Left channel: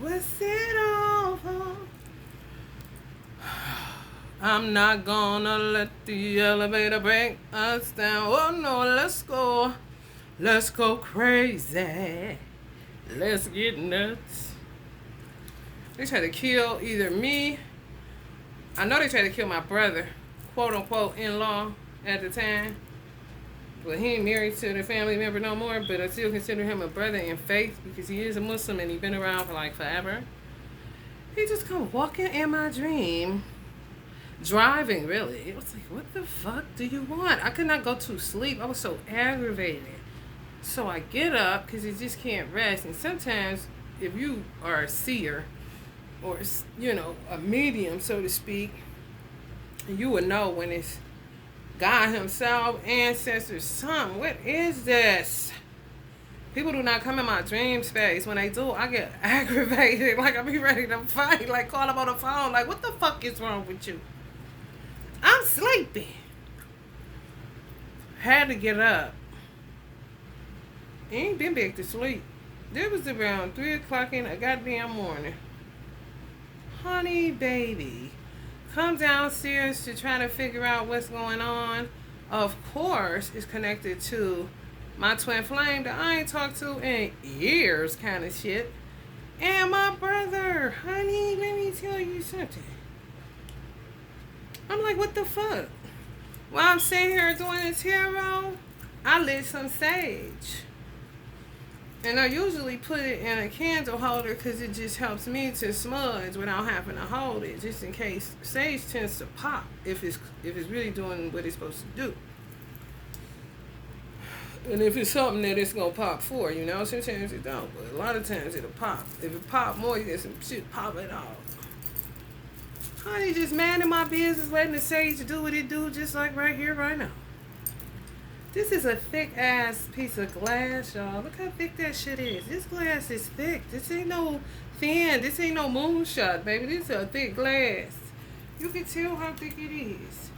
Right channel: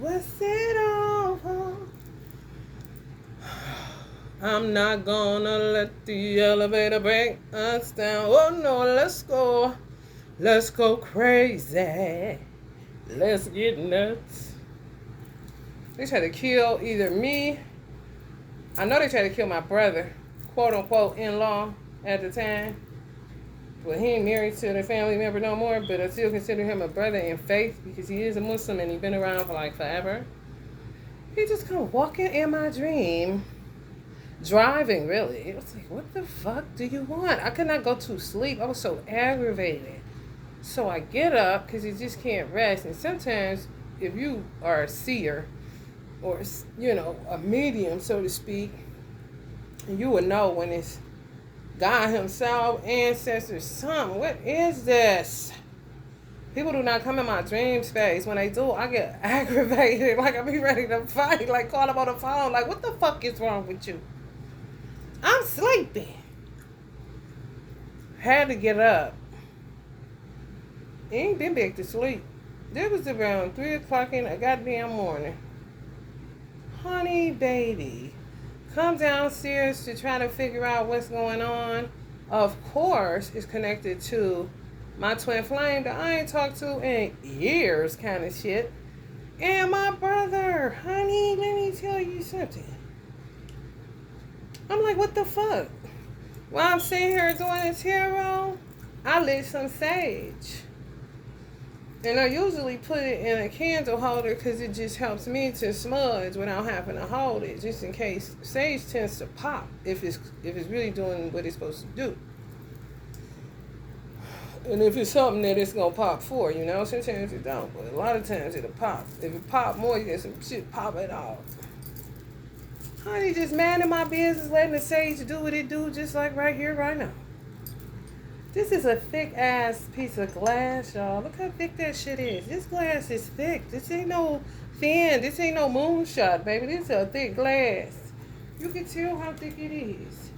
What's it all for? I'm not gonna let the elevator break us down. Oh no, let's go. Let's go crazy. Let's get nuts. They tried to kill either me. I know they tried to kill my brother, quote unquote in law at the time. But he ain't married to the family member no more. But I still consider him a brother in faith because he is a Muslim and he's been around for like forever. He just come walking in my dream, driving really. It was like, what the fuck do you want? I could not go to sleep. I was so aggravated. So I get up because you just can't rest. And sometimes if you are a seer or, you know, a medium, so to speak, you will know when it's God himself, ancestors, something. What is this? People do not come in my dream space. When they do, I get aggravated. Like I be ready to fight. Like call them on the phone. Like, what the fuck is wrong with you? I'm sleeping. Had to get up. Ain't been back to sleep. It was around 3 o'clock in the goddamn morning. Honey baby. Come downstairs to try to figure out what's going on. Of course, it's connected to my twin flame that I ain't talked to in years kind of shit. And my brother. Honey, let me tell you something. I'm like, what the fuck? While I'm sitting here doing this tarot, I lit some sage. And I usually put it in a candle holder because it just helps me to smudge without having to hold it, just in case. Sage tends to pop if it's really doing what it's supposed to do. And if it's something that it's gonna pop for, you know, sometimes it don't, but a lot of times it'll pop. If it pop more, you get some shit pop it off. Honey, just minding my business, letting the sage do what it do, just like right here, right now. This is a thick ass piece of glass, y'all. Look how thick that shit is. This glass is thick. This ain't no thin. This ain't no moonshot, baby. This is a thick glass. You can tell how thick it is.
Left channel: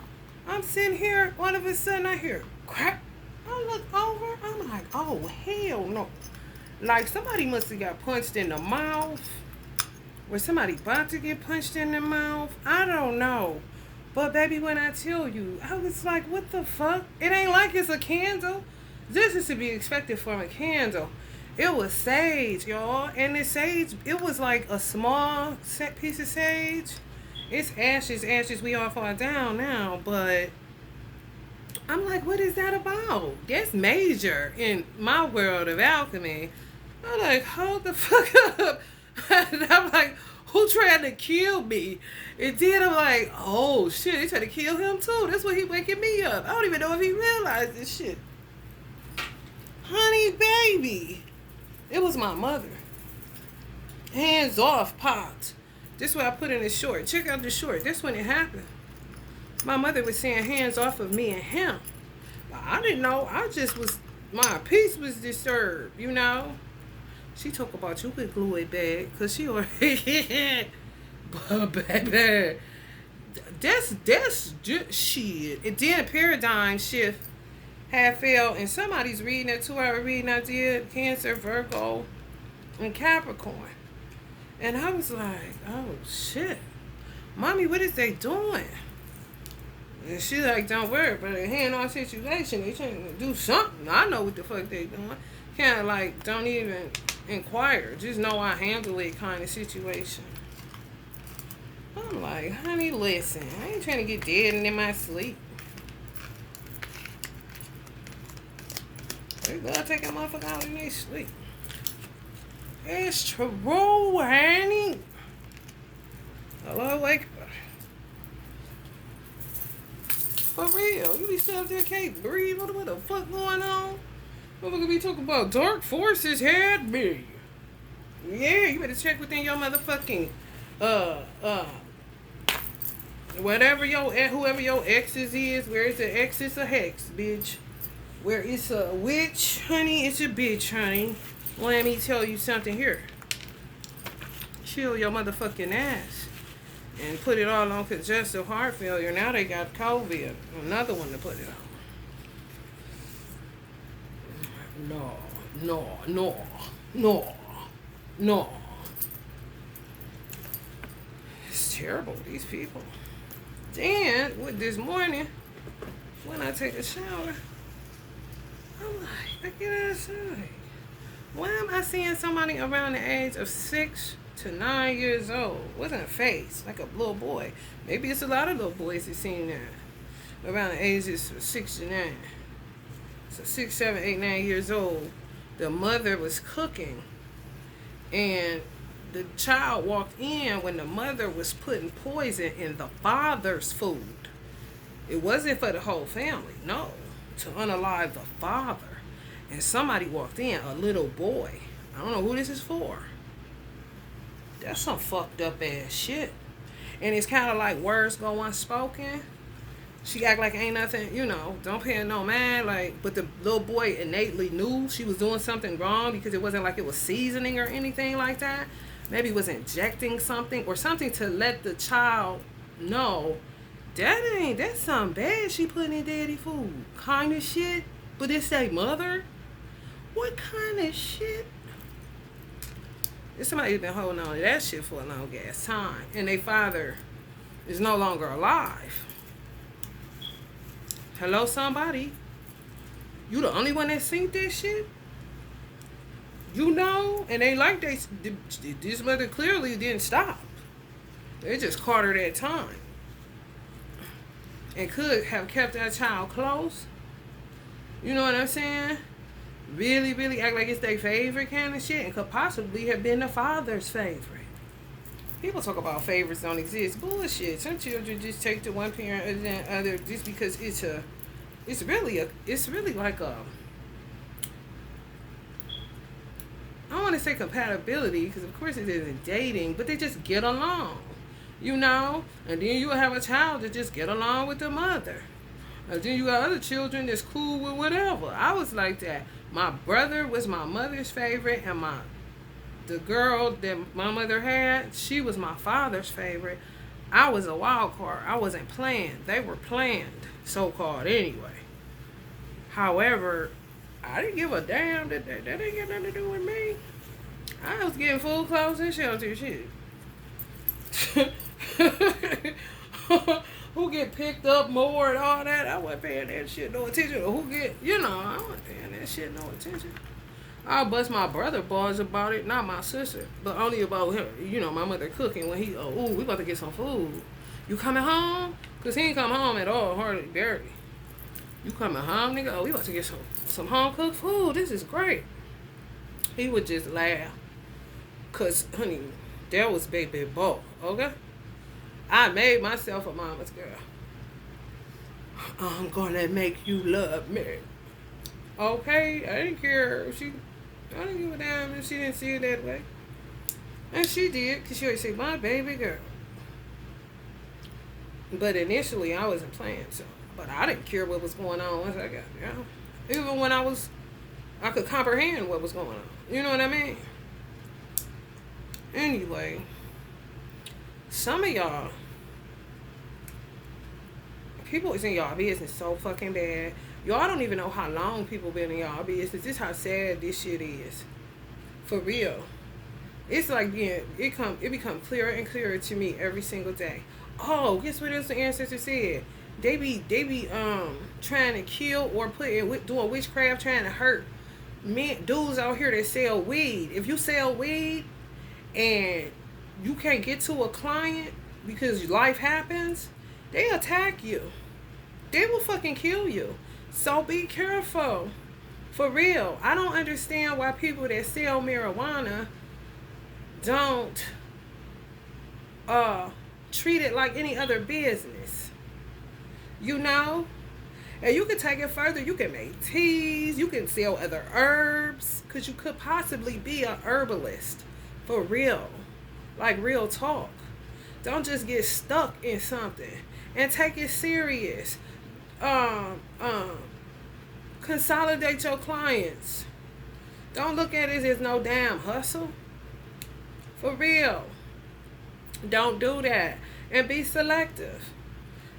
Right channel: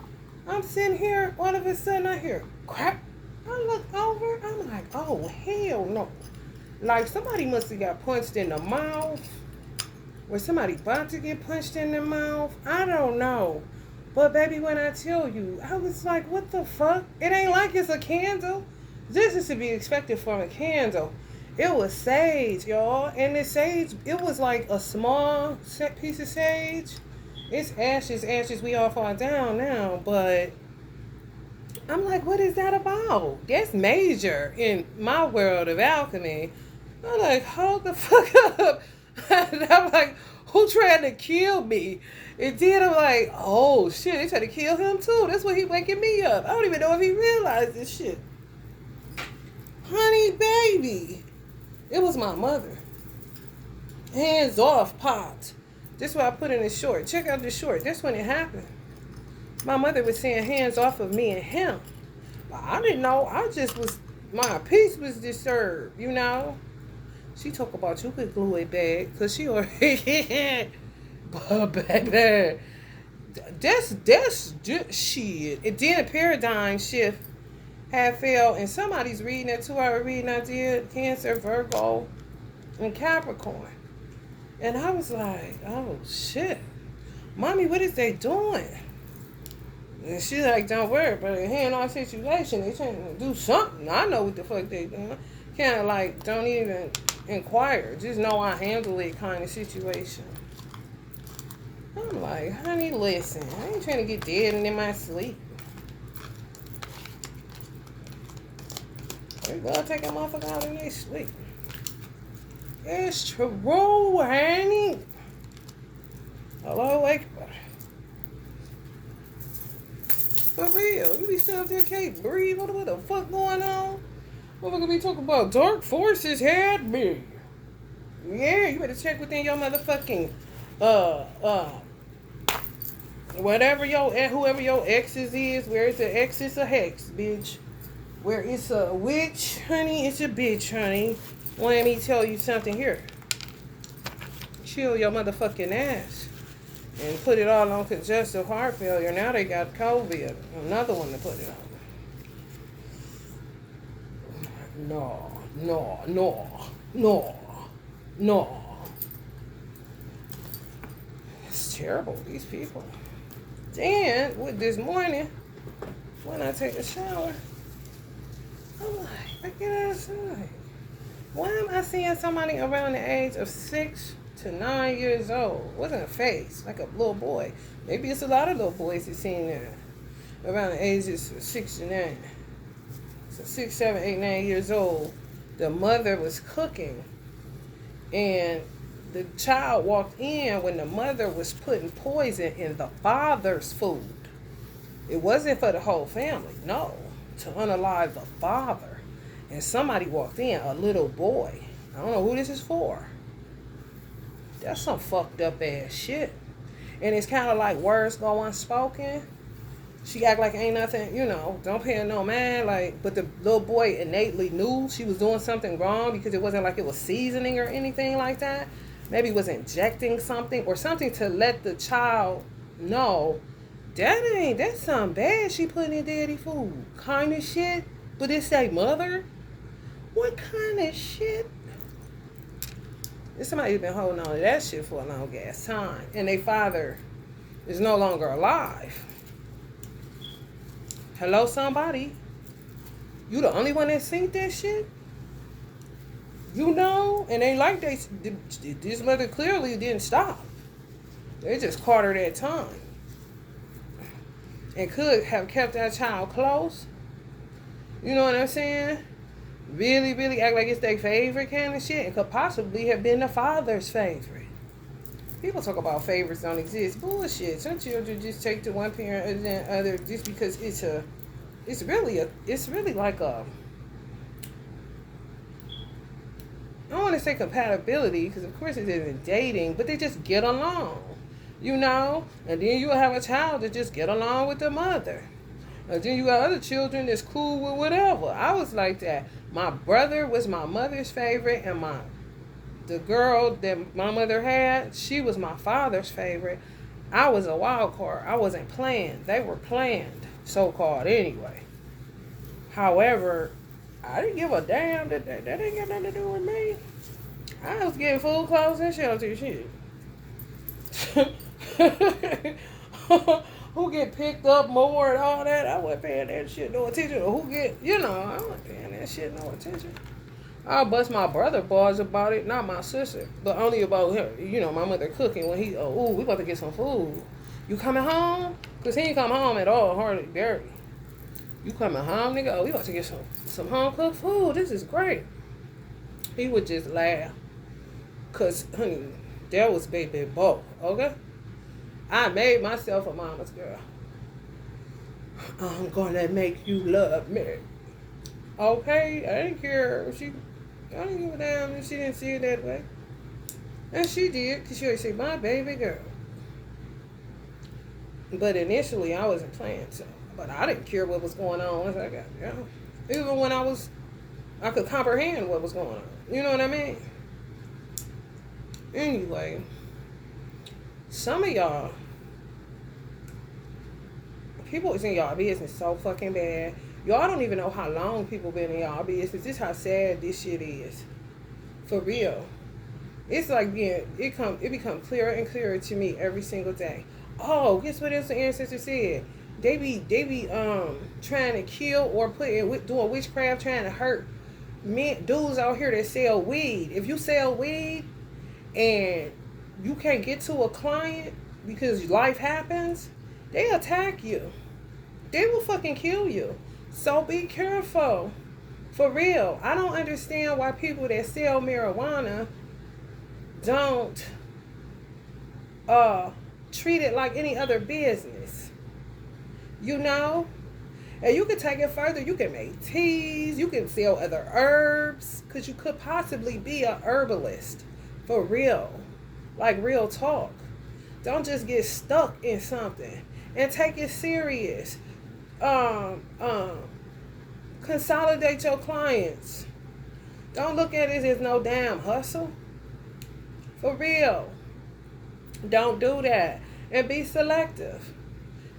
I'm sitting here, all of a sudden I hear crack. I look over, I'm like, oh hell no. Like somebody must have got punched in the mouth. Or somebody about to get punched in the mouth. I don't know. But baby, when I tell you, I was like, what the fuck? It ain't like it's a candle. This is to be expected from a candle. It was sage, y'all. And the sage, it was like a small piece of sage. It's ashes, we all fall down now. But I'm like, what is that about? That's major in my world of alchemy. I'm like, hold the fuck up. And I'm like, who tried to kill me? And then I'm like, oh shit, they tried to kill him too. That's why he waking me up. I don't even know if he realized this shit. Honey baby. It was my mother. Hands off popped. This is what I put in the short. Check out the short. That's when it happened. My mother was saying hands off of me and him. I didn't know. I just was, my peace was disturbed, you know. She talk about you could glue it back because she already but baby, that's just shit. It did paradigm shift had failed, and somebody's reading that 2-hour reading I did, Cancer, Virgo, and Capricorn. And I was like, oh shit. Mommy, what is they doing? And she like, don't worry about it. Hand-on situation. They trying to do something. I know what the fuck they doing. Kind of like, don't even inquire. Just know I handle it kind of situation. I'm like, honey, listen. I ain't trying to get dead and in my sleep. They gotta take a motherfucker out in their sleep. It's true, honey. Hello, wake up. For real, you be sitting up there, can't breathe. What the fuck going on? Motherfucker be talking about dark forces had me. Yeah, you better check within your motherfucking whatever whoever your exes is. Where it's an ex, it's a hex, bitch. Where it's a witch, honey, it's a bitch, honey. Let me tell you something here. Chill your motherfucking ass. And put it all on congestive heart failure. Now they got COVID. Another one to put it on. No. terrible, these people. Then, with this morning, when I take a shower, I'm like, I get outside. Why am I seeing somebody around the age of 6 to 9 years old? Wasn't a face, like a little boy. Maybe it's a lot of little boys that seen that. Around the ages of 6 to 9. So 6, 7, 8, 9 years old. The mother was cooking. And the child walked in when the mother was putting poison in the father's food. It wasn't for the whole family, no. To unalive the father. And somebody walked in, a little boy. I don't know who this is for. That's some fucked up ass shit. And it's kind of like words go unspoken. She act like ain't nothing, don't pay no mind. Like, but the little boy innately knew she was doing something wrong because it wasn't like it was seasoning or anything like that. Maybe it was injecting something or something to let the child know that's something bad she putting in daddy food. Kind of shit. But it say mother? What kind of shit? Somebody been holding on to that shit for a long ass time. And their father is no longer alive. Hello, somebody? You the only one that seen that shit? And they like this mother clearly didn't stop. They just caught her that time. And could have kept that child close. You know what I'm saying? Really, really act like it's their favorite kind of shit. And could possibly have been the father's favorite. People talk about favorites don't exist. Bullshit. Some children just take to one parent other than other just because it's really like a, I don't want to say compatibility because of course it isn't dating, but they just get along, And then you'll have a child that just get along with the mother. And then you got other children that's cool with whatever. I was like that. My brother was my mother's favorite, and the girl that my mother had, she was my father's favorite. I was a wild card. I wasn't planned. They were planned, so-called, anyway. However, I didn't give a damn. That ain't got nothing to do with me. I was getting food, clothes, and shelter shit. Who get picked up more and all that, I wasn't paying that shit no attention. Or who get, I wasn't paying that shit no attention. I bust my brother balls about it, not my sister, but only about her. My mother cooking when we about to get some food. You coming home? Because he ain't come home at all, hardly, barely. You coming home, nigga? We about to get some home-cooked food. This is great. He would just laugh. Because, honey, that was baby boy, okay? I made myself a mama's girl. I'm gonna make you love me. Okay? I didn't care if I didn't give a damn if she didn't see it that way. And she did, because she always said, my baby girl. But initially, I wasn't playing, so. But I didn't care what was going on once I got there. Even when I could comprehend what was going on. You know what I mean? Anyway, some of y'all, people is in y'all business so fucking bad. Y'all don't even know how long people been in y'all business. This is how sad this shit is. For real. It's like it become clearer and clearer to me every single day. Oh, guess what else the ancestor said? They be trying to kill or doing witchcraft, trying to hurt men, dudes out here that sell weed. If you sell weed and you can't get to a client because life happens, they attack you. They will fucking kill you. So be careful. For real. I don't understand why people that sell marijuana don't treat it like any other business. And you can take it further. You can make teas. You can sell other herbs. Because you could possibly be a herbalist. For real. Like real talk. Don't just get stuck in something. And take it serious. Consolidate your clients. Don't look at it as no damn hustle. For real. Don't do that. And be selective.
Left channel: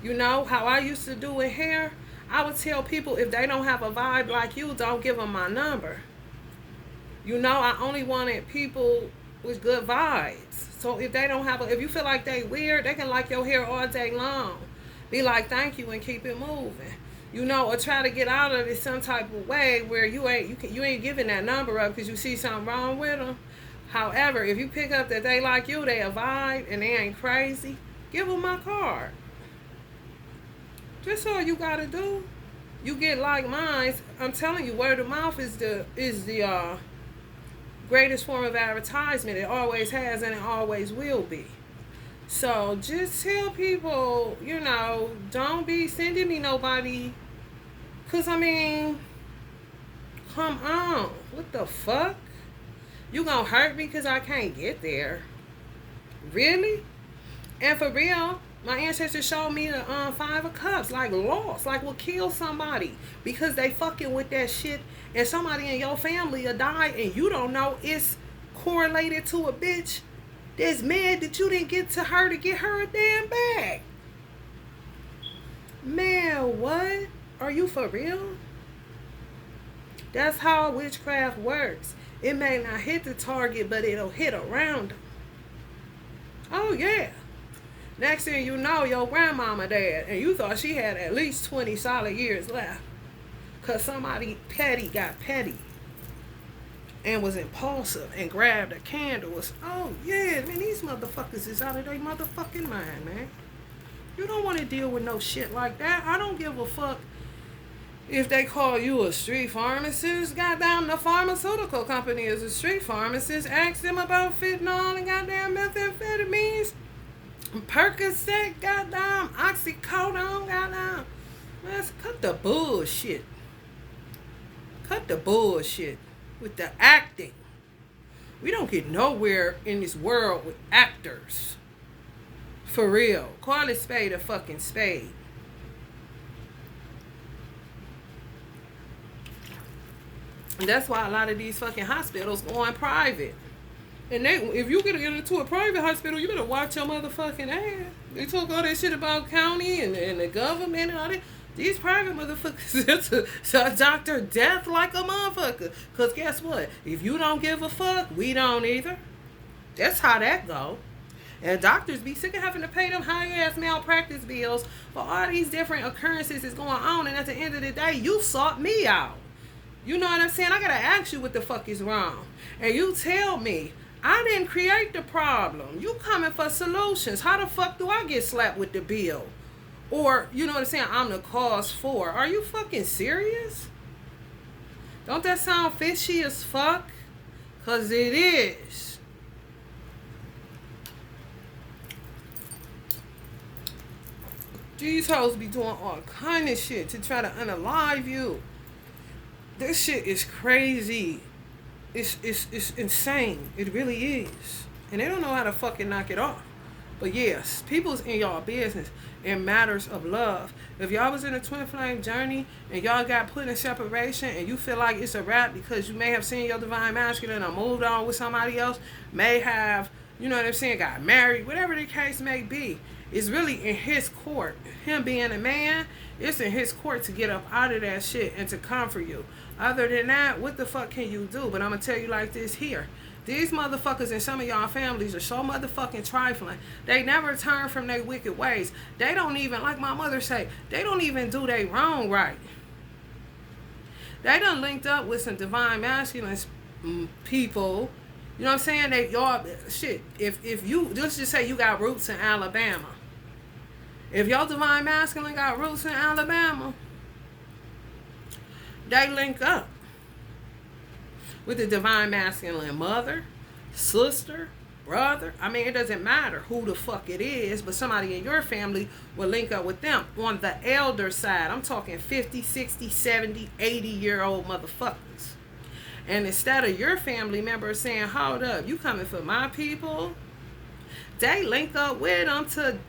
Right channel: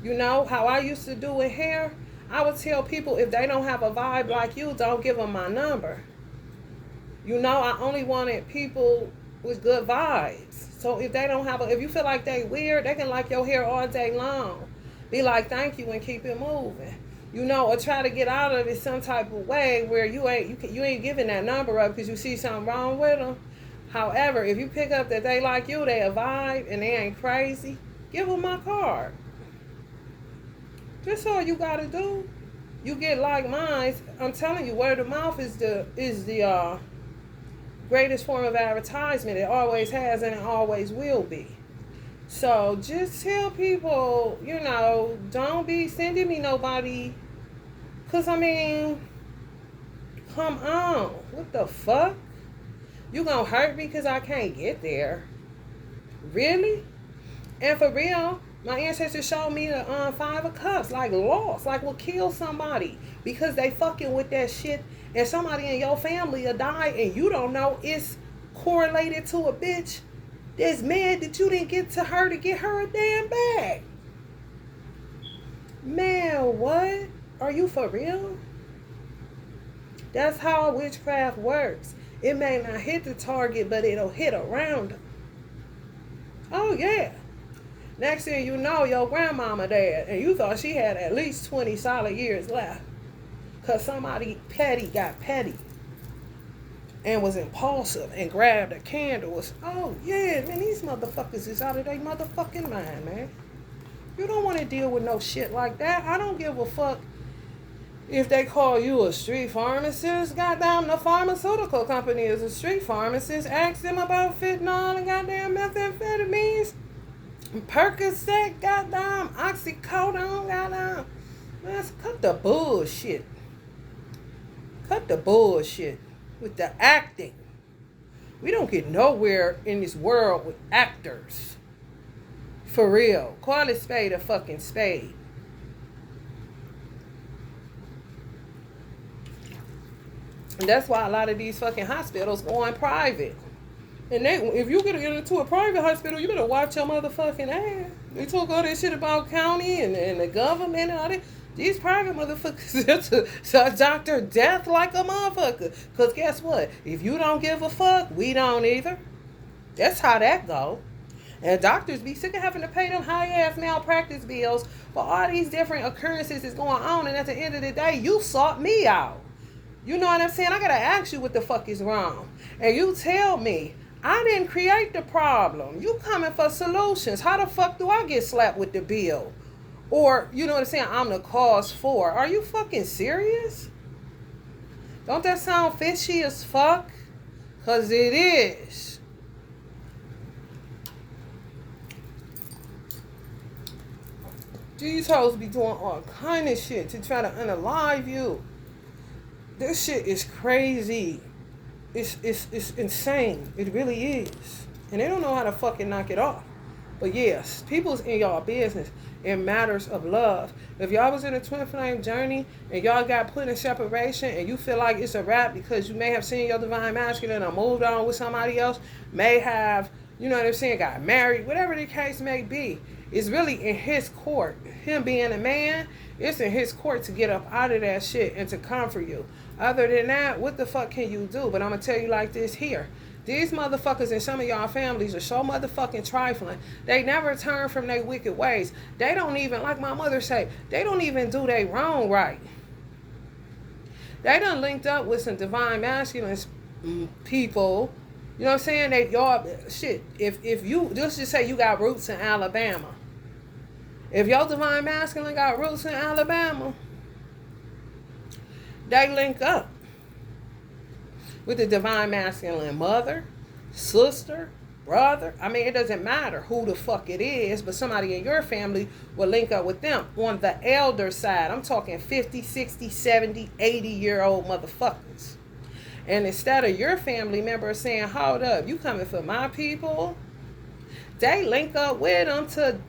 How I used to do it here, I would tell people if they don't have a vibe like you, don't give them my number. I only wanted people with good vibes. So if they don't have if you feel like they weird, they can like your hair all day long. Be like, thank you, and keep it moving. You know, or try to get out of it some type of way where you ain't giving that number up because you see something wrong with them. However, if you pick up that they like you, they a vibe, and they ain't crazy, give them my card. Just all you gotta do. You get like mine. I'm telling you, word of mouth is the greatest form of advertisement. It always has, and it always will be. So just tell people, you know, don't be sending me nobody. Cause I mean, come on, what the fuck? You gonna hurt me because I can't get there? Really? And for real, my ancestors showed me the 5 of Cups, like lost, like will kill somebody because they fucking with that shit, and somebody in your family will die, and you don't know it's correlated to a bitch that's mad that you didn't get to her to get her a damn bag. Man, what? Are you for real? That's how witchcraft works. It may not hit the target, but it'll hit around them. Oh, yeah. Next thing you know, your grandmama died, and you thought she had at least 20 solid years left. Because somebody petty got petty and was impulsive and grabbed a candle. Oh, yeah, man, these motherfuckers is out of their motherfucking mind, man. You don't want to deal with no shit like that. I don't give a fuck if they call you a street pharmacist. Goddamn, the pharmaceutical company is a street pharmacist. Ask them about fentanyl and goddamn methamphetamines. Percocet, goddamn, oxycodone, goddamn. Man, cut the bullshit. Cut the bullshit with the acting. We don't get nowhere in this world with actors. For real. Call it spade a fucking spade. And that's why a lot of these fucking hospitals go on private. And if you get into a private hospital, you better watch your motherfucking ass. They talk all that shit about county and the government and all that. These private motherfuckers, that's a doctor death like a motherfucker. Because guess what? If you don't give a fuck, we don't either. That's how that go. And doctors be sick of having to pay them high-ass malpractice bills for all these different occurrences that's going on. And at the end of the day, you sought me out. You know what I'm saying? I got to ask you what the fuck is wrong. And you tell me, I didn't create the problem. You coming for solutions. How the fuck do I get slapped with the bill? Or, you know what I'm saying, I'm the cause for. Are you fucking serious? Don't that sound fishy as fuck? Because it is. These hoes be doing all kind of shit to try to unalive you. This shit is crazy. It's insane. It really is. And they don't know how to fucking knock it off. But yes, people's in y'all business in matters of love. If y'all was in a twin flame journey and y'all got put in separation and you feel like it's a wrap because you may have seen your divine masculine or moved on with somebody else, may have, you know what I'm saying, got married, whatever the case may be, it's really in his court. Him being a man, it's in his court to get up out of that shit and to comfort you. Other than that, what the fuck can you do? But I'm going to tell you like this here. These motherfuckers in some of y'all families are so motherfucking trifling. They never turn from their wicked ways. They don't even, like my mother said, they don't even do they wrong right. They done linked up with some divine masculine people. You know what I'm saying? They y'all shit. If you let's just say you got roots in Alabama. If your divine masculine got roots in Alabama, they link up with the divine masculine mother, sister, brother. I mean, it doesn't matter who the fuck it is, but somebody in your family will link up with them on the elder side. I'm talking 50, 60, 70, 80-year-old motherfuckers. And instead of your family member saying, hold up, you coming for my people, they link up with them to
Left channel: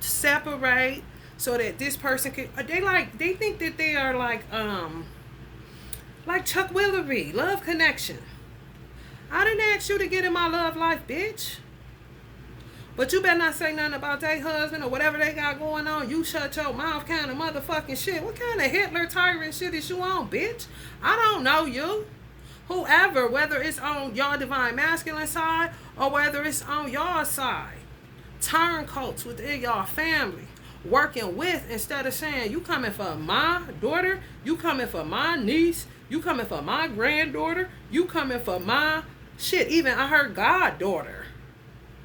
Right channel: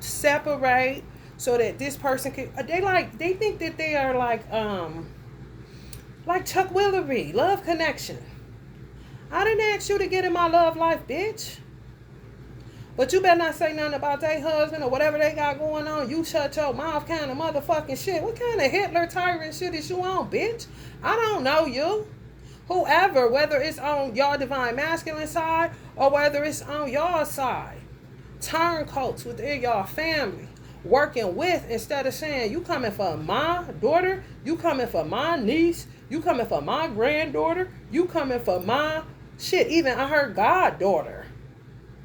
separate so that this person can, they think that they are like Chuck Willery, love connection. I didn't ask you to get in my love life, bitch. But you better not say nothing about their husband or whatever they got going on. You shut your mouth kind of motherfucking shit. What kind of Hitler tyrant shit is you on, bitch? I don't know you. Whoever, whether it's on y'all divine masculine side or whether it's on y'all side. Turncoats within y'all family. Working with, instead of saying, you coming for my daughter, you coming for my niece, you coming for my granddaughter, you coming for my shit, even I heard goddaughter.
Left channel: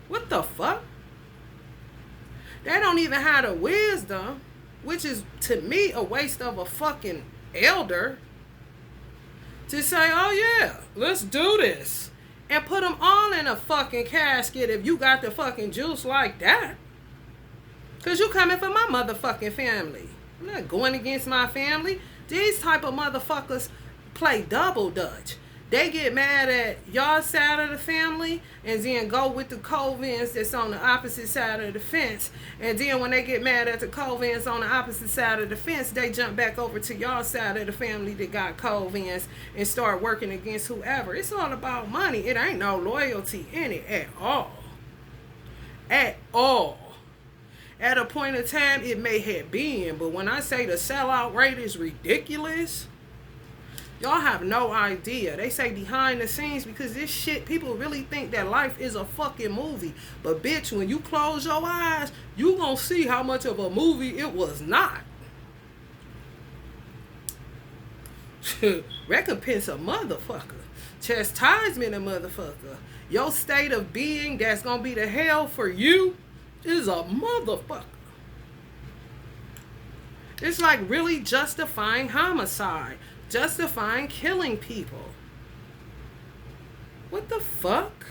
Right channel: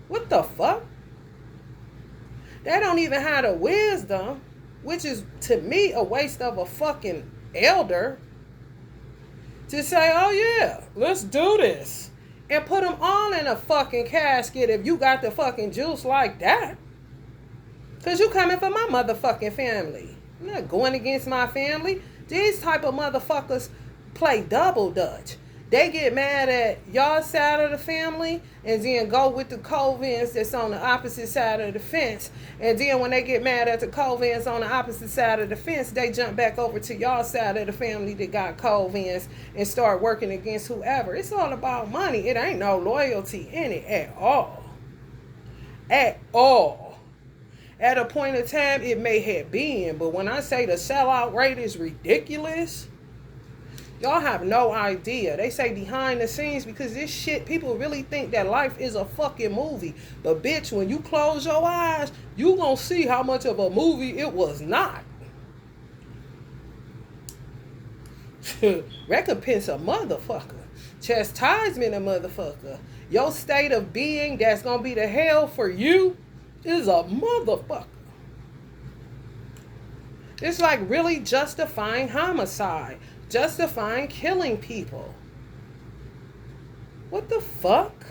What the fuck? They don't even have the wisdom, which is to me a waste of a fucking elder, to say, oh yeah, let's do this. And put them all in a fucking casket if you got the fucking juice like that. Because you coming for my motherfucking family. I'm not going against my family. These type of motherfuckers play double dutch. They get mad at y'all side of the family and then go with the Covens that's on the opposite side of the fence. And then when they get mad at the Covens on the opposite side of the fence, they jump back over to y'all side of the family that got Covens and start working against whoever. It's all about money. It ain't no loyalty in it at all. At all. At a point in time, it may have been. But when I say the sellout rate is ridiculous, y'all have no idea. They say behind the scenes because this shit, people really think that life is a fucking movie. But bitch, when you close your eyes, you gonna see how much of a movie it was not. Recompense a motherfucker. Chastisement a motherfucker. Your state of being that's gonna be the hell for you is a motherfucker. It's like really justifying homicide. Justifying killing people. What the fuck?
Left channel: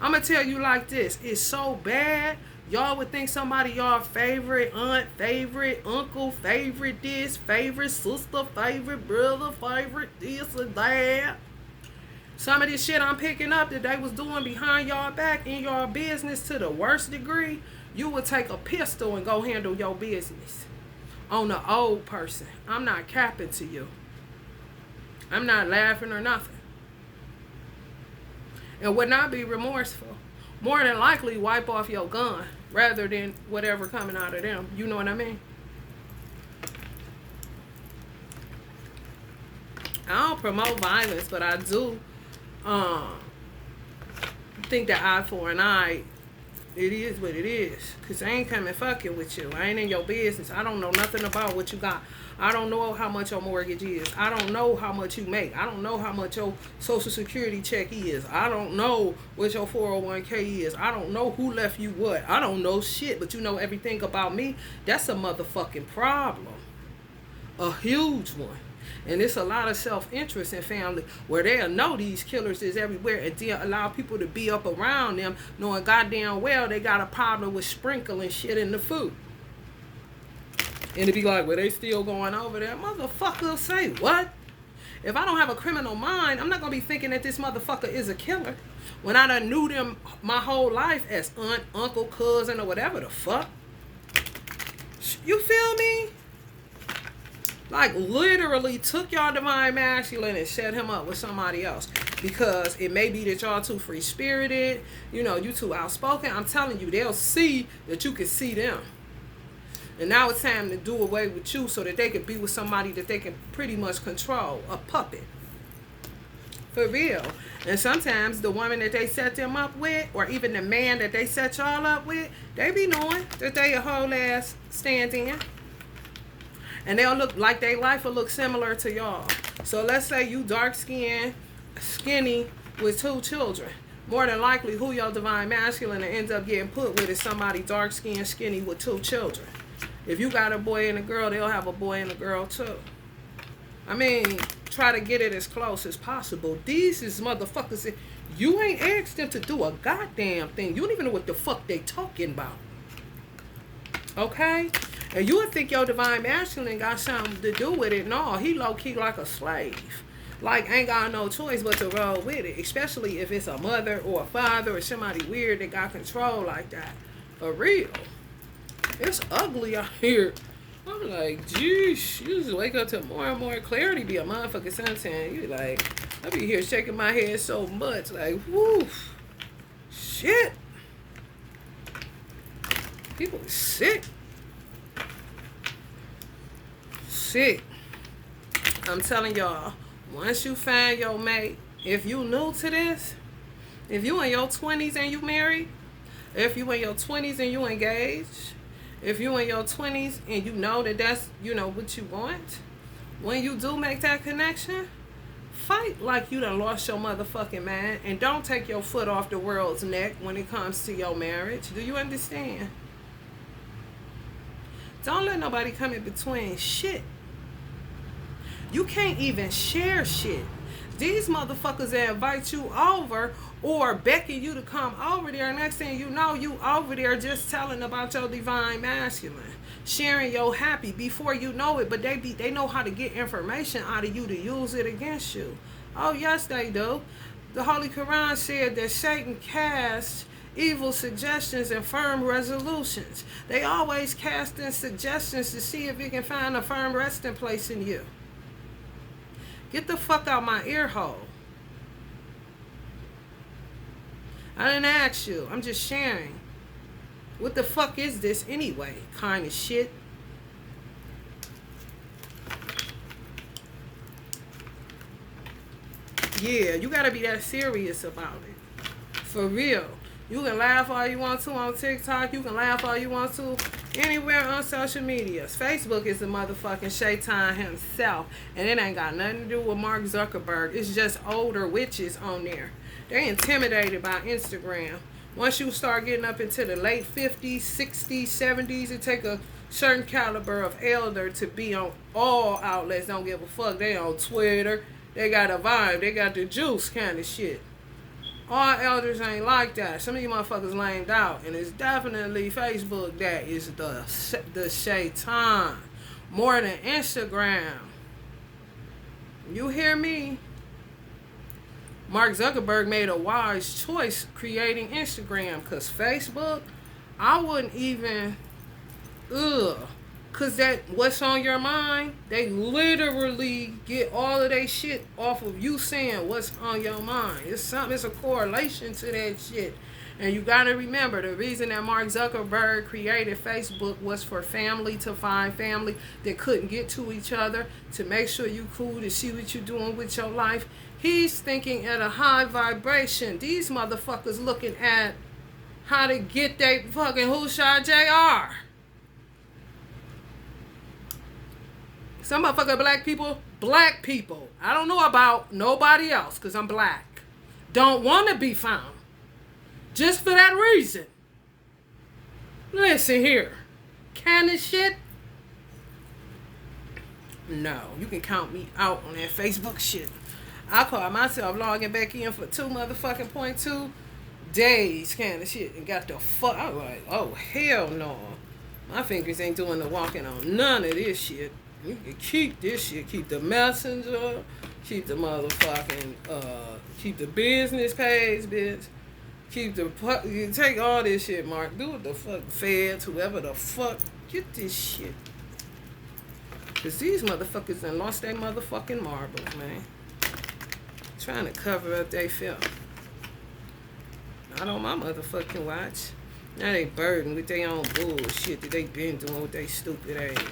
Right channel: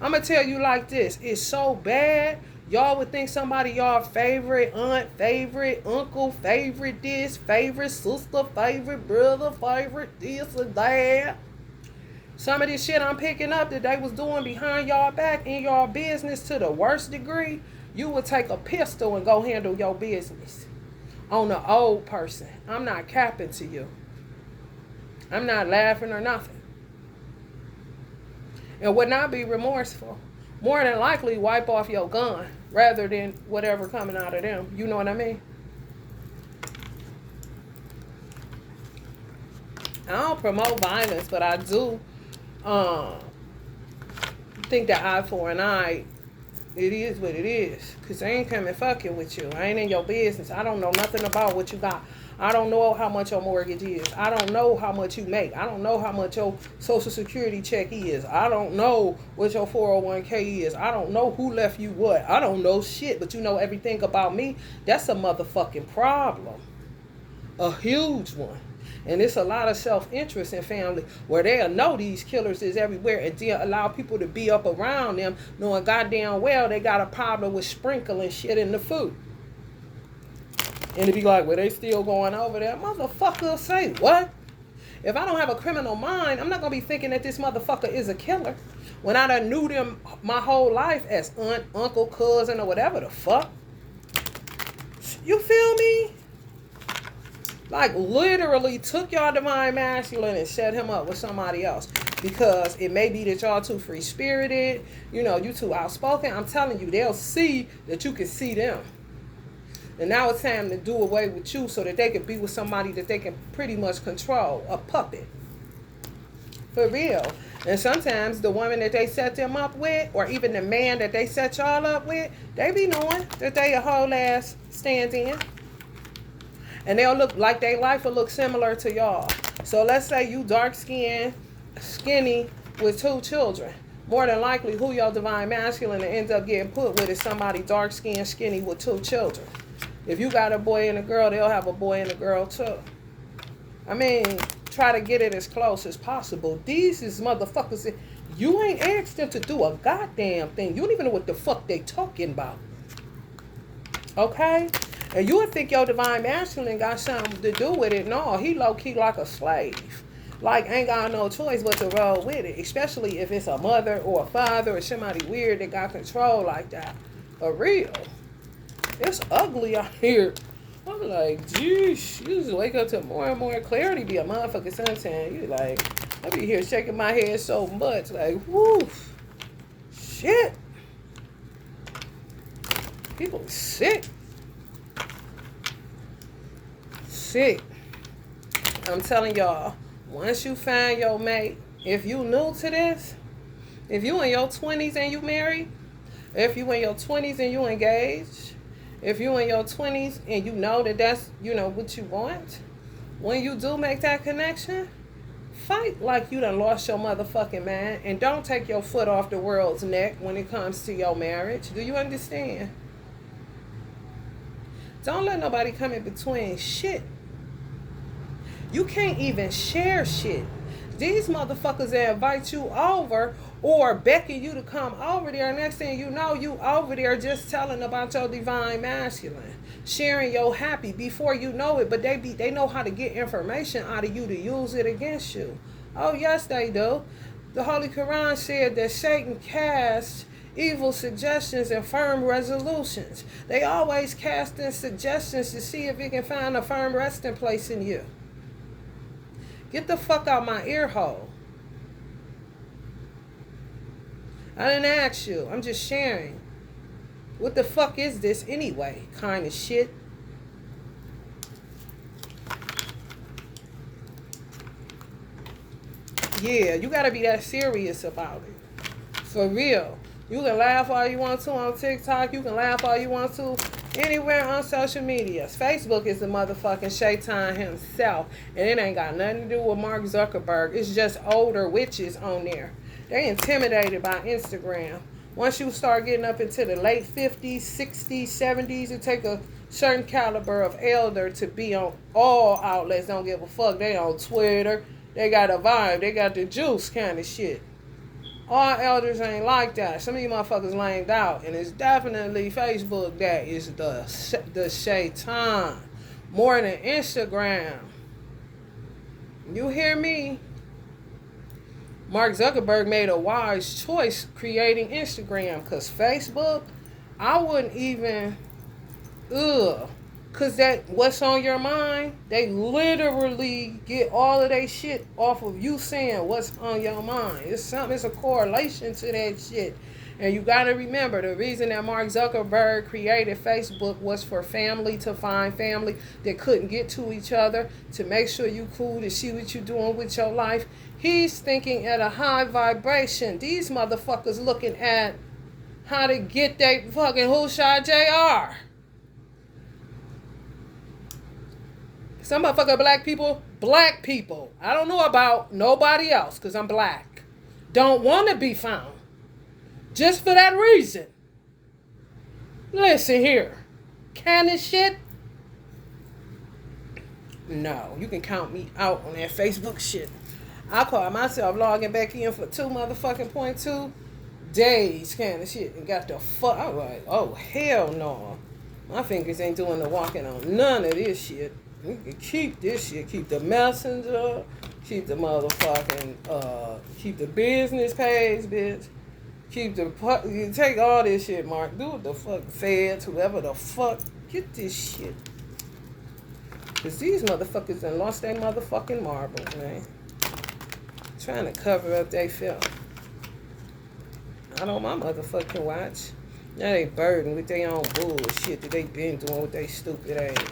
I'm gonna tell you like this. It's so bad. Y'all would think somebody y'all favorite aunt, favorite uncle, favorite this, favorite sister, favorite brother, favorite this and that. Some of this shit I'm picking up that they was doing behind y'all back in y'all business to the worst degree, you would take a pistol and go handle your business. On the old person. I'm not capping to you. I'm not laughing or nothing. And would not be remorseful. More than likely wipe off your gun rather than whatever coming out of them. You know what I mean? I don't promote violence, but I do think that eye for an eye, it is what it is. Because I ain't coming fucking with you. I ain't in your business. I don't know nothing about what you got. I don't know how much your mortgage is. I don't know how much you make. I don't know how much your Social Security check is. I don't know what your 401k is. I don't know who left you what. I don't know shit, but you know everything about me. That's a motherfucking problem. A huge one. And it's a lot of self-interest in family where they'll know these killers is everywhere and then allow people to be up around them knowing goddamn well they got a problem with sprinkling shit in the food. And to be like, well, they still going over there. Motherfucker, say what? If I don't have a criminal mind, I'm not going to be thinking that this motherfucker is a killer. When I done knew them my whole life as aunt, uncle, cousin, or whatever the fuck. You feel me? Like, literally took y'all divine masculine and set him up with somebody else. Because it may be that y'all too free-spirited. You know, you too outspoken. I'm telling you, they'll see that you can see them. And now it's time to do away with you so that they can be with somebody that they can pretty much control. A puppet. For real. And sometimes the woman that they set them up with, or even the man that they set y'all up with, they be knowing that they a whole ass stand-in. And they'll look like their life will look similar to y'all. So let's say you dark-skinned, skinny, with 2 children. More than likely, who your divine masculine that ends up getting put with is somebody dark-skinned, skinny, with 2 children. If you got a boy and a girl, they'll have a boy and a girl too. I mean, try to get it as close as possible. These is motherfuckers. You ain't asked them to do a goddamn thing. You don't even know what the fuck they talking about. Okay? And you would think your divine masculine got something to do with it. No, he low-key like a slave. Like, ain't got no choice but to roll with it. Especially if it's a mother or a father or somebody weird that got control like that. For real. It's ugly out here. I'm like, geez, you just wake up to more and more clarity. Be a motherfucking suntan. You like, I be here shaking my head so much. Like, whoo. Shit. People are sick. Sick. I'm telling y'all, Once you find your mate, if you new to this, if you in your 20s and you married, if you in your 20s and you engaged, if you in your 20s and you know that that's, what you want, when you do make that connection, fight like you done lost your motherfucking mind, and don't take your foot off the world's neck when it comes to your marriage. Do you understand? Don't let nobody come in between shit. You can't even share shit. These motherfuckers that invite you over or beckon you to come over there, next thing you know, you over there just telling about your divine masculine, sharing your happy before you know it, but they know how to get information out of you to use it against you. Oh yes, they do. The Holy Quran said that Satan casts evil suggestions and firm resolutions. They always casting suggestions to see if you can find a firm resting place in you. Get the fuck out my ear hole. I didn't ask you. I'm just sharing. What the fuck is this anyway? Kind of shit. Yeah, you gotta be that serious about it. For real. You can laugh all you want to on TikTok. You can laugh all you want to anywhere on social media. Facebook is the motherfucking shaitan himself. And it ain't got nothing to do with Mark Zuckerberg. It's just older witches on there. They're intimidated by Instagram. Once you start getting up into the late 50s, 60s, 70s, it take a certain caliber of elder to be on all outlets. Don't give a fuck. They on Twitter. They got a vibe. They got the juice kind of shit. All elders ain't like that. Some of you motherfuckers lamed out. And it's definitely Facebook that is the shaitan. More than Instagram. You hear me? Mark Zuckerberg made a wise choice creating Instagram. Because Facebook, I wouldn't even... Because that what's on your mind, they literally get all of their shit off of you saying what's on your mind. It's a correlation to that shit. And you got to remember, the reason that Mark Zuckerberg created Facebook was for family to find family that couldn't get to each other, to make sure you cool, to see what you're doing with your life. He's thinking at a high vibration. These motherfuckers looking at how to get they fucking Hushai JR. Some motherfucking black people. I don't know about nobody else because I'm black. Don't want to be found. Just for that reason. Listen here. Can this shit? No. You can count me out on that Facebook shit. I call myself logging back in for 2.2 days kind of shit. And got the fuck. I was like, oh, hell no. My fingers ain't doing the walking on none of this shit. You can keep this shit. Keep the messenger. Keep the motherfucking, keep the business page, bitch. Keep the, you take all this shit, Mark. Do what the fuck, feds, whoever the fuck. Get this shit. Because these motherfuckers done lost their motherfucking marbles, man. Trying to cover up their filth. Not on my motherfucking watch. Now they burdened with their own bullshit that they been doing with their stupid ass.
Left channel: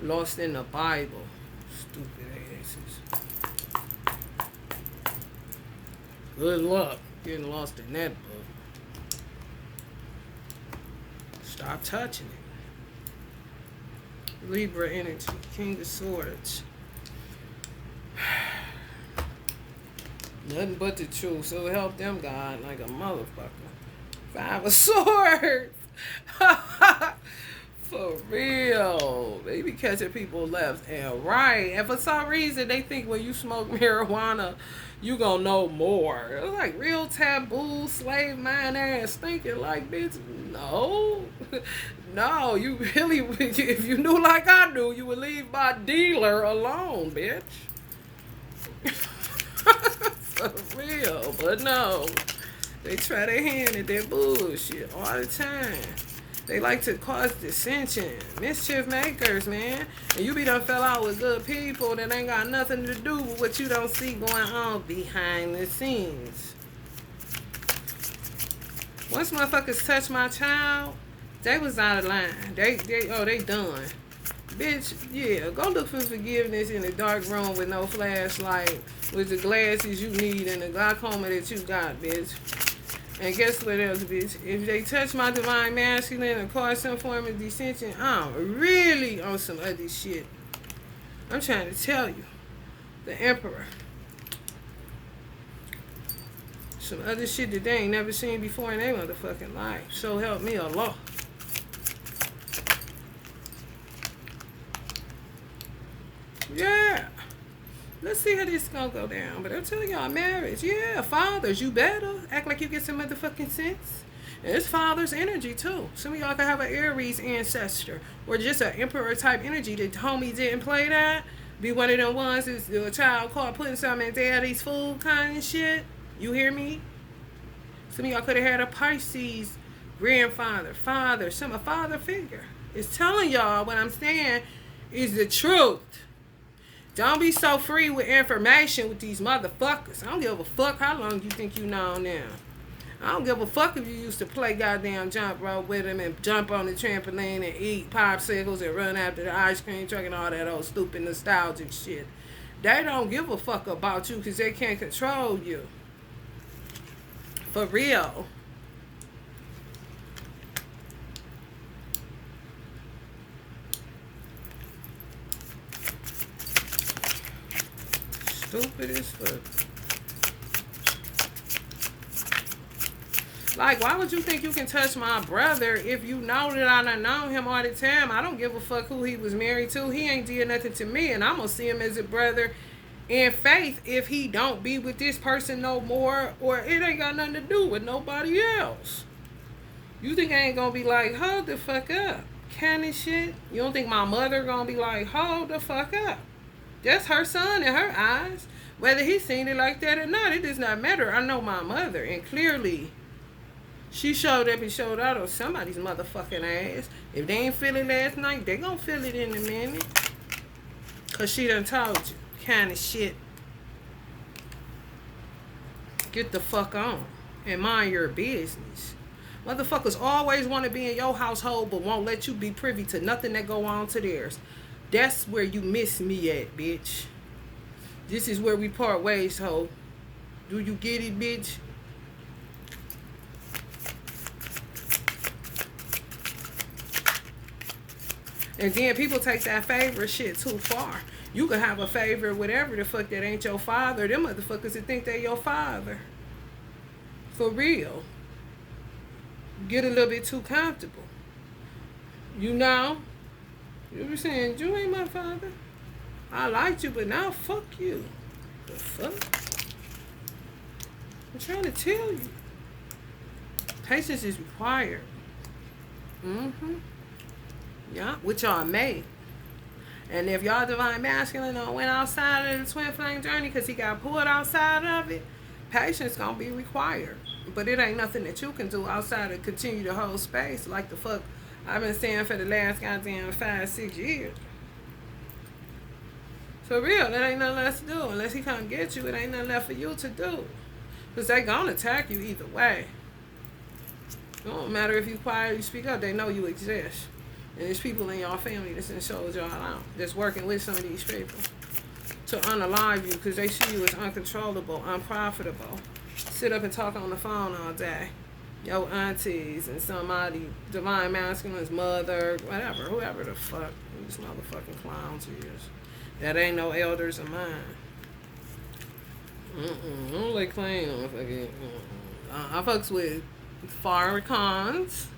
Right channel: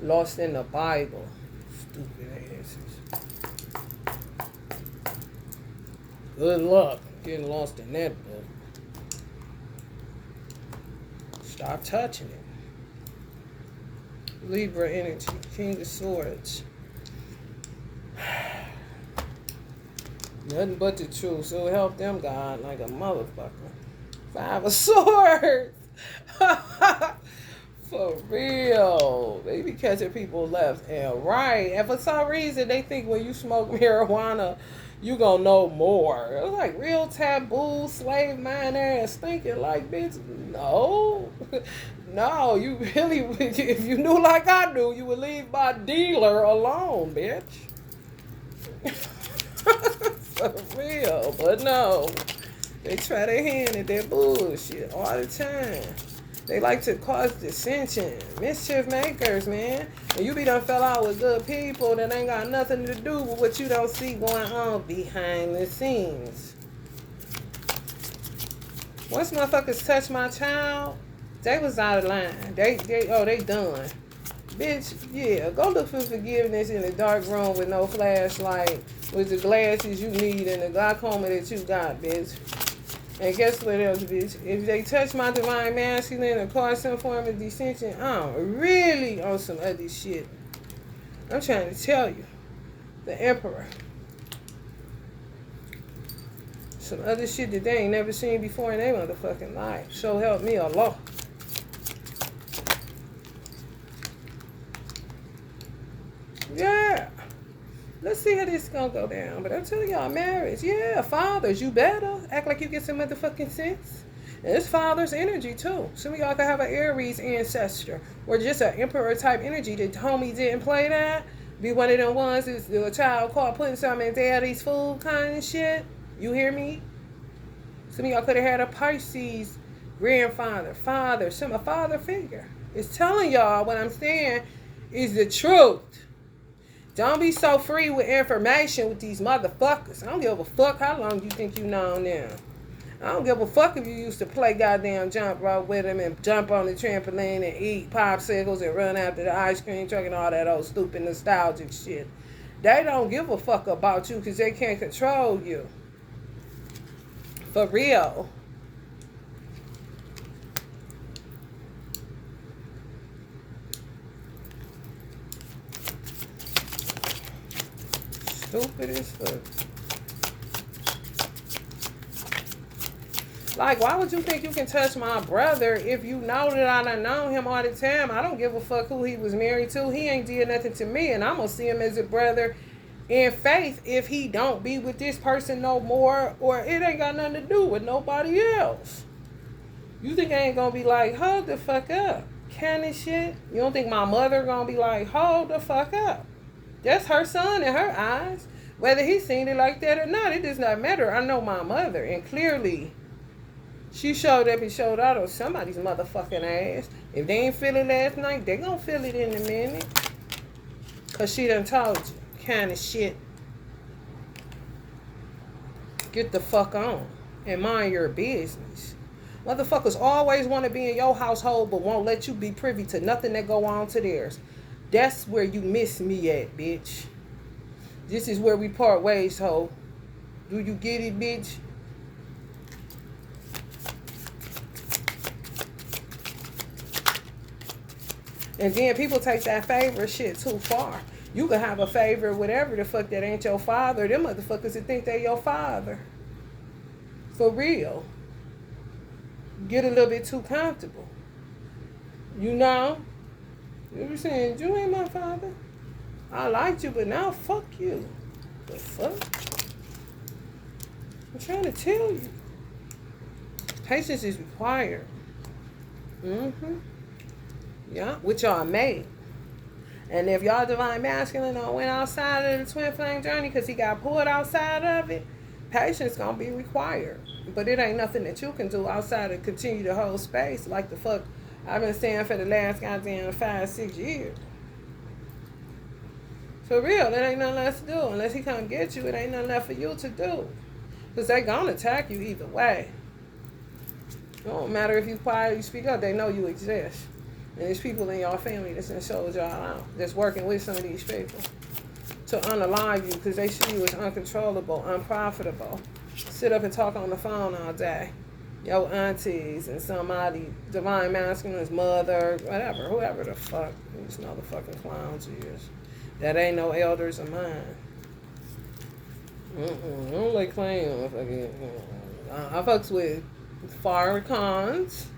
Lost in the Bible. Stupid asses. Good luck getting lost in that book. Stop touching it. Libra energy, King of Swords. Nothing but the truth. So help them, God, like a motherfucker. 5 of Swords. For real. They be catching people left and right. And for some reason, they think when you smoke marijuana, you gonna know more. It was like real taboo, slave mind ass thinking like, bitch, no. No, you really, if you knew like I knew, you would leave my dealer alone, bitch. For real. But no. They try their hand at that bullshit all the time. They like to cause dissension. Mischief makers, man. And you be done fell out with good people that ain't got nothing to do with what you don't see going on behind the scenes. Once motherfuckers touch my child, they was out of line. They done. Bitch, yeah, go look for forgiveness in a dark room with no flashlight, with the glasses you need and the glaucoma that you got, bitch. And guess what else, bitch? If they touch my divine masculine and cause some form of dissension, I'm really on some other shit. I'm trying to tell you. The Emperor. Some other shit that they ain't never seen before in their motherfucking life. So help me Allah. Yeah. Let's see how this is gonna go down. But I tell y'all, marriage, yeah, fathers, you better act like you get some motherfucking sense. And it's father's energy too. Some of y'all can have an Aries ancestor or just an Emperor type energy that homie didn't play that. Be one of them ones that's a child caught putting something in daddy's food kind of shit. You hear me? Some of y'all could have had a Pisces grandfather, father, a father figure. It's telling y'all what I'm saying is the truth. Don't be so free with information with these motherfuckers. I don't give a fuck how long you think you know them. I don't give a fuck if you used to play goddamn jump rope with them and jump on the trampoline and eat popsicles and run after the ice cream truck and all that old stupid nostalgic shit. They don't give a fuck about you because they can't control you. For real. Stupid as fuck. Like, why would you think you can touch my brother if you know that I done known him all the time? I don't give a fuck who he was married to. He ain't did nothing to me, and I'm gonna see him as a brother in faith if he don't be with this person no more, or it ain't got nothing to do with nobody else. You think I ain't gonna be like, hold the fuck up, kind of shit? You don't think my mother gonna be like, hold the fuck up? That's her son in her eyes. Whether he's seen it like that or not, it does not matter. I know my mother, and clearly she showed up and showed out on somebody's motherfucking ass. If they ain't feel it last night, they gonna feel it in a minute. Cause she done told you. Kind of shit. Get the fuck on. And mind your business. Motherfuckers always want to be in your household but won't let you be privy to nothing that go on to theirs. That's where you miss me at, bitch. This is where we part ways, ho. Do you get it, bitch? And then people take that favor shit too far. You can have a favor, whatever the fuck, that ain't your father. Them motherfuckers that think they your father. For real. Get a little bit too comfortable. You know? You be saying, you ain't my father. I liked you, but now fuck you. The fuck? I'm trying to tell you. Patience is required. Mm-hmm. Yeah, which y'all made. And if y'all divine masculine went outside of the twin flame journey because he got pulled outside of it, patience gonna be required. But it ain't nothing that you can do outside of continue to hold space like the fuck I've been saying for the last goddamn 5-6 years. For real, there ain't nothing left to do. Unless he come get you, it ain't nothing left for you to do. Because they gonna attack you either way. It don't matter if you quiet or you speak up, they know you exist. And there's people in your family that's in sold y'all out, that's working with some of these people to unalive you because they see you as uncontrollable, unprofitable. Sit up and talk on the phone all day. Your aunties and somebody, divine masculine's mother, whatever, whoever the fuck these motherfucking clowns is. That ain't no elders of mine. I don't like playing motherfucking. I fucks with Farrakhan's,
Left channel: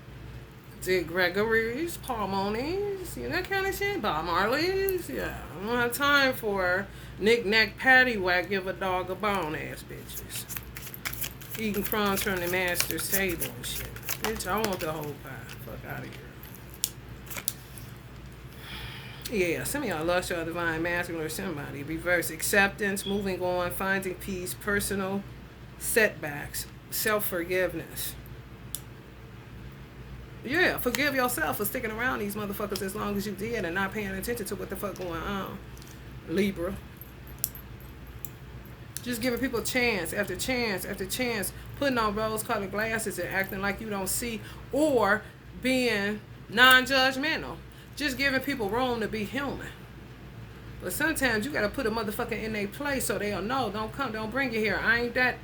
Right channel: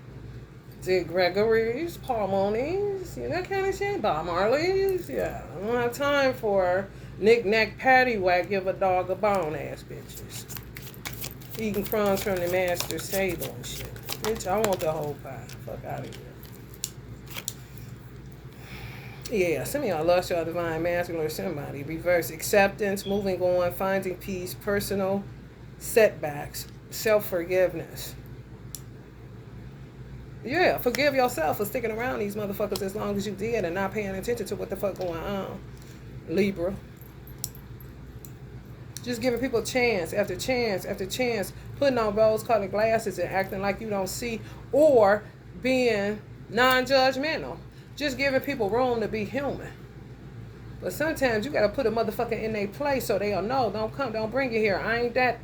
Dick Gregory's, Paul Moni's, that kind of shit. Bob Marley's, yeah. I don't have time for knick-knack, paddywhack, give a dog a bone ass bitches. Eating crumbs from the master's table and shit. Bitch, I want the whole pie. Fuck out of here. Yeah, some of y'all lost y'all divine masculine or somebody. Reverse acceptance, moving on, finding peace, personal setbacks, self-forgiveness. Yeah, forgive yourself for sticking around these motherfuckers as long as you did and not paying attention to what the fuck going on. Libra. Just giving people chance after chance after chance, putting on rose-colored glasses and acting like you don't see, or being non-judgmental. Just giving people room to be human. But sometimes you gotta put a motherfucker in their place so they'll know. Don't bring it here. I ain't that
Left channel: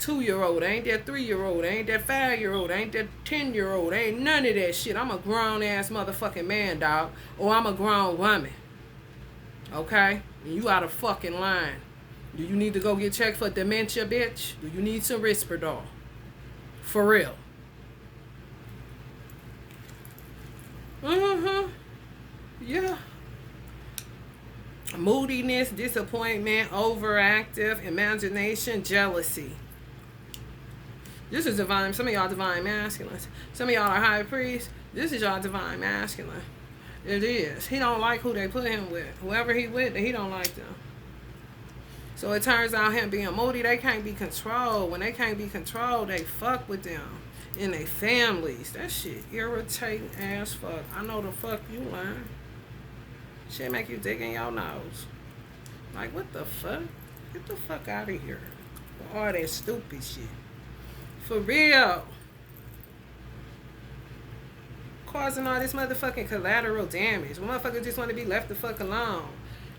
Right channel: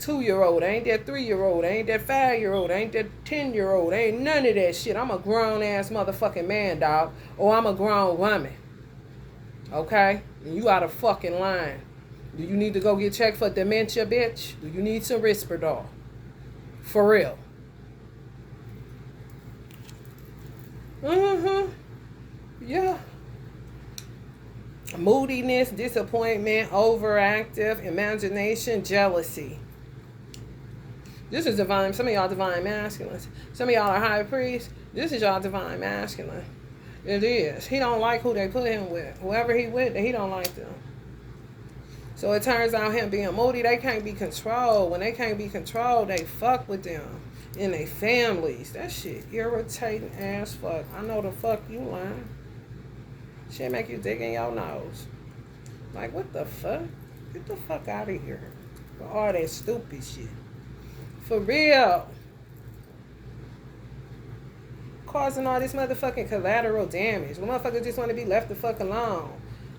2-year-old. I ain't that 3-year-old. I ain't that 5-year-old. I ain't that 10-year-old. I ain't none of that shit. I'm a grown ass motherfucking man, dog. Or I'm a grown woman. Okay? And you out of fucking line. Do you need to go get checked for dementia, bitch? Do you need some Risperdal? For real. Mm-hmm. Yeah. Moodiness, disappointment, overactive, imagination, jealousy. This is divine. Some of y'all divine masculines. Some of y'all are high priests. This is y'all divine masculine. It is. He don't like who they put him with. Whoever he with, he don't like them. So it turns out him being moody, they can't be controlled. When they can't be controlled, they fuck with them in their families. That shit irritating as fuck. I know the fuck you learn. Shit make you dig in your nose. Like, what the fuck? Get the fuck out of here. For all that stupid shit. For real. Causing all this motherfucking collateral damage. When motherfuckers just want to be left the fuck alone.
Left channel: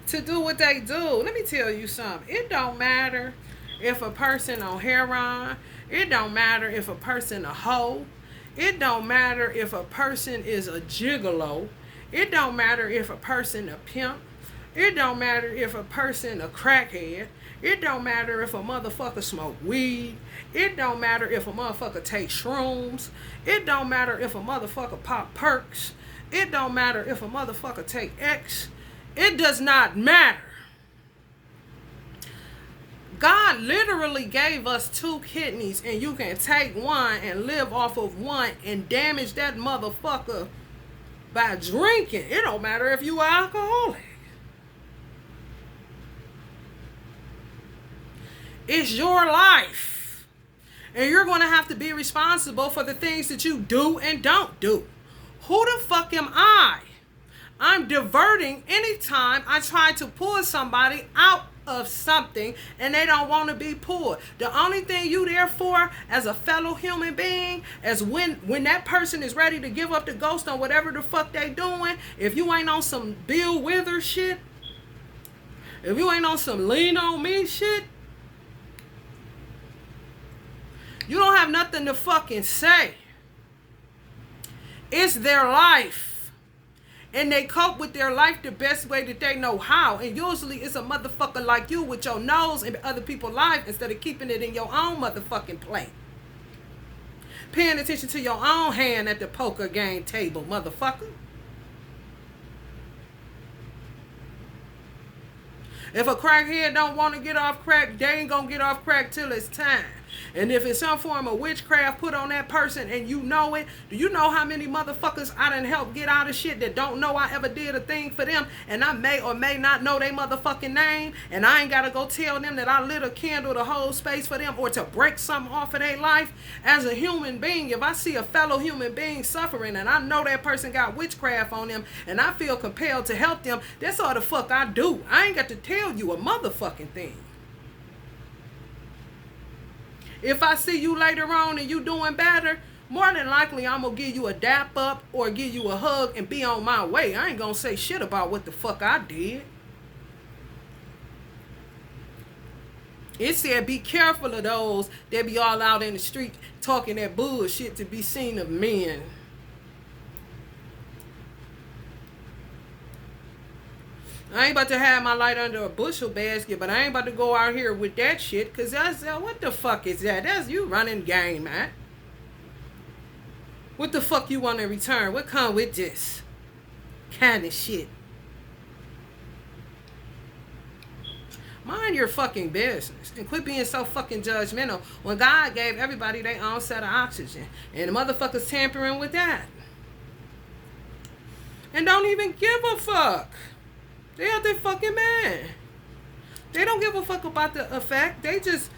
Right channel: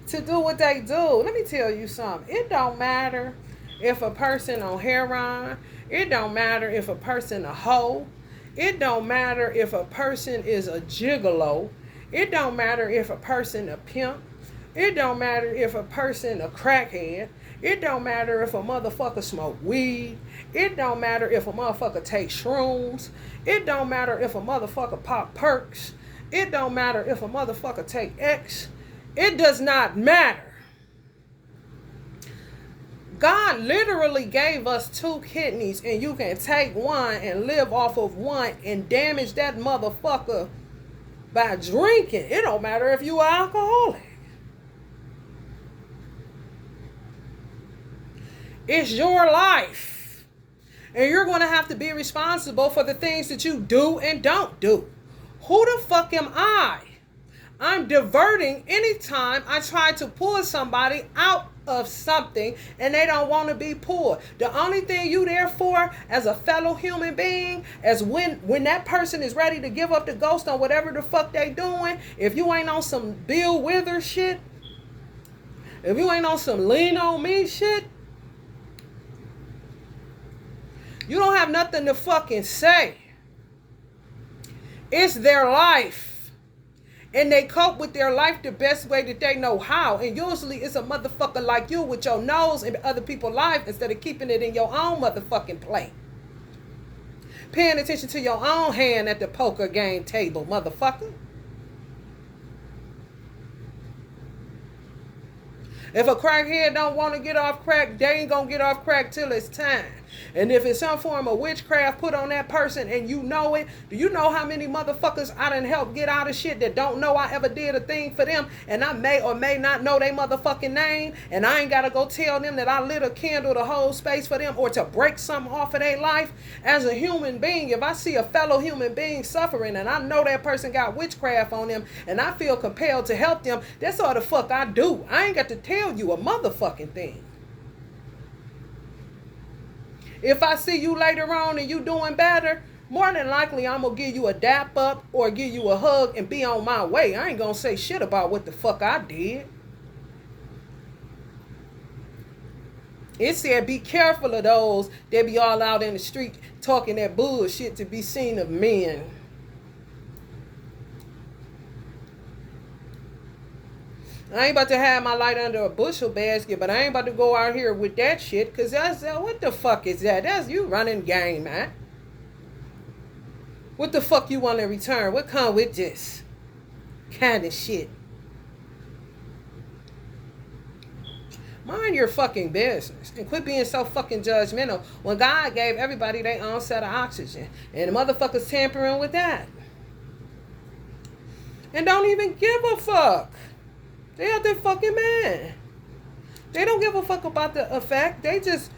To do what they do. Let me tell you something. It don't matter if a person on heroin. It don't matter if a person a hoe. It don't matter if a person is a gigolo. It don't matter if a person a pimp. It don't matter if a person a crackhead. It don't matter if a motherfucker smoke weed. It don't matter if a motherfucker take shrooms. It don't matter if a motherfucker pop perks. It don't matter if a motherfucker take X. It does not matter. God literally gave us 2 kidneys and you can take one and live off of one and damage that motherfucker by drinking. It don't matter if you are alcoholic. It's your life. And you're going to have to be responsible for the things that you do and don't do. Who the fuck am I? I'm diverting anytime I try to pull somebody out of something and they don't want to be pulled. The only thing you there for as a fellow human being is when that person is ready to give up the ghost on whatever the fuck they doing. If you ain't on some Bill Withers shit, if you ain't on some lean on me shit, you don't have nothing to fucking say. It's their life. And they cope with their life the best way that they know how. And usually it's a motherfucker like you with your nose in other people's life instead of keeping it in your own motherfucking plate. Paying attention to your own hand at the poker game table, motherfucker. If a crackhead don't want to get off crack, they ain't gonna get off crack till it's time. And if it's some form of witchcraft put on that person and you know it, do you know how many motherfuckers I done helped get out of shit that don't know I ever did a thing for them, and I may or may not know they motherfucking name, and I ain't gotta go tell them that I lit a candle to hold space for them or to break something off of their life. As a human being, if I see a fellow human being suffering and I know that person got witchcraft on them and I feel compelled to help them, that's all the fuck I do. I ain't got to tell you a motherfucking thing. If I see you later on and you doing better, more than likely I'm going to give you a dap up or give you a hug and be on my way. I ain't going to say shit about what the fuck I did. It said be careful of those that be all out in the street talking that bullshit to be seen of men. I ain't about to have my light under a bushel basket, but I ain't about to go out here with that shit, because that's, what the fuck is that? That's you running game, man. What the fuck you want in return? What come with this kind of shit? Mind your fucking business and quit being so fucking judgmental when God gave everybody their own set of oxygen and the motherfuckers tampering with that. And don't even give a fuck. They out there fucking mad. They don't give a fuck about the effect. They just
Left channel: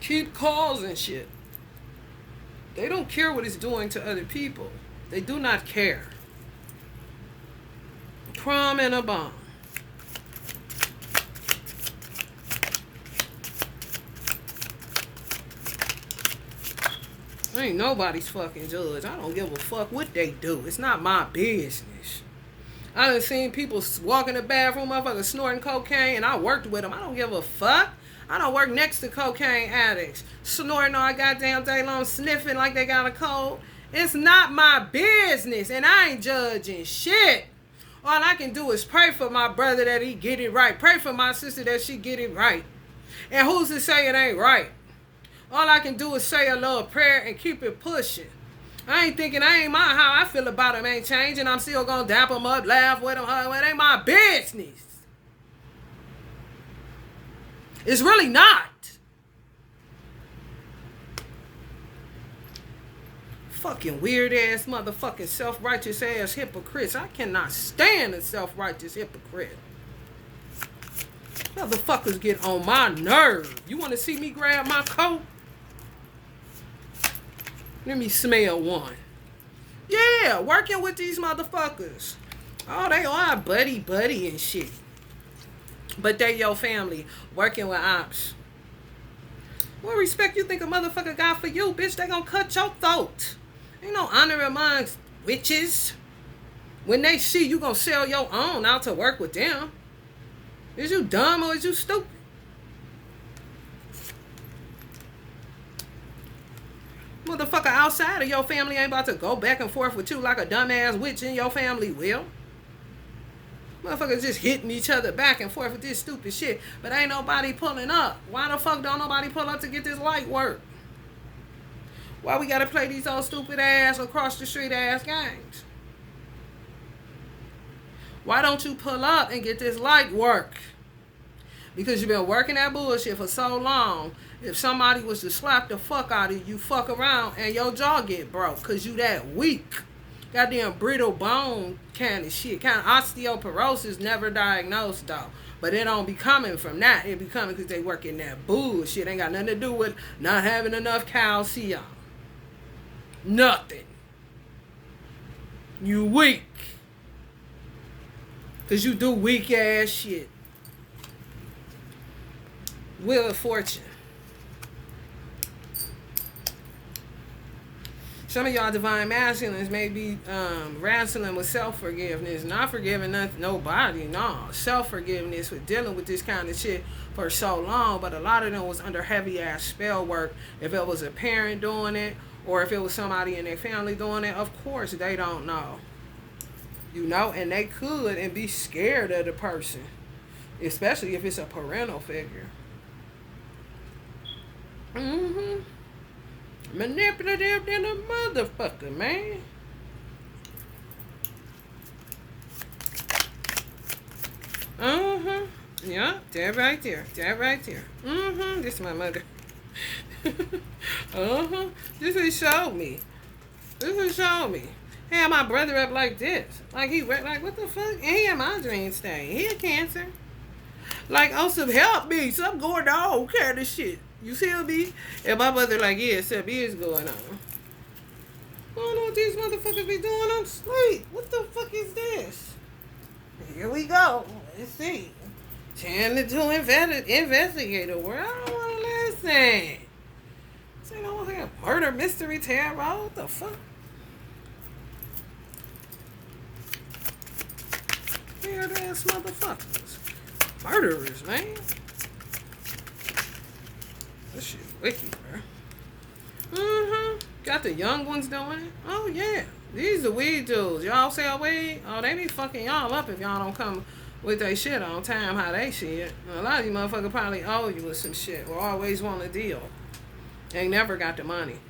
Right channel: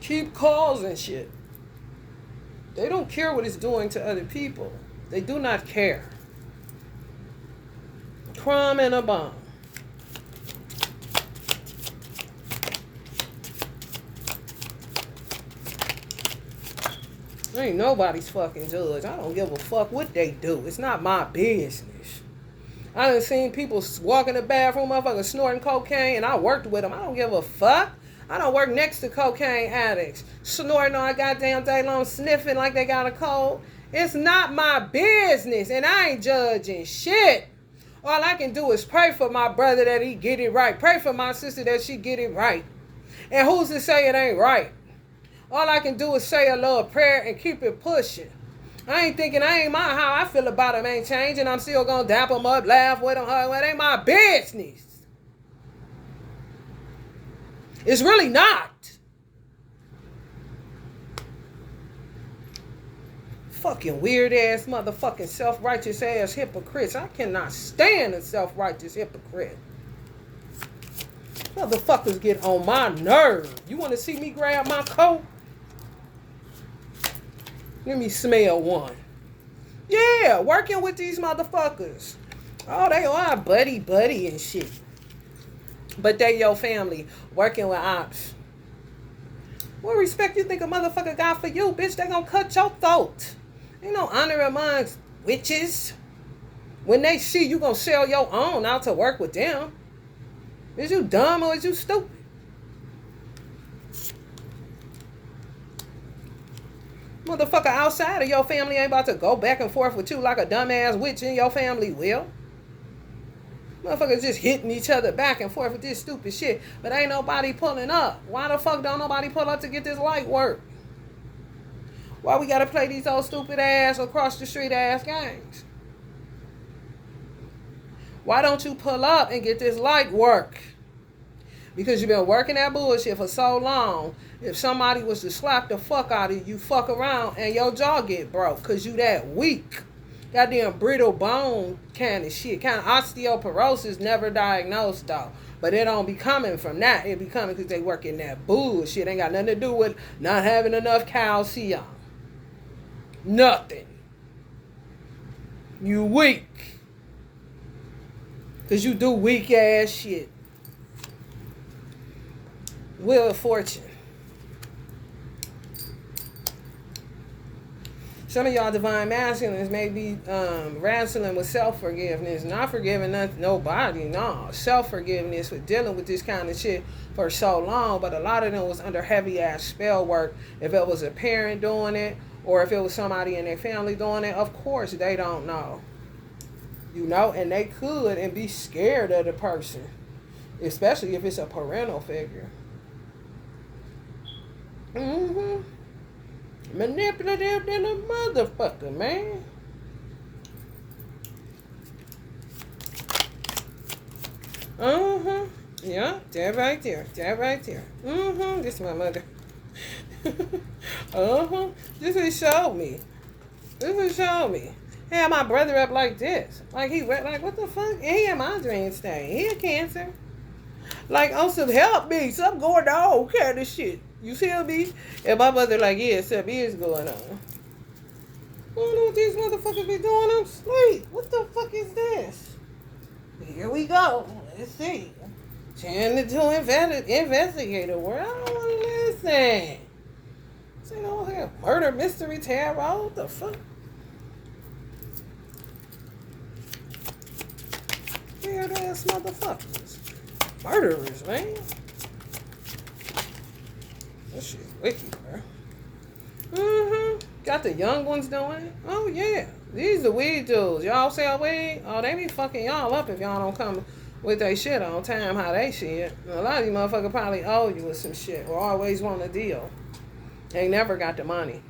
keep causing shit. They don't care what it's doing to other people. They do not care. Crumb and a bomb. Ain't nobody's fucking judge. I don't give a fuck what they do. It's not my business. I done seen people walk in the bathroom, motherfuckers snorting cocaine, and I worked with them. I don't give a fuck. I don't work next to cocaine addicts, snorting all goddamn day long, sniffing like they got a cold. It's not my business, and I ain't judging shit. All I can do is pray for my brother that he get it right. Pray for my sister that she get it right. And who's to say it ain't right? All I can do is say a little prayer and keep it pushing. I ain't thinking, how I feel about them ain't changing. I'm still gonna dap them up, laugh with them, it ain't my business. It's really not. Fucking weird ass motherfucking self-righteous ass hypocrites. I cannot stand a self-righteous hypocrite. Motherfuckers get on my nerve. You want to see me grab my coat? Let me smell one. Yeah, working with these motherfuckers. Oh, they are buddy and shit. But they your family working with ops. What respect you think a motherfucker got for you, bitch? They gonna cut your throat. Ain't no honor amongst witches. When they see you gonna sell your own out to work with them. Is you dumb or is you stupid? Motherfucker outside of your family ain't about to go back and forth with you like a dumbass witch in your family will. Motherfuckers just hitting each other back and forth with this stupid shit. But ain't nobody pulling up. Why the fuck don't nobody pull up to get this light work? Why we gotta play these old stupid ass across the street ass games? Why don't you pull up and get this light work? Because you've been working that bullshit for so long. If somebody was to slap the fuck out of you, fuck around and your jaw get broke because you that weak. Goddamn brittle bone kind of shit. Kind of osteoporosis, never diagnosed though. But it don't be coming from that. It be coming because they working that bullshit. Ain't got nothing to do with not having enough calcium. Nothing. You weak. Because you do weak ass shit. Wheel of Fortune. Some of y'all divine masculines may be wrestling with self-forgiveness. Not forgiving nobody, no. Self-forgiveness for dealing with this kind of shit for so long. But a lot of them was under heavy-ass spell work. If it was a parent doing it, or if it was somebody in their family doing it, of course they don't know. You know, and they could and be scared of the person. Especially if it's a parental figure. Mm-hmm. Manipulative than a motherfucker, man. Mm-hmm. Yeah, that right there. That right there. Mm-hmm. This is my mother. Uh-huh. This is showed me. This is showed me. He had my brother up like this. Like he went like, what the fuck? And he had my dream stain. He had cancer. Like, oh, some help me. Something going on kind of shit. You feel me? And my mother like, yeah, something is going on. I don't know what these motherfuckers be doing on sleep. What the fuck is this? Here we go. Let's see. Channel to investigator. Where I don't want to listen. So, you know, like a murder mystery tarot. What the fuck? Weird ass motherfuckers. Murderers, man. That shit wicked, bro. Mm-hmm. Got the young ones doing it. Oh, yeah. These are weed dudes. Y'all sell weed? Oh, they be fucking y'all up if y'all don't come with their shit on time, how they shit. A lot of you motherfuckers probably owe you with some shit or always want a deal. They never got the money.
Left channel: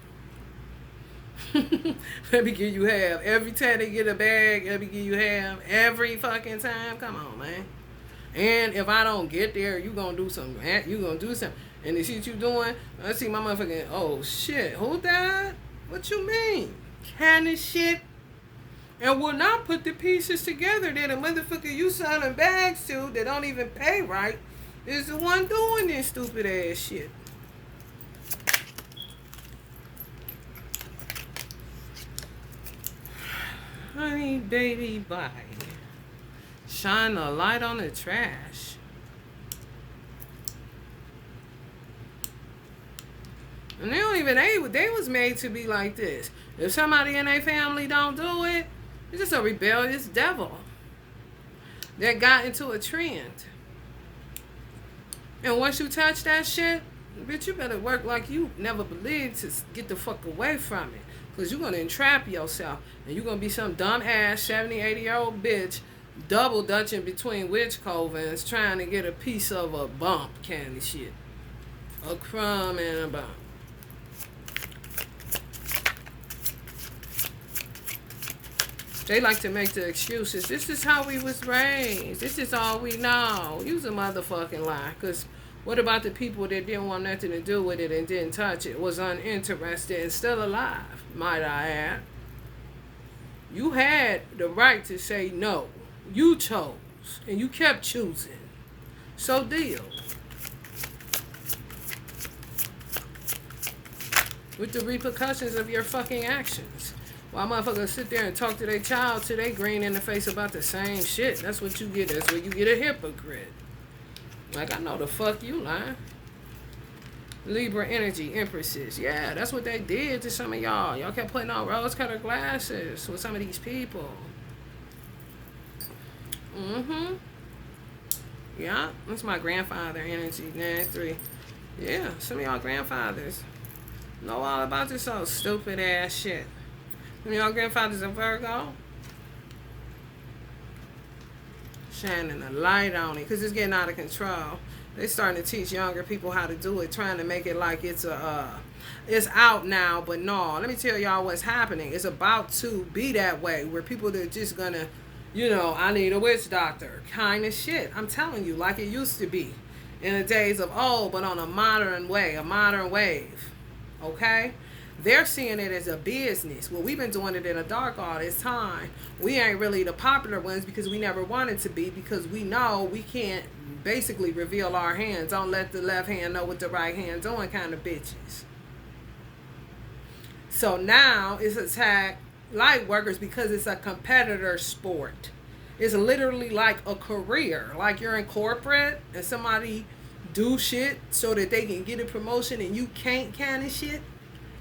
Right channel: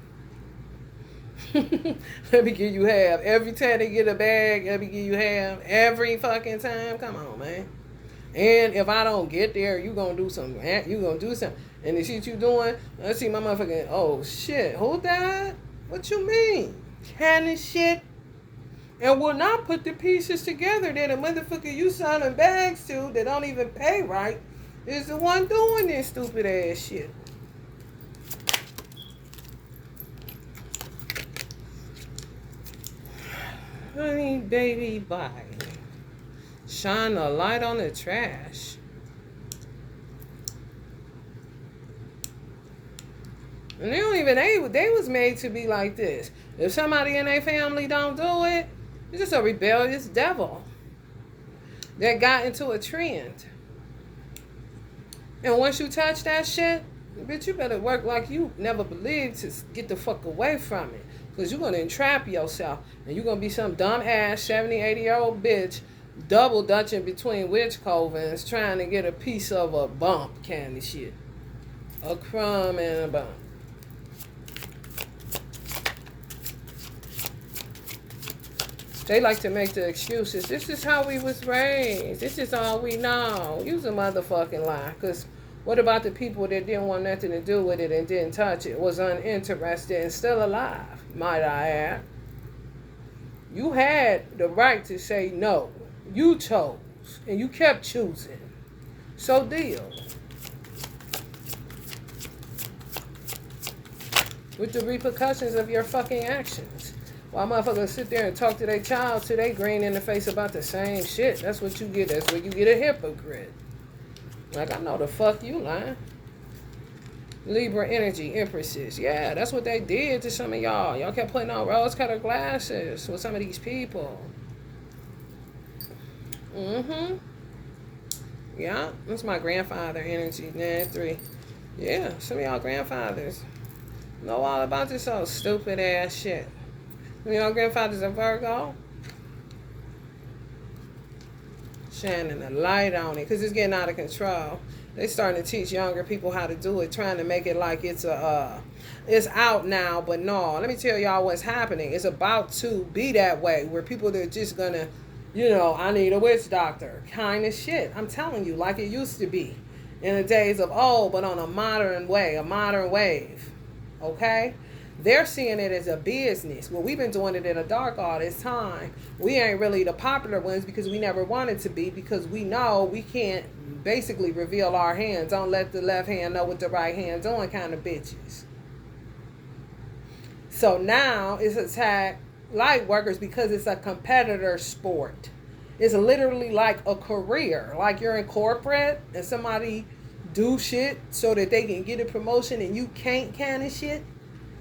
Let me give you half. Every time they get a bag, let me give you half. Every fucking time. Come on, man. And if I don't get there, you gonna do something. You gonna do something. And the shit you doing, I see my motherfucking, oh shit, who died? What you mean? Kind of shit. And will not put the pieces together that a motherfucker you selling bags to that don't even pay right is the one doing this stupid ass shit. Honey, baby, bye. Shine a light on the trash. And they don't even, they was made to be like this. If somebody in their family don't do it, it's just a rebellious devil. that got into a trend. And once you touch that shit, bitch, you better work like you never believed to get the fuck away from it. Because you're going to entrap yourself. And you're going to be some dumb ass 70, 80-year-old bitch double dutching between witch covens trying to get a piece of a bump kind of shit. A crumb and a bump. They like to make the excuses. This is how we was raised. This is all we know. Use a motherfucking lie. Because what about the people that didn't want nothing to do with it and didn't touch it, was uninterested and still alive, might I add? You had the right to say no. You chose. And you kept choosing. So deal with the repercussions of your fucking actions. Why motherfuckers sit there and talk to their child till they green in the face about the same shit? That's what you get. That's where you get a hypocrite. Like, I know the fuck you lying. Libra energy, empresses. Yeah, that's what they did to some of y'all. Y'all kept putting on rose-colored glasses with some of these people. Yeah, that's my grandfather energy. 9-3. Yeah, some of y'all grandfathers know all about this old stupid ass shit. You know, grandfather's a Virgo. Shining a light on it because it's getting out of control. They starting to teach younger people how to do it, trying to make it like it's out now. But no, let me tell y'all what's happening. It's about to be that way where people are just gonna, you know, I need a witch doctor kind of shit. I'm telling you, like it used to be in the days of old, but on a modern way, a modern wave. Okay. They're seeing it as a business. Well, we've been doing it in the dark all this time. We ain't really the popular ones because we never wanted to be, because we know we can't basically reveal our hands. Don't let the left hand know what the right hand's doing kind of bitches. So now it's attack light workers because it's a competitor sport. It's literally like a career. Like you're in corporate and somebody do shit so that they can get a promotion and you can't kind of shit.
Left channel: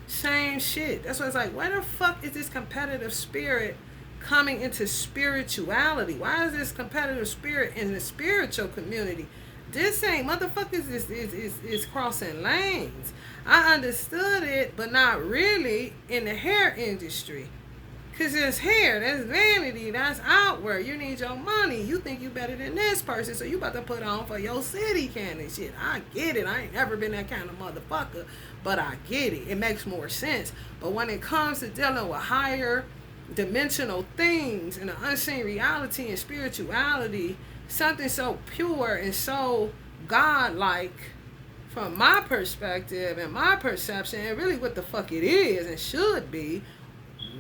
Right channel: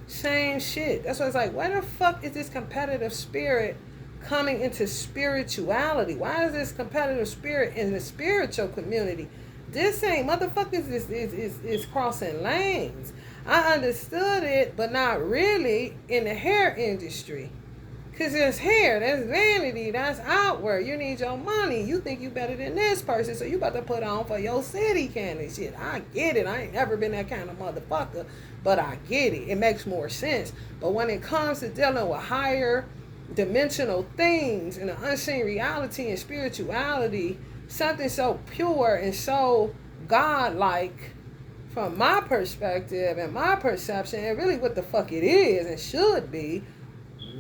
Same shit. That's why it's like, why the fuck is this competitive spirit coming into spirituality? Why is this competitive spirit in the spiritual community? This ain't motherfuckers is crossing lanes. I understood it, but not really in the hair industry. Because there's hair, that's vanity, that's outward. You need your money. You think you better than this person, so you about to put on for your city kind of shit. I get it. I ain't never been that kind of motherfucker, but I get it. It makes more sense. But when it comes to dealing with higher dimensional things and the unseen reality and spirituality, something so pure and so godlike, from my perspective and my perception, and really what the fuck it is and should be,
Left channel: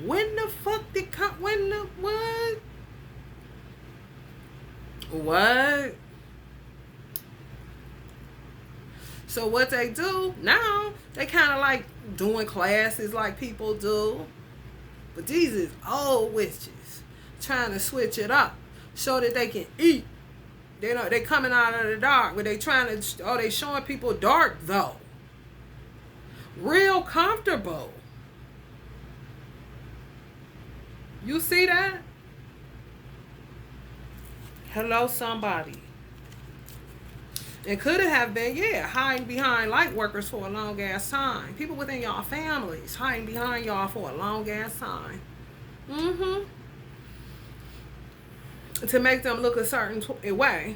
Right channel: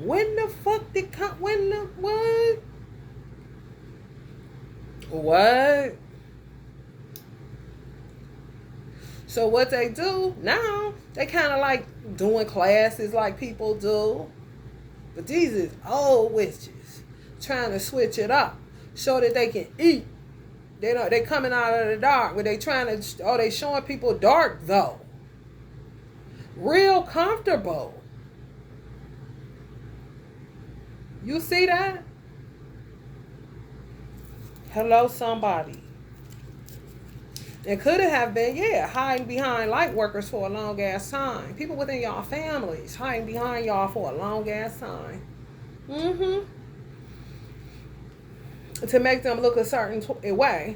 when the fuck did what? What? So what they do now, they kind of like doing classes like people do. But these is old witches trying to switch it up so that they can eat. They coming out of the dark, but they trying to, they showing people dark though. Real comfortable. You see that? Hello, somebody. It could have been, hiding behind light workers for a long ass time. People within y'all families hiding behind y'all for a long ass time. To make them look a certain way,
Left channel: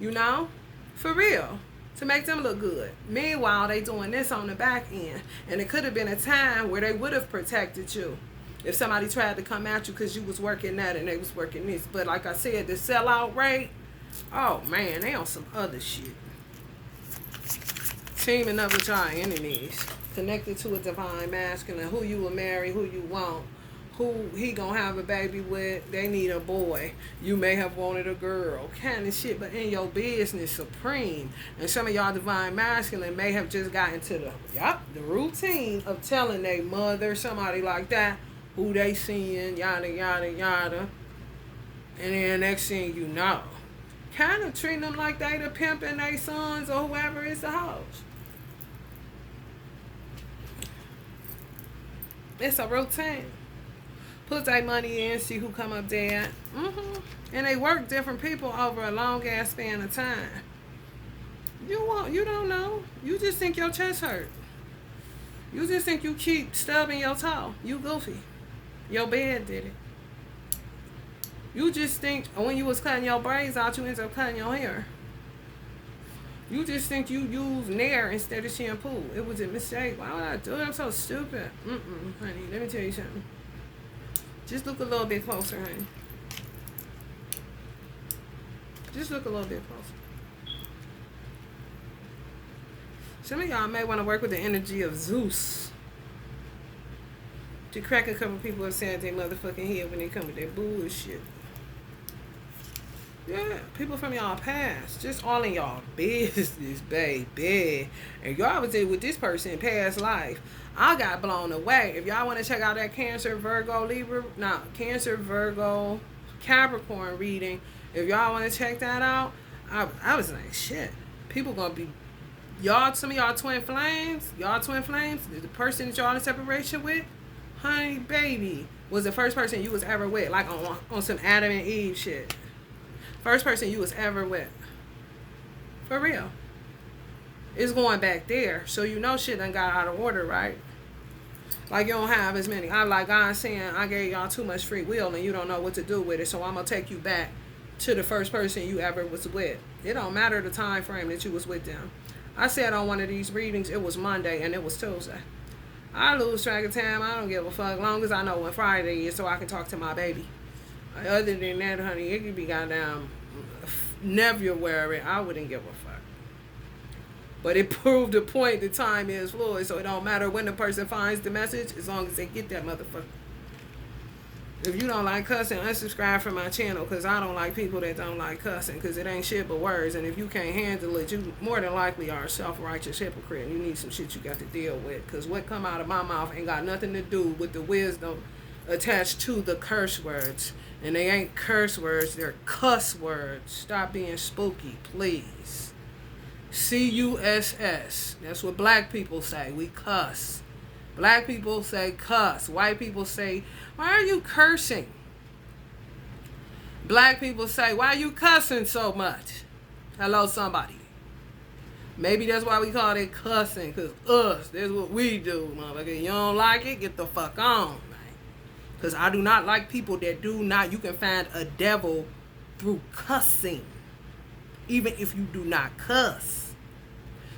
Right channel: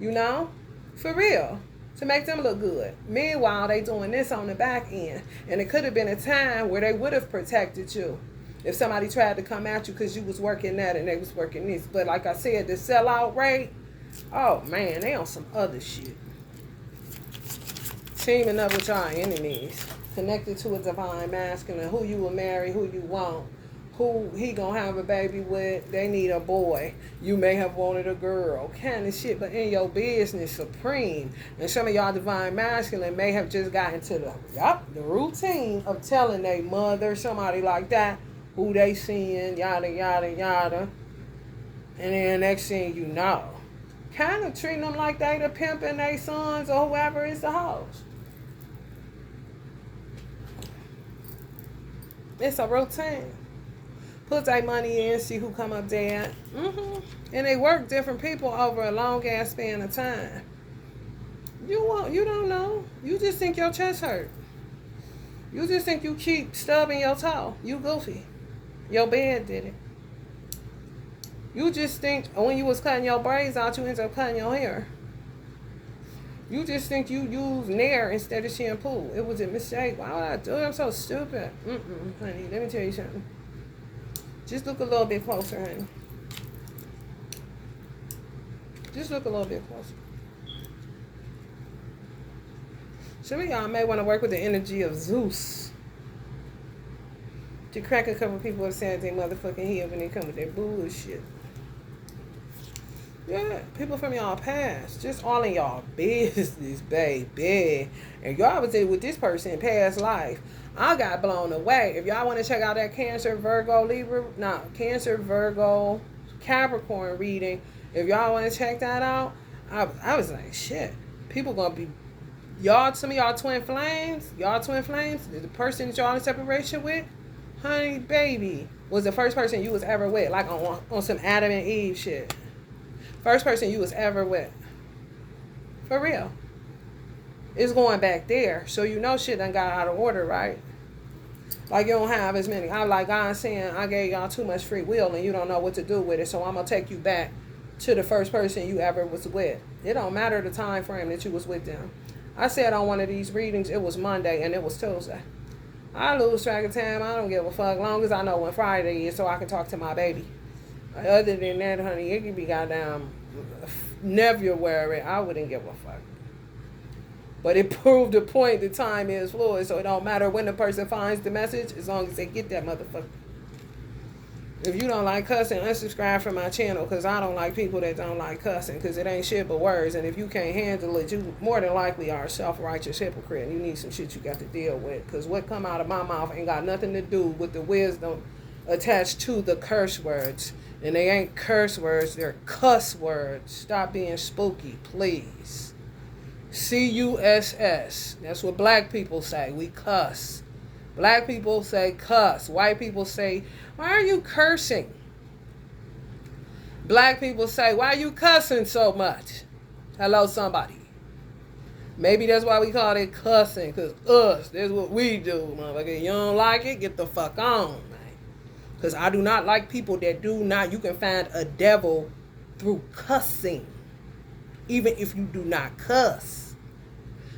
you know? For real. To make them look good. Meanwhile, they doing this on the back end. And it could have been a time where they would have protected you if somebody tried to come at you because you was working that and they was working this. But like I said, the sellout rate, oh man, they on some other shit. Teaming up with your enemies. Connected to a divine masculine. Who you will marry, who you won't. Who he gonna have a baby with. They need a boy. You may have wanted a girl. Kind of shit. But in your business, supreme. And some of y'all divine masculine may have just gotten to the routine of telling their mother, somebody like that, who they seeing, yada, yada, yada. And then next thing you know, kind of treating them like they the pimp and they sons or whoever is the house. It's a routine. put their money in, see who come up dead. And they work different people over a long ass span of time. You don't know. You just think your chest hurt. You just think you keep stubbing your toe. You goofy. Your bed did it. You just think when you was cutting your braids out, you ended up cutting your hair. You just think you used Nair instead of shampoo. It was a mistake. Why would I do it? I'm so stupid. Honey, let me tell you something. Just look a little bit closer, honey. Just look a little bit closer. Some of y'all may want to work with the energy of Zeus to crack a couple people inside their motherfucking head when they come with their bullshit. Yeah, people from y'all past, just all in y'all business, baby. And y'all was there with this person in past life. I got blown away. If y'all want to check out that Cancer, Virgo, Libra, Cancer, Virgo, Capricorn reading, if y'all want to check that out, I was like, shit. People gonna be, y'all, some of y'all twin flames, the person that y'all in separation with, honey, baby, was the first person you was ever with, like on some Adam and Eve shit. First person you was ever with. For real. It's going back there. So you know shit done got out of order, right? Like you don't have as many. I like God saying, I gave y'all too much free will and you don't know what to do with it. So I'm going to take you back to the first person you ever was with. It don't matter the time frame that you was with them. I said on one of these readings, it was Monday and it was Tuesday. I lose track of time. I don't give a fuck. Long as I know when Friday is so I can talk to my baby. Other than that, honey, it could be goddamn February. I wouldn't give a fuck. But it proved the point that time is fluid, so it don't matter when the person finds the message as long as they get that motherfucker. If you don't like cussing, unsubscribe from my channel because I don't like people that don't like cussing because it ain't shit but words. And if you can't handle it, you more than likely are a self-righteous hypocrite. You need some shit you got to deal with because what come out of my mouth ain't got nothing to do with the wisdom attached to the curse words. And they ain't curse words, they're cuss words. Stop being spooky, please. C-U-S-S. That's what black people say. We cuss. Black people say cuss. White people say, why are you cursing? Black people say, why are you cussing so much? Hello, somebody. Maybe that's why we call it cussing, because that's what we do, motherfucker. You don't like it? Get the fuck on. Because I do not like people that do not. You can find a devil through cussing. Even if you do not cuss.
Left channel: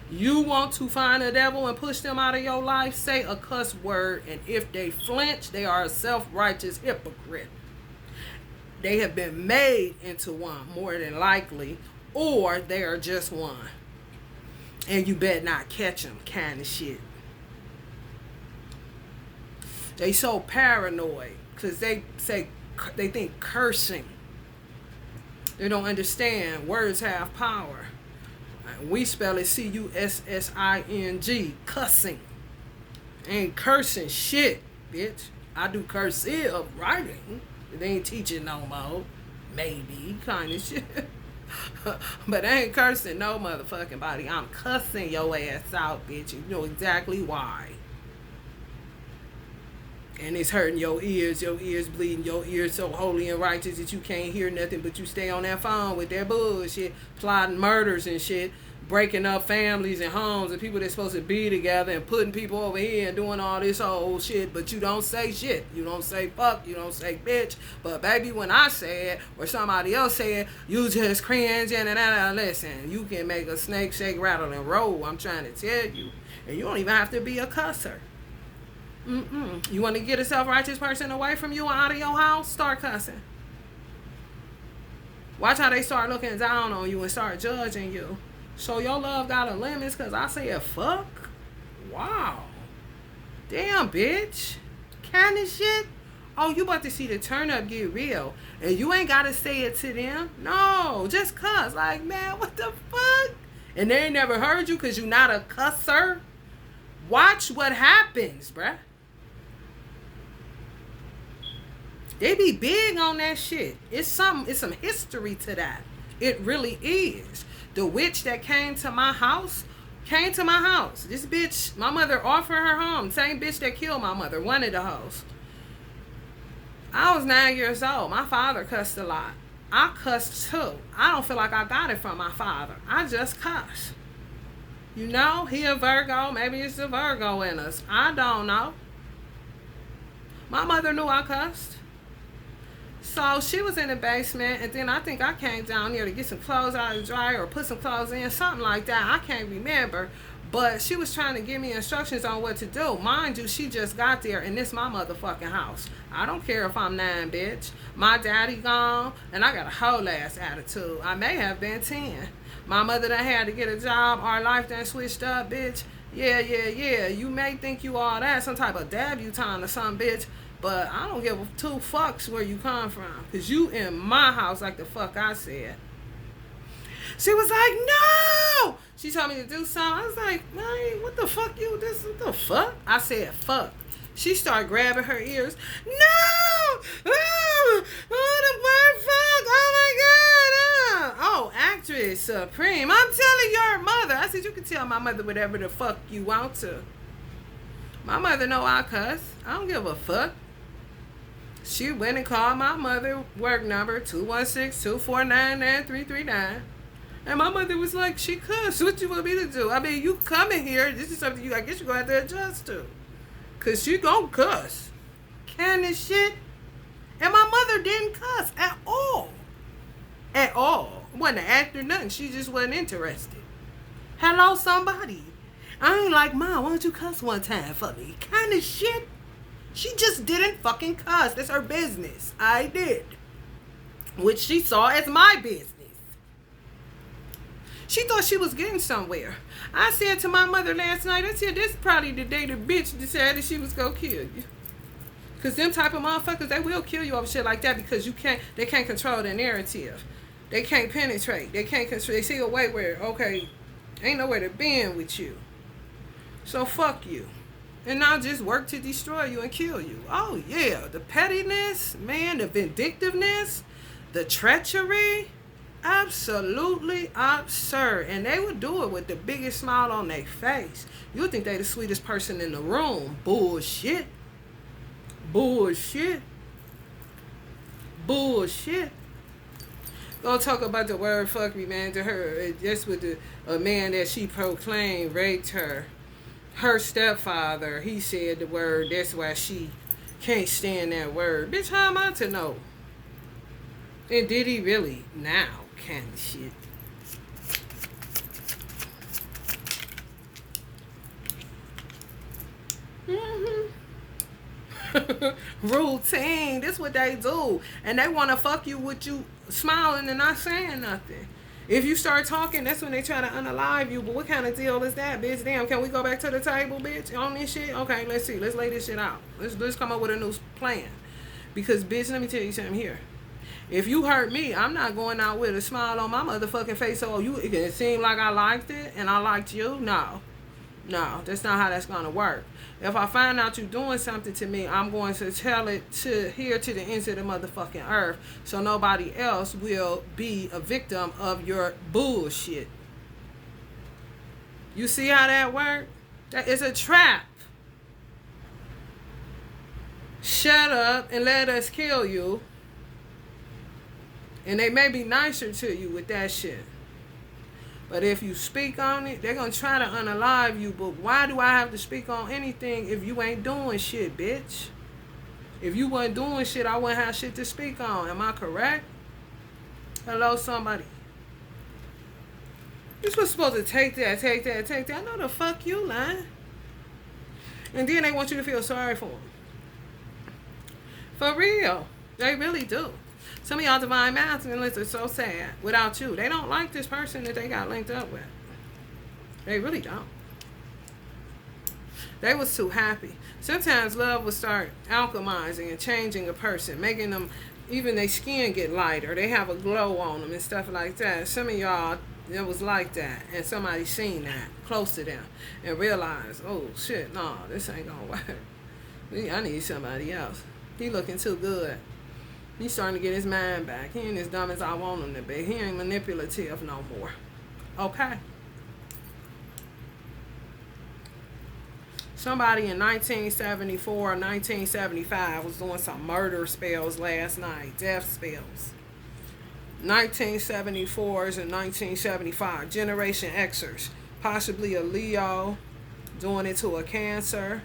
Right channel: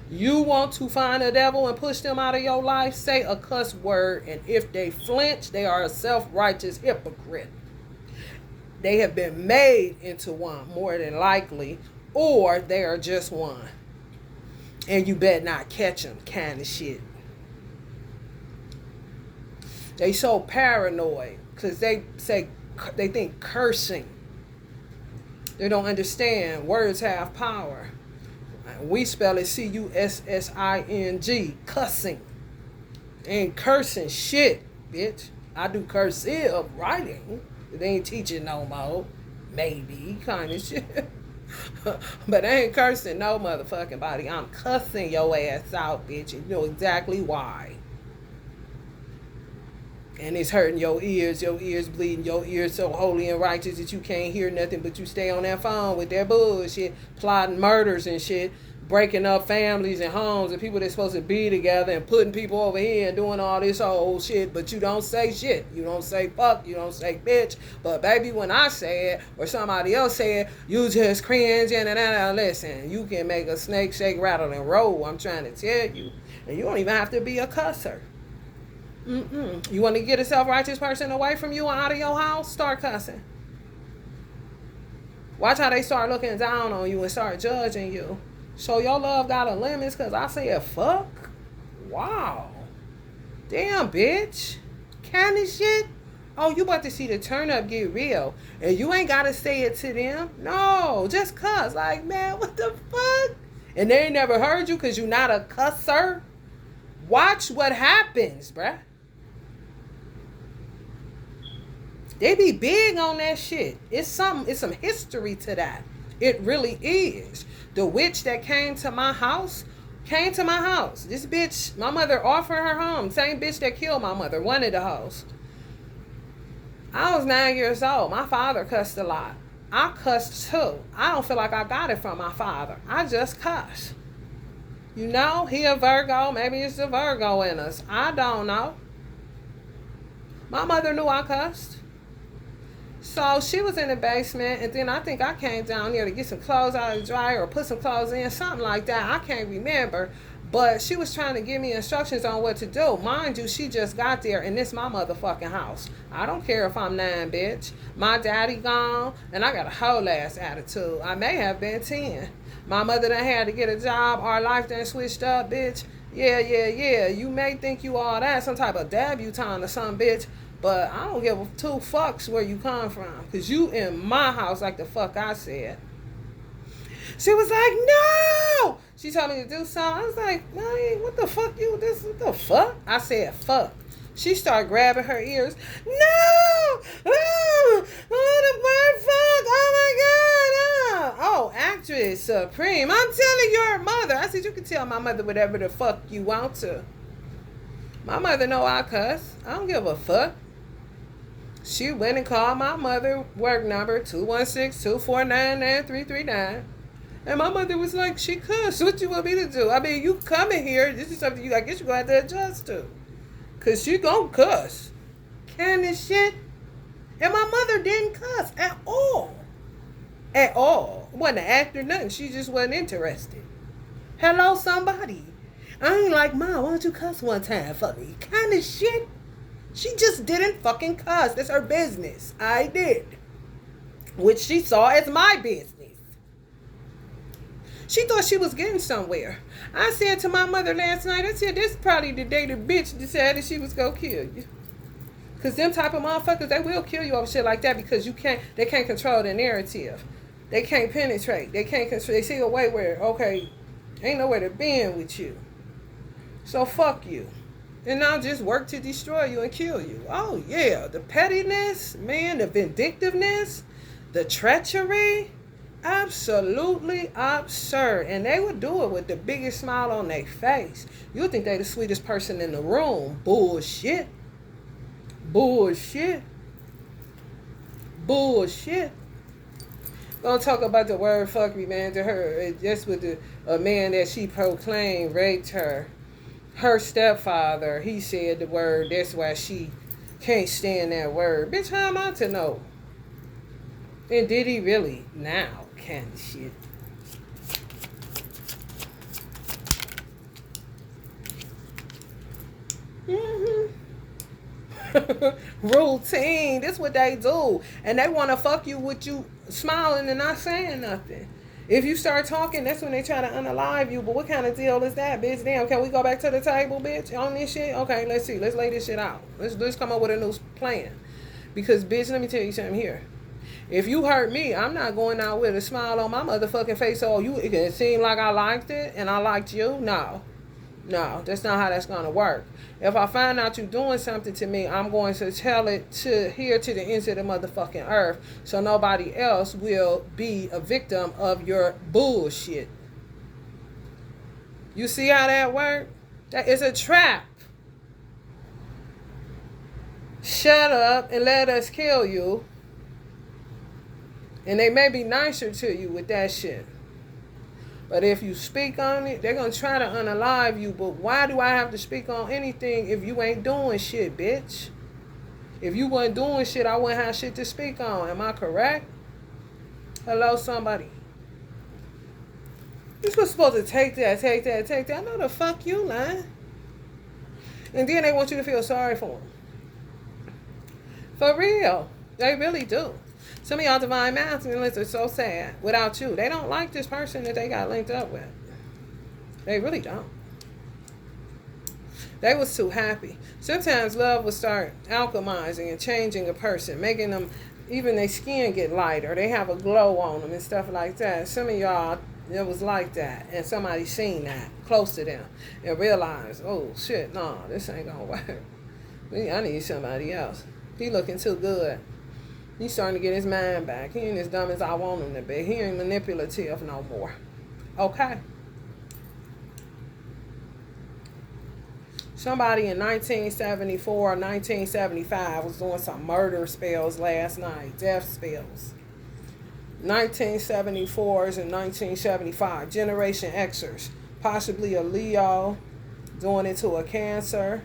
You want to find a devil and push them out of your life? Say a cuss word. And if they flinch, they are a self-righteous hypocrite. They have been made into one, more than likely. Or they are just one. And you better not catch them, kind of shit. They so paranoid because they think cursing. They don't understand words have power. We spell it C-U-S-S-I-N-G, cussing. Ain't cursing shit, bitch. I do cursive writing. They ain't teaching no more. Maybe, kind of shit. But they ain't cursing no motherfucking body. I'm cussing your ass out, bitch. You know exactly why. And it's hurting your ears bleeding, your ears so holy and righteous that you can't hear nothing but you stay on that phone with that bullshit, plotting murders and shit, breaking up families and homes and people that's supposed to be together and putting people over here and doing all this old shit, but you don't say shit. You don't say fuck, you don't say bitch. But baby, when I say it or somebody else say it, you just cringe and listen. You can make a snake shake, rattle, and roll. I'm trying to tell you. And you don't even have to be a cusser. You want to get a self-righteous person away from you and out of your house? Start cussing. Watch how they start looking down on you and start judging you. So your love got a limit because I said fuck? Wow. Damn, bitch. Kind of shit? Oh, you about to see the turn up get real. And you ain't got to say it to them. No, just cuss. Like, man, what the fuck? And they ain't never heard you because you not a cusser. Watch what happens, bruh. They be big on that shit. It's some history to that. It really is. The witch that came to my house. This bitch, my mother offered her home. Same bitch that killed my mother wanted the house. I was 9 years old. My father cussed a lot. I cussed too. I don't feel like I got it from my father. I just cuss. You know, he a Virgo. Maybe it's the Virgo in us. I don't know. My mother knew I cussed. So she was in the basement, and then I think I came down here to get some clothes out of the dryer or put some clothes in, something like that. I can't remember. But she was trying to give me instructions on what to do. Mind you, she just got there, and this my motherfucking house. I don't care if I'm 9, bitch. My daddy gone, and I got a whole ass attitude. I may have been 10. My mother done had to get a job. Our life done switched up, bitch. Yeah. You may think you all that, some type of debutante or something, bitch. But I don't give a two fucks where you come from. Because you in my house like the fuck I said. She was like, no! She told me to do something. I was like, man, what the fuck you this? What the fuck? I said, fuck. She started grabbing her ears. No! Oh, the word fuck! Oh my god! Oh, actress supreme. I'm telling your mother. I said, you can tell my mother whatever the fuck you want to. My mother know I cuss. I don't give a fuck. She went and called my mother work number 216-249-9339. And my mother was like, she cussed. What you want me to do? I mean, you coming here. This is something I guess you're going to have to adjust to. Because she going to cuss. Kind of shit. And my mother didn't cuss at all. At all. Wasn't an actor, nothing. She just wasn't interested. Hello, somebody. I ain't like, Mom, why don't you cuss one time for me? Kind of shit. She just didn't fucking cuss. That's her business. I did. Which she saw as my business. She thought she was getting somewhere. I said to my mother last night, I said, this is probably the day the bitch decided she was going to kill you. Because them type of motherfuckers, they will kill you over shit like that because they can't control the narrative. They can't penetrate. They can't control. They see a way where, okay, ain't nowhere to bend with you. So fuck you. And not just work to destroy you and kill you. Oh yeah, the pettiness, man, the vindictiveness, the treachery. Absolutely absurd. And they would do it with the biggest smile on their face. You would think they the sweetest person in the room. Bullshit. Bullshit. Bullshit. Gonna talk about the word fuck me, man, to her. That's with a man that she proclaimed raped her. Her stepfather, he said the word. That's why she can't stand that word. Bitch, how am I to know? And did he really? Now. Kind of shit. Routine. That's what they do. And they want to fuck you with you smiling and not saying nothing. If you start talking, that's when they try to unalive you. But what kind of deal is that, bitch? Damn, can we go back to the table, bitch, on this shit? Okay, let's see. Let's lay this shit out. Let's come up with a new plan. Because, bitch, let me tell you something here. If you hurt me, I'm not going out with a smile on my motherfucking face. Oh, it seemed like I liked it and I liked you. No, that's not how that's going to work. If I find out you doing something to me, I'm going to tell it to the ends of the motherfucking earth so nobody else will be a victim of your bullshit. You see how that works? That is a trap. Shut up and let us kill you. And they may be nicer to you with that shit. But if you speak on it, they're going to try to unalive you. But why do I have to speak on anything if you ain't doing shit, bitch? If you wasn't doing shit, I wouldn't have shit to speak on. Am I correct? Hello, somebody. You're supposed to take that. No, the fuck you, lying. And then they want you to feel sorry for them. For real. They really do. Some of y'all divine masculines are so sad without you. They don't like this person that they got linked up with. They really don't. They was too happy. Sometimes love will start alchemizing and changing a person, making them, even their skin get lighter. They have a glow on them and stuff like that. Some of y'all, it was like that. And somebody seen that close to them and realized, oh shit, no, this ain't gonna work. I need somebody else. He looking too good. He's starting to get his mind back. He ain't as dumb as I want him to be. He ain't manipulative no more. Okay? Somebody in 1974 or 1975 was doing some murder spells last night, death spells. 1974s and 1975, Generation Xers, possibly a Leo doing it to a Cancer,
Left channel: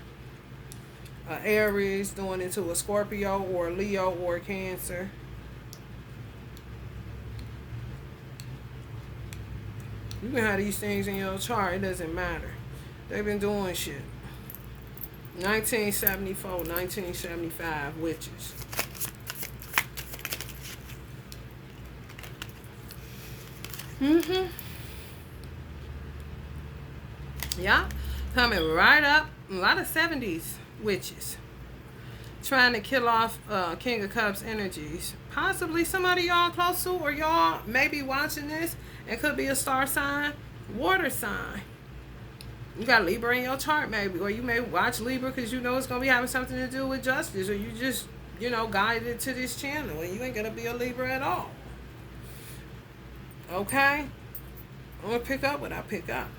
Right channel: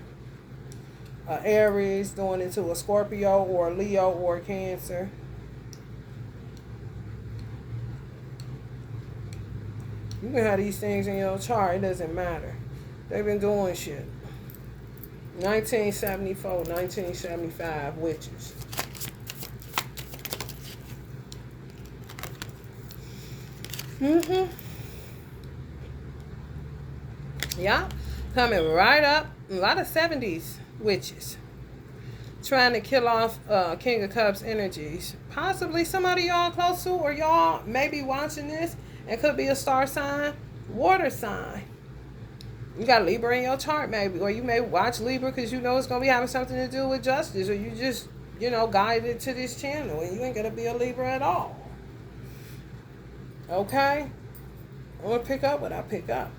a Aries doing it to a Scorpio or a Leo or a Cancer. You can have these things in your chart, it doesn't matter. They've been doing shit. 1974, 1975, witches. Yeah, coming right up. A lot of 70s witches. Trying to kill off King of Cups energies. Possibly somebody y'all close to or y'all may be watching this. It could be a star sign, water sign. You got Libra in your chart maybe. Or you may watch Libra because you know it's going to be having something to do with justice. Or you just, guided to this channel and you ain't going to be a Libra at all. Okay? I'm going to pick up what I pick up.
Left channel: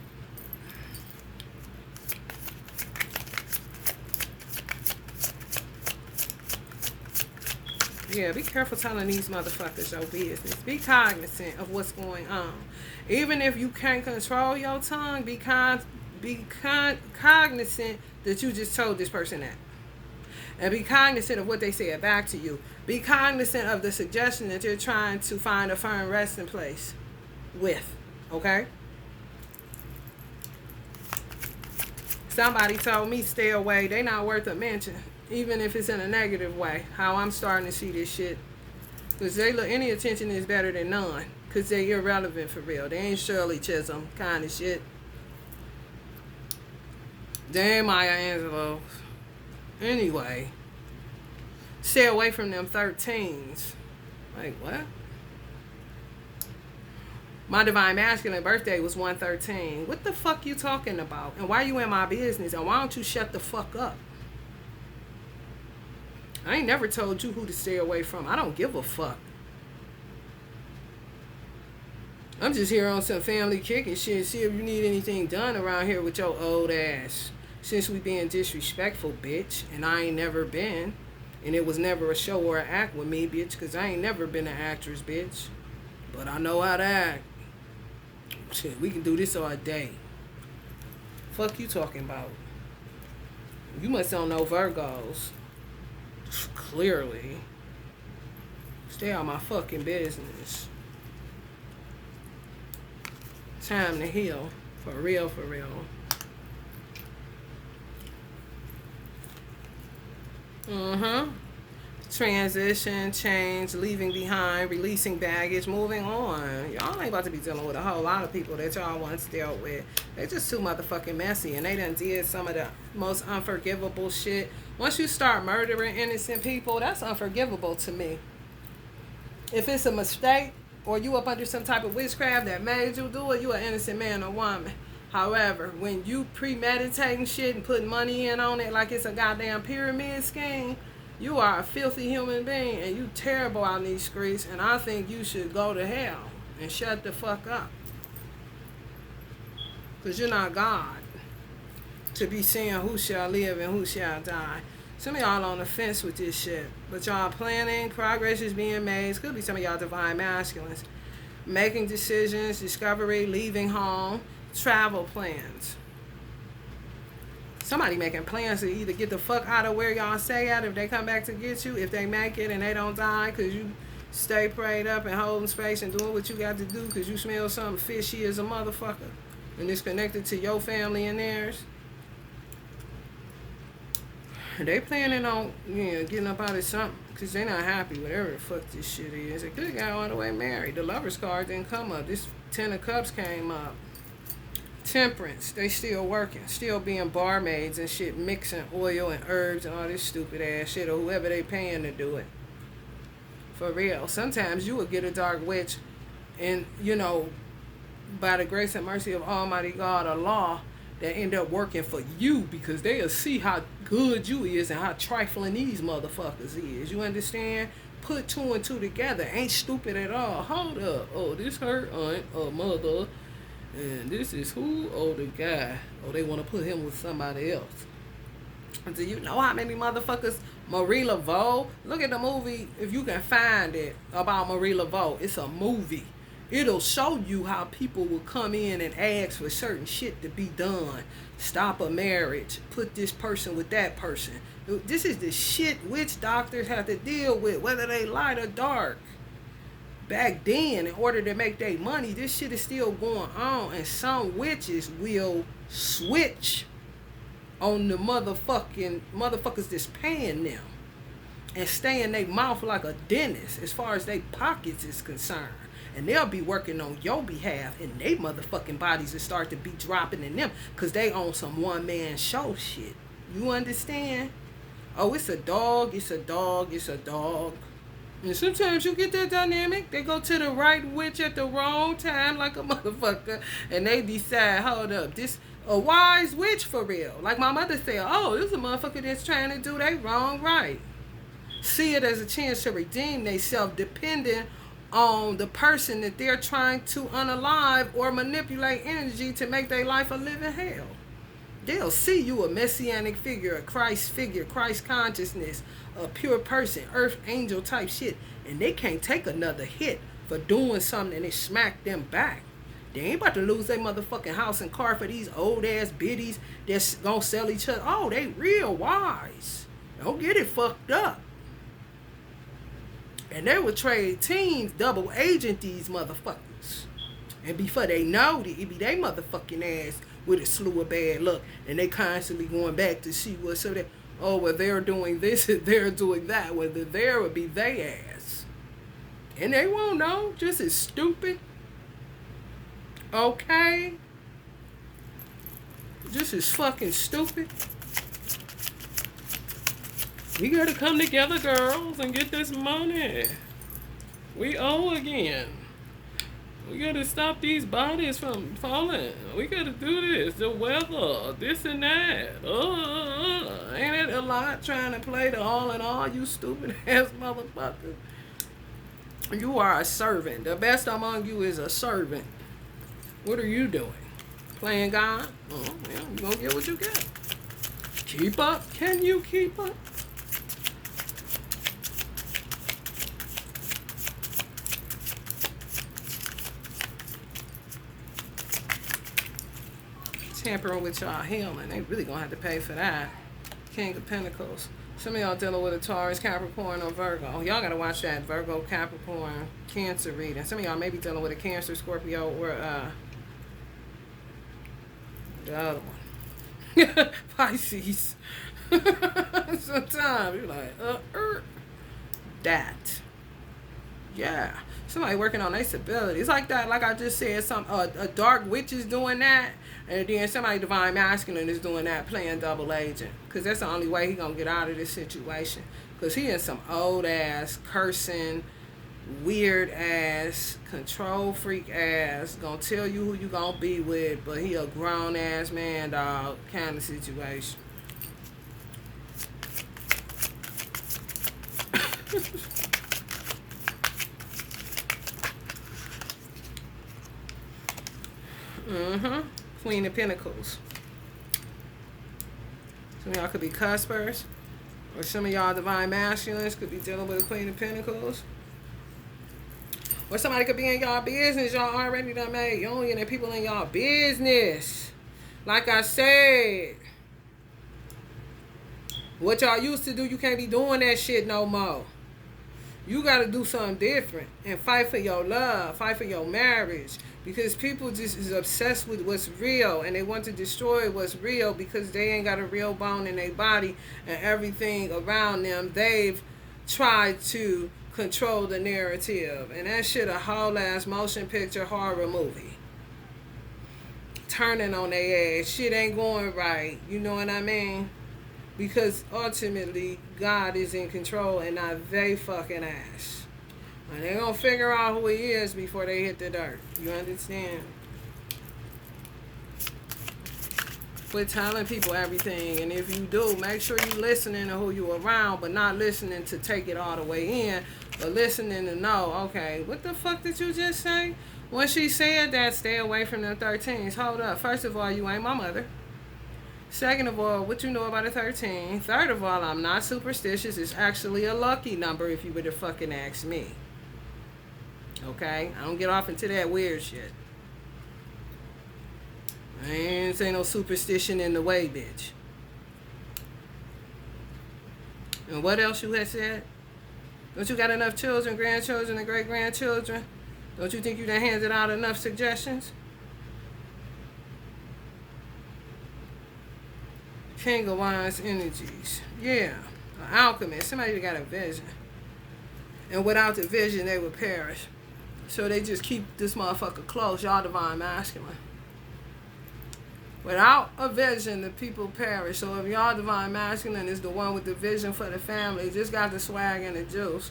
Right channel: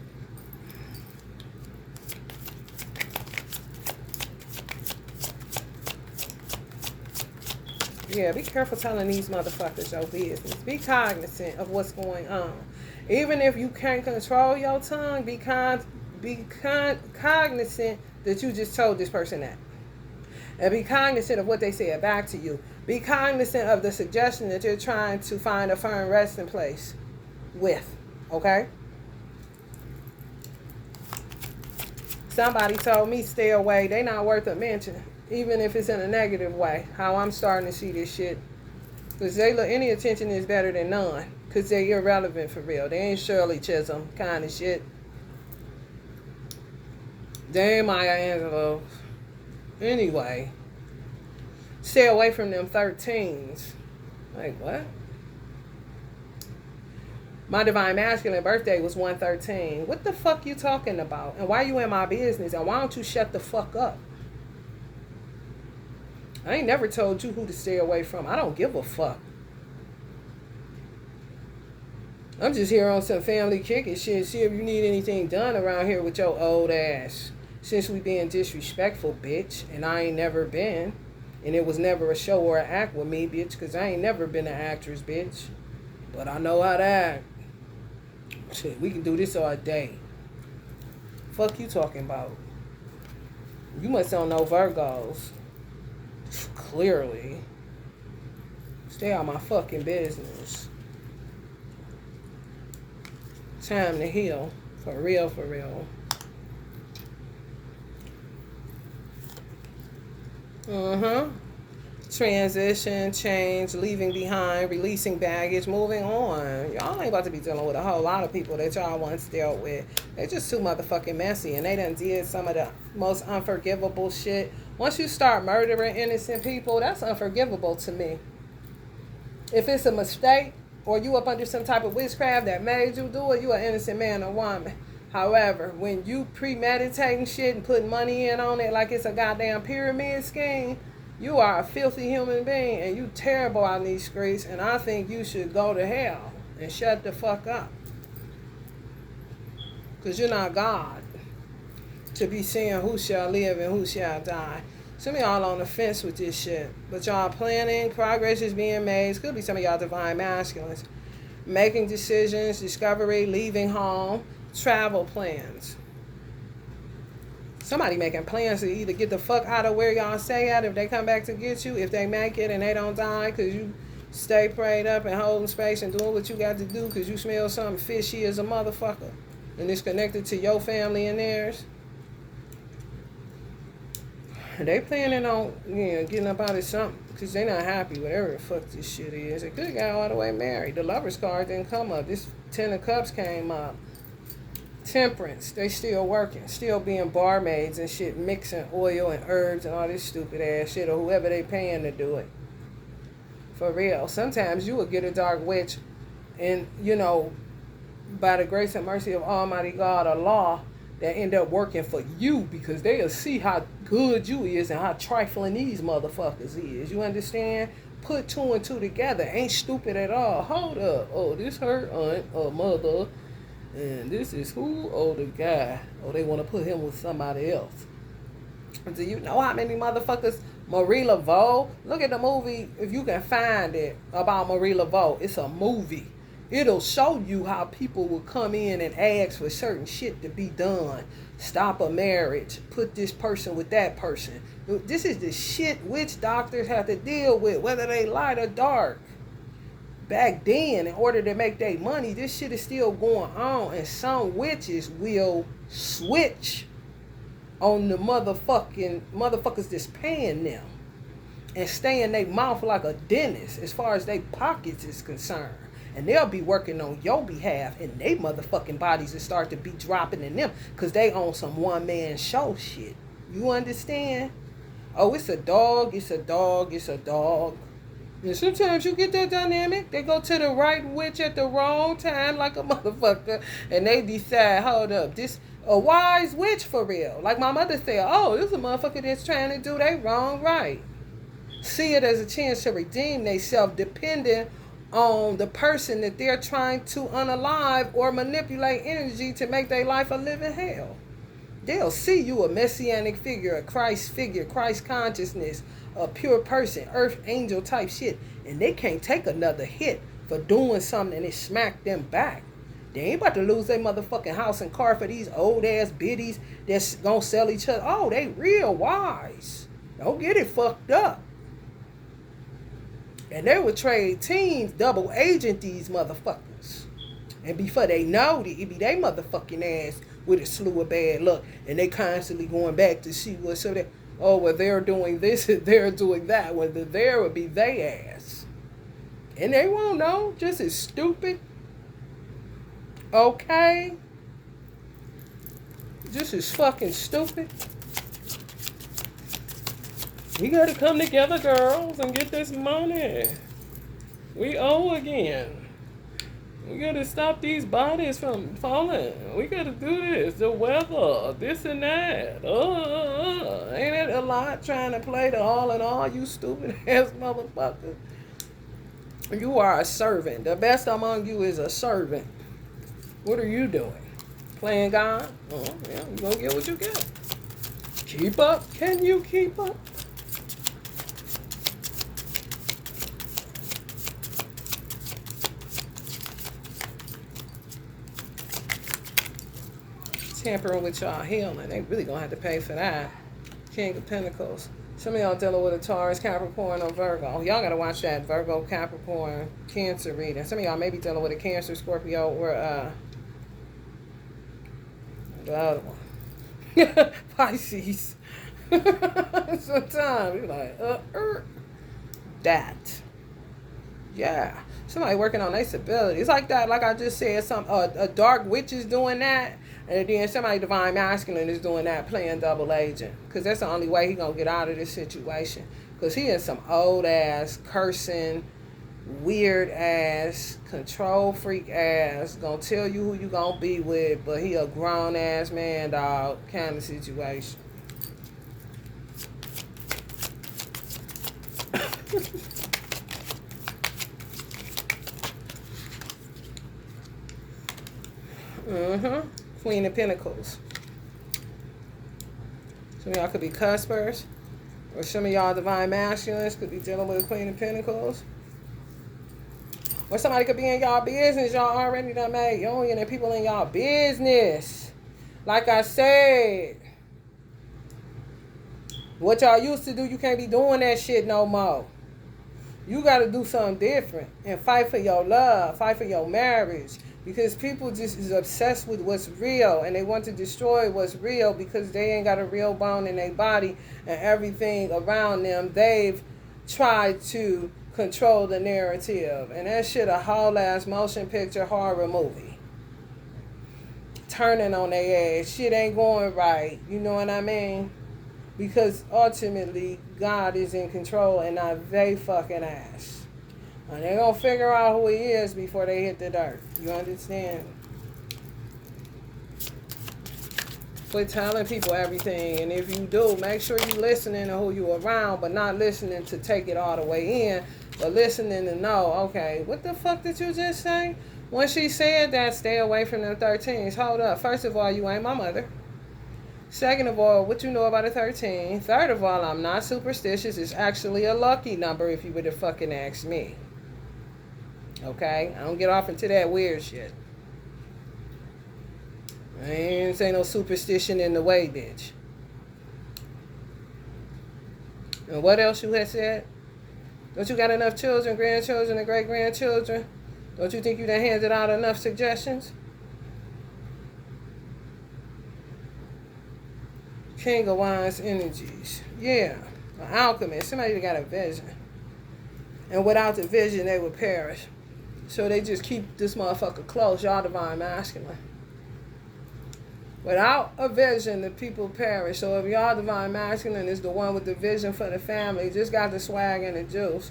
Yeah, be careful telling these motherfuckers your business. Be cognizant of what's going on. Even if you can't control your tongue, be cognizant that you just told this person that. And be cognizant of what they said back to you. Be cognizant of the suggestion that you're trying to find a firm resting place with. Okay? Somebody told me stay away. They not worth a mention. Even if it's in a negative way. How I'm starting to see this shit. Because they look, any attention is better than none. Because they're irrelevant for real. They ain't Shirley Chisholm kind of shit. They ain't Maya Angelou. Anyway. Stay away from them 13s. Like, what? My divine masculine birthday was 113. What the fuck you talking about? And why you in my business? And why don't you shut the fuck up? I ain't never told you who to stay away from. I don't give a fuck. I'm just here on some family kicking shit. See if you need anything done around here with your old ass. Since we being disrespectful, bitch. And I ain't never been. And it was never a show or an act with me, bitch. Because I ain't never been an actress, bitch. But I know how to act. Shit, we can do this all day. Fuck you talking about? You must don't know Virgos. Clearly. Stay out my fucking business. Time to heal. For real, for real. Transition, change, leaving behind, releasing baggage, moving on. Y'all ain't about to be dealing with a whole lot of people that y'all once dealt with. They just too motherfucking messy, and they done did some of the most unforgivable shit. Once you start murdering innocent people, that's unforgivable to me. If it's a mistake, or you up under some type of witchcraft that made you do it, you an innocent man or woman. However, when you premeditating shit and putting money in on it like it's a goddamn pyramid scheme, you are a filthy human being and you terrible on these streets, and I think you should go to hell and shut the fuck up. Because you're not God to be saying who shall live and who shall die. Some of y'all on the fence with this shit, but y'all planning, progress is being made. It could be some of y'all divine masculines. Making decisions, discovery, leaving home, travel plans. Somebody making plans to either get the fuck out of where y'all stay at if they come back to get you, if they make it and they don't die because you stay prayed up and holding space and doing what you got to do because you smell something fishy as a motherfucker and it's connected to your family and theirs. They planning on getting up out of something because they not happy whatever the fuck this shit is. They could get all the way married. The Lover's card didn't come up. This 10 of Cups came up. Temperance, they still working, still being barmaids and shit, mixing oil and herbs and all this stupid ass shit, or whoever they paying to do it. For real. Sometimes you will get a dark witch and, by the grace and mercy of Almighty God, Allah, that end up working for you because they'll see how good you is and how trifling these motherfuckers is. You understand? Put two and two together. Ain't stupid at all. Hold up. Oh, this her aunt or mother. And this is who? Oh, the guy. Oh, they want to put him with somebody else. Do you know how many motherfuckers Marie Laveau? Look at the movie if you can find it about Marie Laveau. It's a movie. It'll show you how people will come in and ask for certain shit to be done. Stop a marriage. Put this person with that person. This is the shit witch doctors have to deal with, whether they light or dark. Back then, in order to make their money, this shit is still going on. And some witches will switch on the motherfuckers that's paying them and stay in their mouth like a dentist as far as their pockets is concerned. And they'll be working on your behalf, and they motherfucking bodies will start to be dropping in them because they own some one-man show shit. You understand? Oh, it's a dog, it's a dog, it's a dog. And sometimes you get that dynamic. They go to the right witch at the wrong time like a motherfucker, and they decide, hold up, this a wise witch for real. Like my mother said, oh, this is a motherfucker that's trying to do they wrong right. See it as a chance to redeem themselves depending on the person that they're trying to unalive or manipulate energy to make their life a living hell. They'll see you a messianic figure, a Christ figure, Christ consciousness, a pure person, earth angel type shit, and they can't take another hit for doing something and it smack them back. They ain't about to lose their motherfucking house and car for these old ass biddies that's gonna sell each other. Oh, they real wise. Don't get it fucked up. And they would trade teams, double agent these motherfuckers. And before they know it, it be they motherfucking ass with a slew of bad luck. And they constantly going back to see what's so that, oh, well, they're doing this and they're doing that. Well, there would be they ass. And they won't know, just as stupid. Okay? Just as fucking stupid. We gotta come together, girls, and get this money. We owe again. We gotta stop these bodies from falling. We gotta do this. The weather, this and that. Ain't it a lot trying to play the all in all, you stupid ass motherfucker? You are a servant. The best among you is a servant. What are you doing? Playing God? Oh, yeah, you gonna get what you get. Keep up. Can you keep up? Tampering with y'all healing. They really gonna have to pay for that. King of Pentacles. Some of y'all dealing with a Taurus, Capricorn, or Virgo. Y'all gotta watch that Virgo, Capricorn, Cancer reading. Some of y'all may be dealing with a Cancer, Scorpio, or the other one. Pisces. Sometimes you're like, that. Yeah. Somebody working on their stability. It's like that, like I just said, a dark witch is doing that. And then somebody divine masculine is doing that, playing double agent. Because that's the only way he going to get out of this situation. Because he is some old ass, cursing, weird ass, control freak ass, going to tell you who you going to be with, but he a grown ass man, dog, kind of situation. Queen of Pentacles. Some of y'all could be cuspers, or some of y'all divine masculines could be dealing with a Queen of Pentacles. Or somebody could be in y'all business. Y'all already done made union and people in y'all business. Like I said, what y'all used to do, you can't be doing that shit no more. You got to do something different and fight for your love, fight for your marriage. Because people just is obsessed with what's real and they want to destroy what's real because they ain't got a real bone in their body and everything around them. They've tried to control the narrative. And that shit a whole ass motion picture horror movie. Turning on their ass. Shit ain't going right. You know what I mean? Because ultimately, God is in control and not they fucking ass. And they're going to figure out who he is before they hit the dirt. You understand? Quit telling people everything. And if you do, make sure you're listening to who you're around, but not listening to take it all the way in, but listening to know, okay, what the fuck did you just say? When she said that, stay away from them 13s. Hold up. First of all, you ain't my mother. Second of all, what you know about a 13. Third of all, I'm not superstitious. It's actually a lucky number if you were to fucking ask me. Okay? I don't get off into that weird shit. I ain't say no superstition in the way, bitch. And what else you had said? Don't you got enough children, grandchildren, and great-grandchildren? Don't you think you done handed out enough suggestions? King of Wands energies. Yeah. An alchemist. Somebody that got a vision. And without the vision, they would perish. So they just keep this motherfucker close. Y'all divine masculine. Without a vision, the people perish. So if y'all divine masculine is the one with the vision for the family, just got the swag and the juice.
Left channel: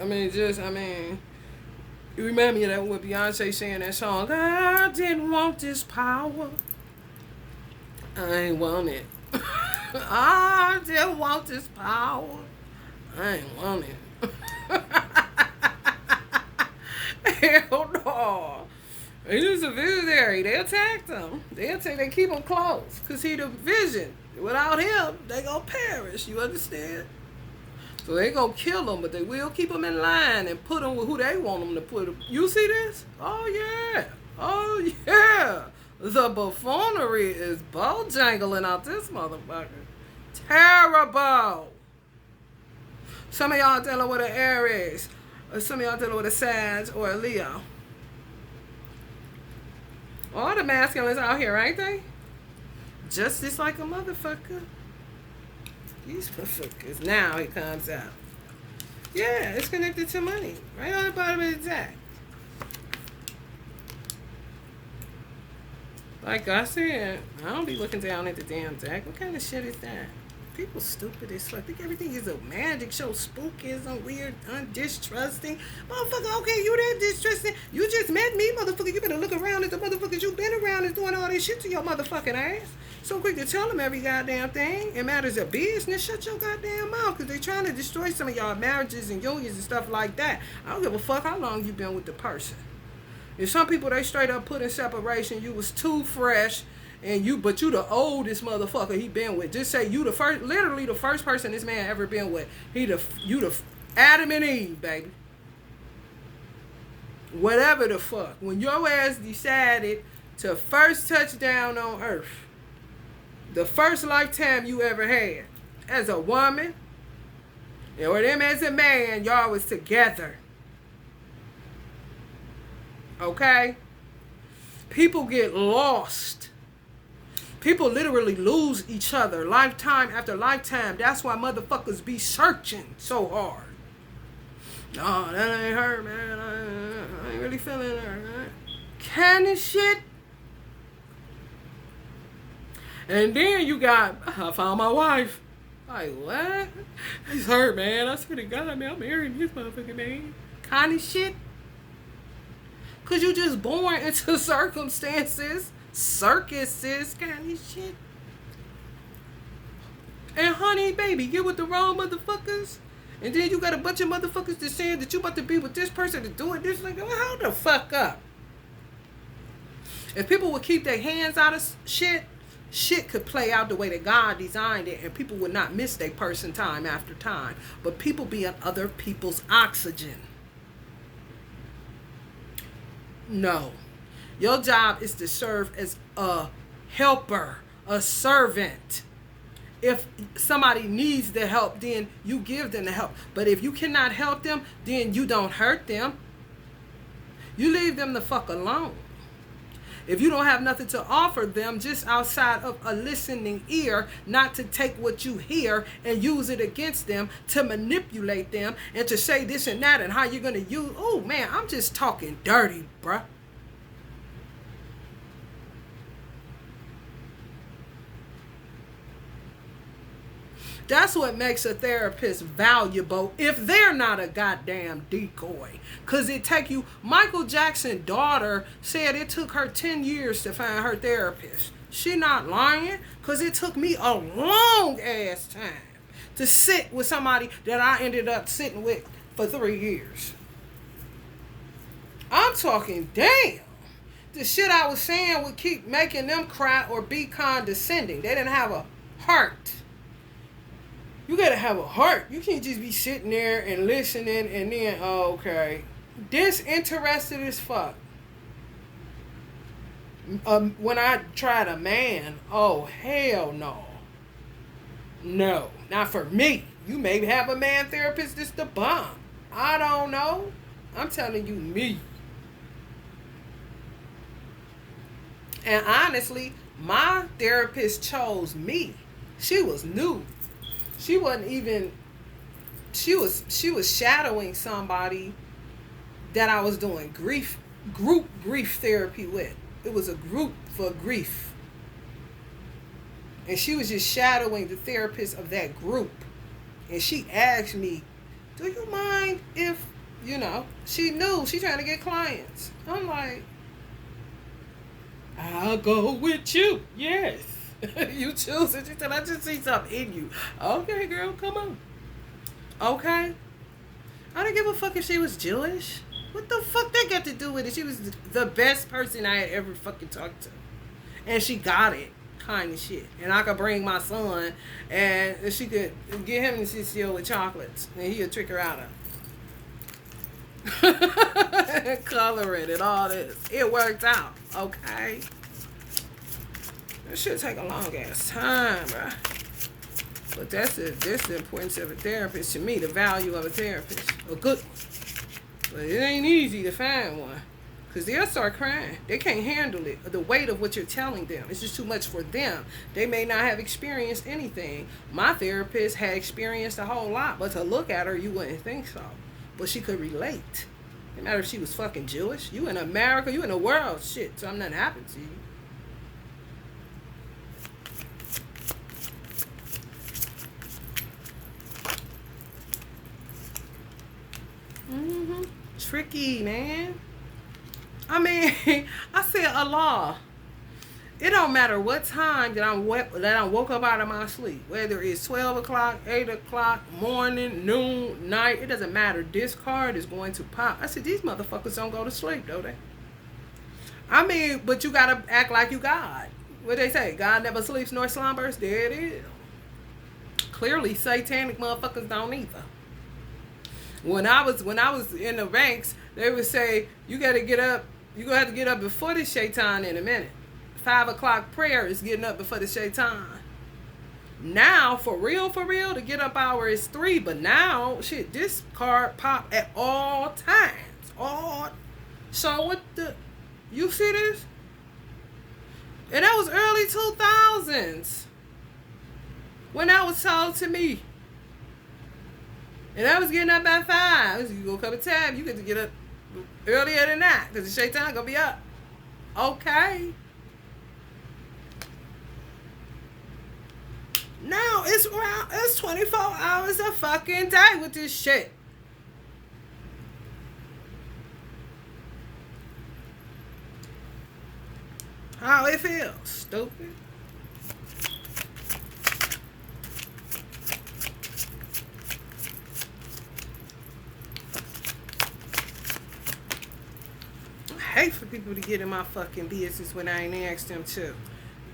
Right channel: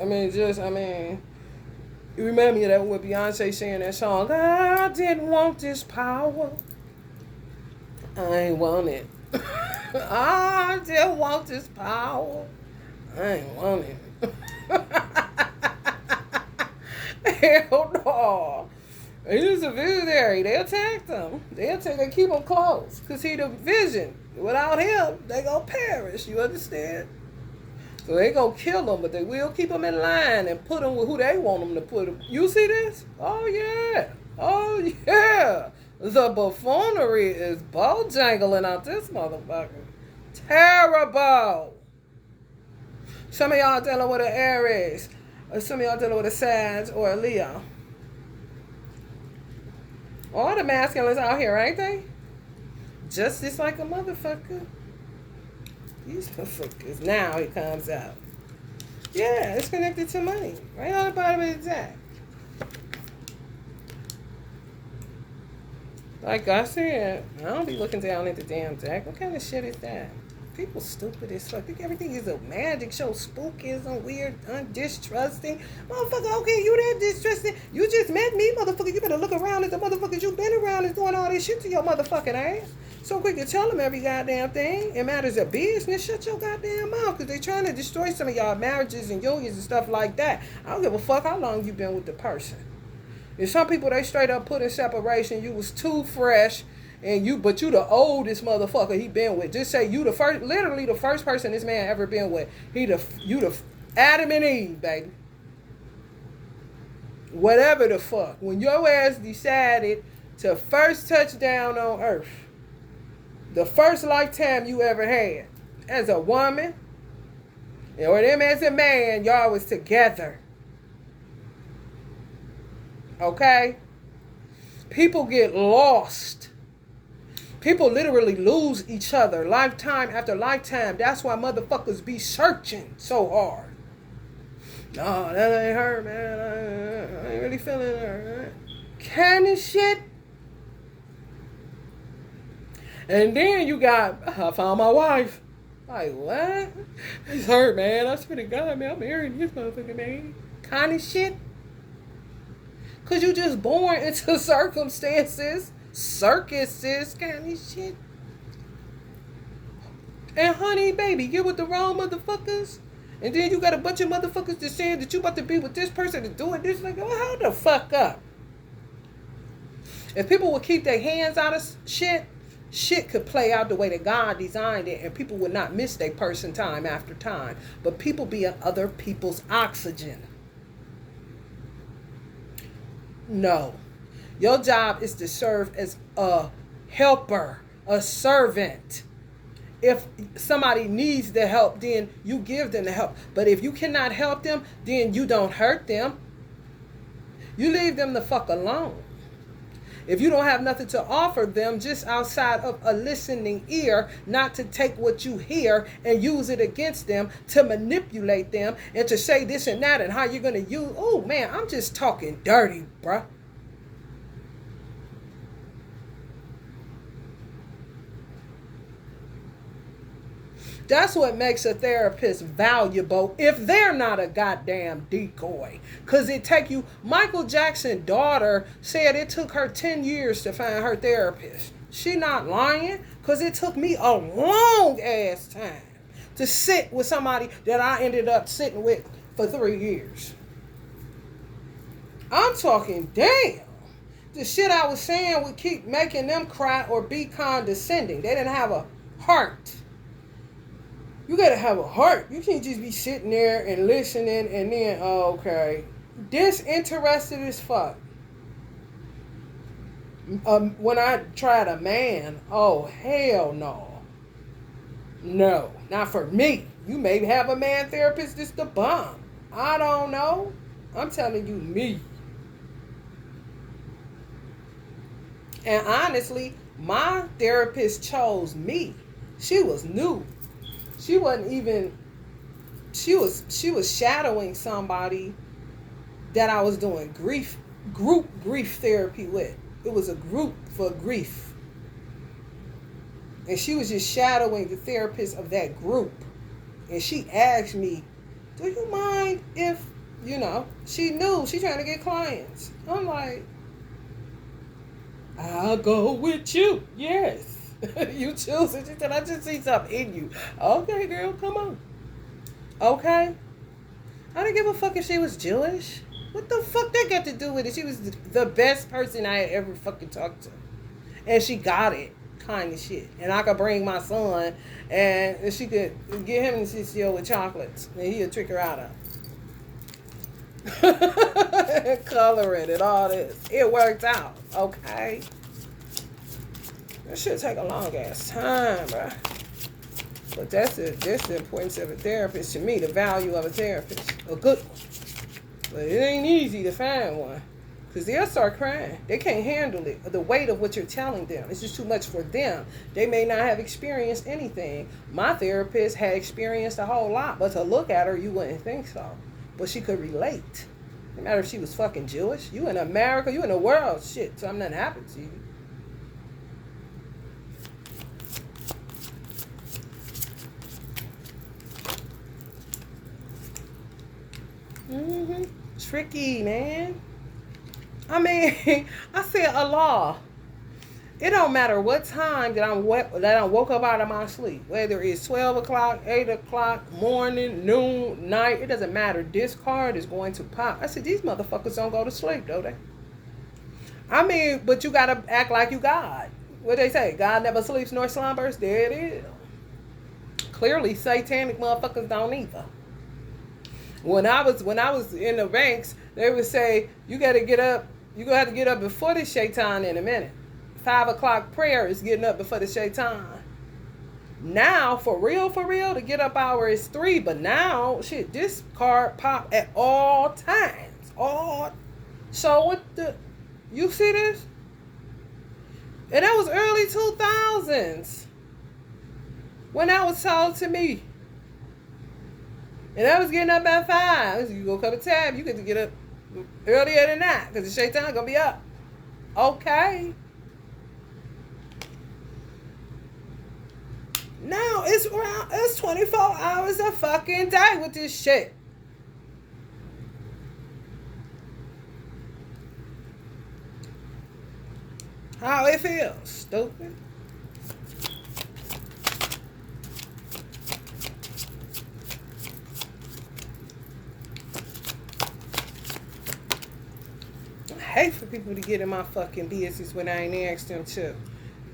You remember me of that with Beyonce saying that song, I didn't want this power. I ain't want it. I didn't want this power. I ain't want it. Hell no. He's a visionary. They attack them. They keep him close. Because he the vision. Without him, they gonna perish. You understand? So they gonna kill them, but they will keep them in line and put them with who they want them to put them. You see this? Oh, yeah. Oh, yeah. The buffoonery is bojangling out this motherfucker. Terrible. Some of y'all dealing with an Aries. Or some of y'all dealing with a Sag or a Leo. All the masculines out here, ain't they? Just like a motherfucker. These motherfuckers. Now it comes out. Yeah, it's connected to money. Right on the bottom of the deck. Like I said, I don't be looking down at the damn deck. What kind of shit is that? People stupid as fuck. Think everything is a magic show, spookism, weird, undistrusting. Motherfucker, okay, you that distrusting. You just met me, motherfucker. You better look around at the motherfuckers you been around and doing all this shit to your motherfucking ass. So quick to tell them every goddamn thing. It matters of business. Shut your goddamn mouth, because they trying to destroy some of y'all marriages and unions and stuff like that. I don't give a fuck how long you been with the person. There's some people, they straight up put in separation. You was too fresh. But you the oldest motherfucker he been with. Just say you the first, literally the first person this man ever been with. You the Adam and Eve, baby. Whatever the fuck. When your ass decided to first touch down on earth, the first lifetime you ever had, as a woman, or them as a man, y'all was together. Okay? People get lost. People literally lose each other lifetime after lifetime. That's why motherfuckers be searching so hard. No, that ain't her, man. I ain't really feeling her. Right? Kind of shit. And then you got, I found my wife. Like, what? It's her, man. I swear to God, man, I'm marrying this motherfucker, man. Kind of shit. Because you just born into circumstances. Circuses, kind of shit. And honey, baby, get with the wrong motherfuckers. And then you got a bunch of motherfuckers that saying that you about to be with this person to do it. This, like, well, hold the fuck up. If people would keep their hands out of shit, shit could play out the way that God designed it, and people would not miss their person time after time. But people be in other people's oxygen. No. Your job is to serve as a helper, a servant. If somebody needs the help, then you give them the help. But if you cannot help them, then you don't hurt them. You leave them the fuck alone. If you don't have nothing to offer them, just outside of a listening ear, not to take what you hear and use it against them, to manipulate them, and to say this and that and how you're going to use. Oh, man, I'm just talking dirty, bruh. That's what makes a therapist valuable if they're not a goddamn decoy. Because it take you... Michael Jackson's daughter said it took her 10 years to find her therapist. She not lying, because it took me a long ass time to sit with somebody that I ended up sitting with for 3 years. I'm talking, damn. the shit I was saying would keep making them cry or be condescending. They didn't have a heart. You gotta have a heart. You can't just be sitting there and listening and then, oh, okay. Disinterested as fuck. When I tried a man, oh, hell no. No, not for me. You may have a man therapist that's the bomb. I don't know. I'm telling you, me. And honestly, my therapist chose me. She was new. She wasn't even, she was shadowing somebody that I was doing group grief therapy with. It was a group for grief. And she was just shadowing the therapist of that group. And she asked me, do you mind if, she knew she trying to get clients. I'm like, I'll go with you. Yes. You choose it. She said, I just see something in you. Okay, girl, come on. Okay. I don't give a fuck if she was Jewish. What the fuck that got to do with it? She was the best person I had ever fucking talked to. And she got it. Kind of shit. And I could bring my son and she could get him in CCO with chocolates. And he'll trick her out of it. Color it and all this. It worked out. Okay. It should take a long ass time, bro. But that's the importance of a therapist to me, the value of a therapist. A good one. But it ain't easy to find one. Because they'll start crying. They can't handle it. The weight of what you're telling them. It's just too much for them. They may not have experienced anything. My therapist had experienced a whole lot. But to look at her, you wouldn't think so. But she could relate. No matter if she was fucking Jewish. You in America. You in the world. Shit. Something happened to you. Tricky, man. I mean, I said Allah. It don't matter what time that I woke up out of my sleep. Whether it's 12 o'clock, 8 o'clock, morning, noon, night. It doesn't matter. This card is going to pop. I said, these motherfuckers don't go to sleep, don't they? I mean, but you got to act like you God. What they say? God never sleeps nor slumbers. There it is. Clearly, satanic motherfuckers don't either. When I was in the ranks, they would say, you got to get up. You're going to have to get up before the shaitan in a minute. 5 o'clock prayer is getting up before the shaitan. Now, for real, the get up hour is 3. But now, shit, this card pop at all times. So what the, you see this? And that was early 2000s. When that was told to me. And I was getting up at 5. You go cup of tab, you get to get up earlier than that. Because the shaitan gonna be up. Okay. Now it's 24 hours a fucking day with this shit. How it feels, stupid. I hate for people to get in my fucking business when I ain't asked them to.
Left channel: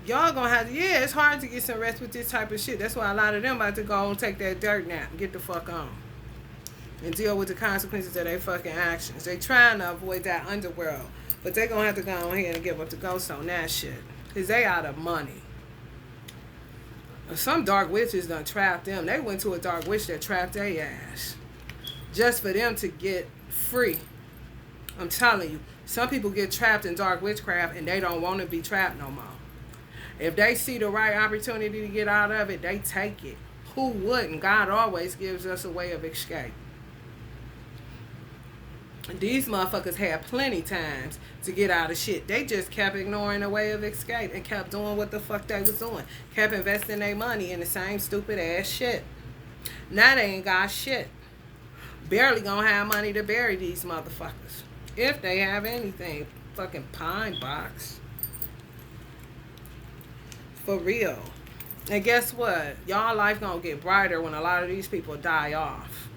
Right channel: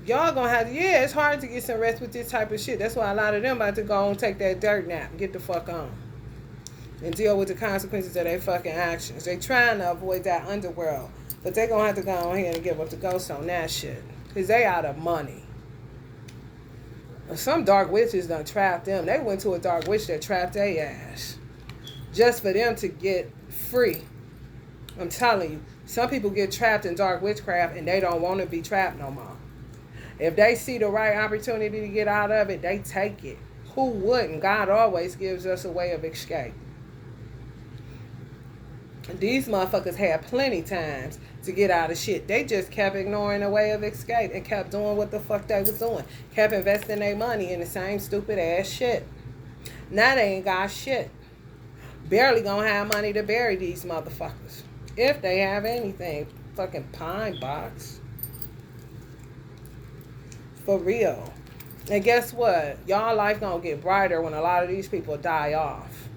Y'all gonna have to, it's hard to get some rest with this type of shit. That's why a lot of them about to go and take that dirt nap and get the fuck on. And deal with the consequences of their fucking actions. They trying to avoid that underworld. But they gonna have to go ahead and give up the ghost on that shit. Because they out of money. Some dark witches done trapped them. They went to a dark witch that trapped their ass. Just for them to get free. I'm telling you. Some people get trapped in dark witchcraft and they don't want to be trapped no more. If they see the right opportunity to get out of it, they take it. Who wouldn't? God always gives us a way of escape. These motherfuckers had plenty times to get out of shit. They just kept ignoring the way of escape and kept doing what the fuck they was doing. Kept investing their money in the same stupid ass shit. Now they ain't got shit. Barely gonna have money to bury these motherfuckers. If they have anything. Fucking pine box. For real. And guess what? Y'all life gonna get brighter when a lot of these people die off.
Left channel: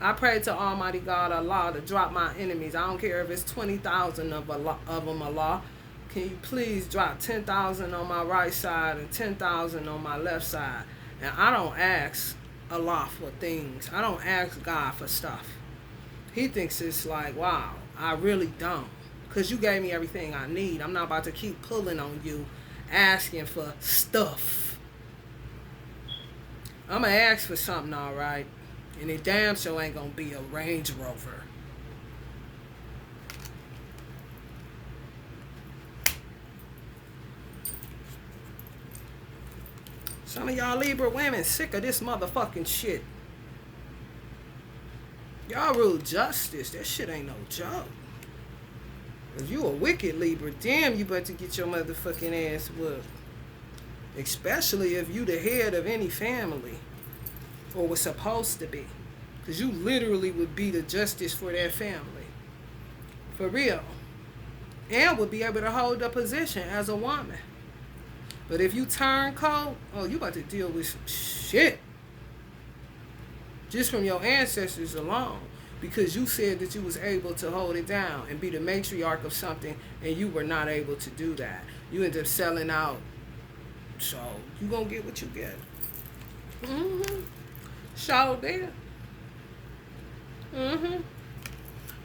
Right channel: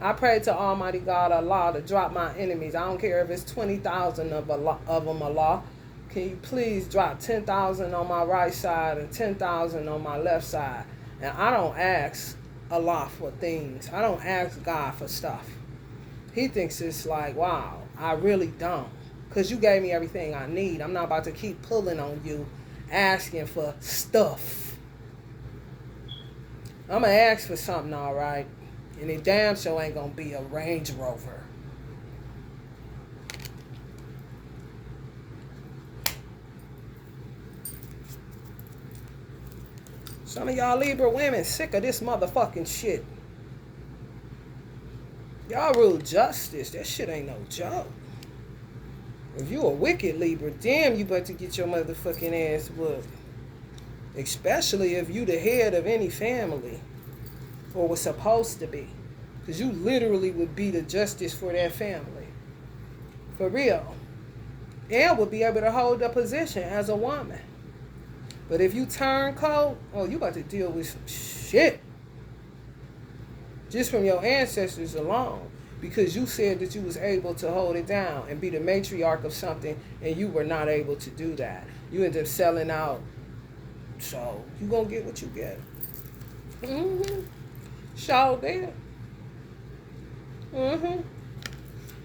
I pray to Almighty God Allah to drop my enemies. I don't care if it's 20,000 of them, Allah. can you please drop 10,000 on my right side and 10,000 on my left side? And I don't ask a lot for things. I don't ask God for stuff. He thinks it's like, wow, I really don't. Because you gave me everything I need. I'm not about to keep pulling on you, asking for stuff. I'm going to ask for something, all right? And it damn sure ain't going to be a Range Rover. Some of y'all Libra women sick of this motherfucking shit. Y'all rule justice. That shit ain't no joke. If you a wicked Libra, damn, you better get your motherfucking ass whooped. Especially if you the head of any family. Or was supposed to be. Because you literally would be the justice for that family. For real. And would be able to hold a position as a woman. But if you turn cold, oh, you about to deal with some shit. Just from your ancestors alone. Because you said that you was able to hold it down and be the matriarch of something, and you were not able to do that. You end up selling out. So, you gonna get what you get. So did.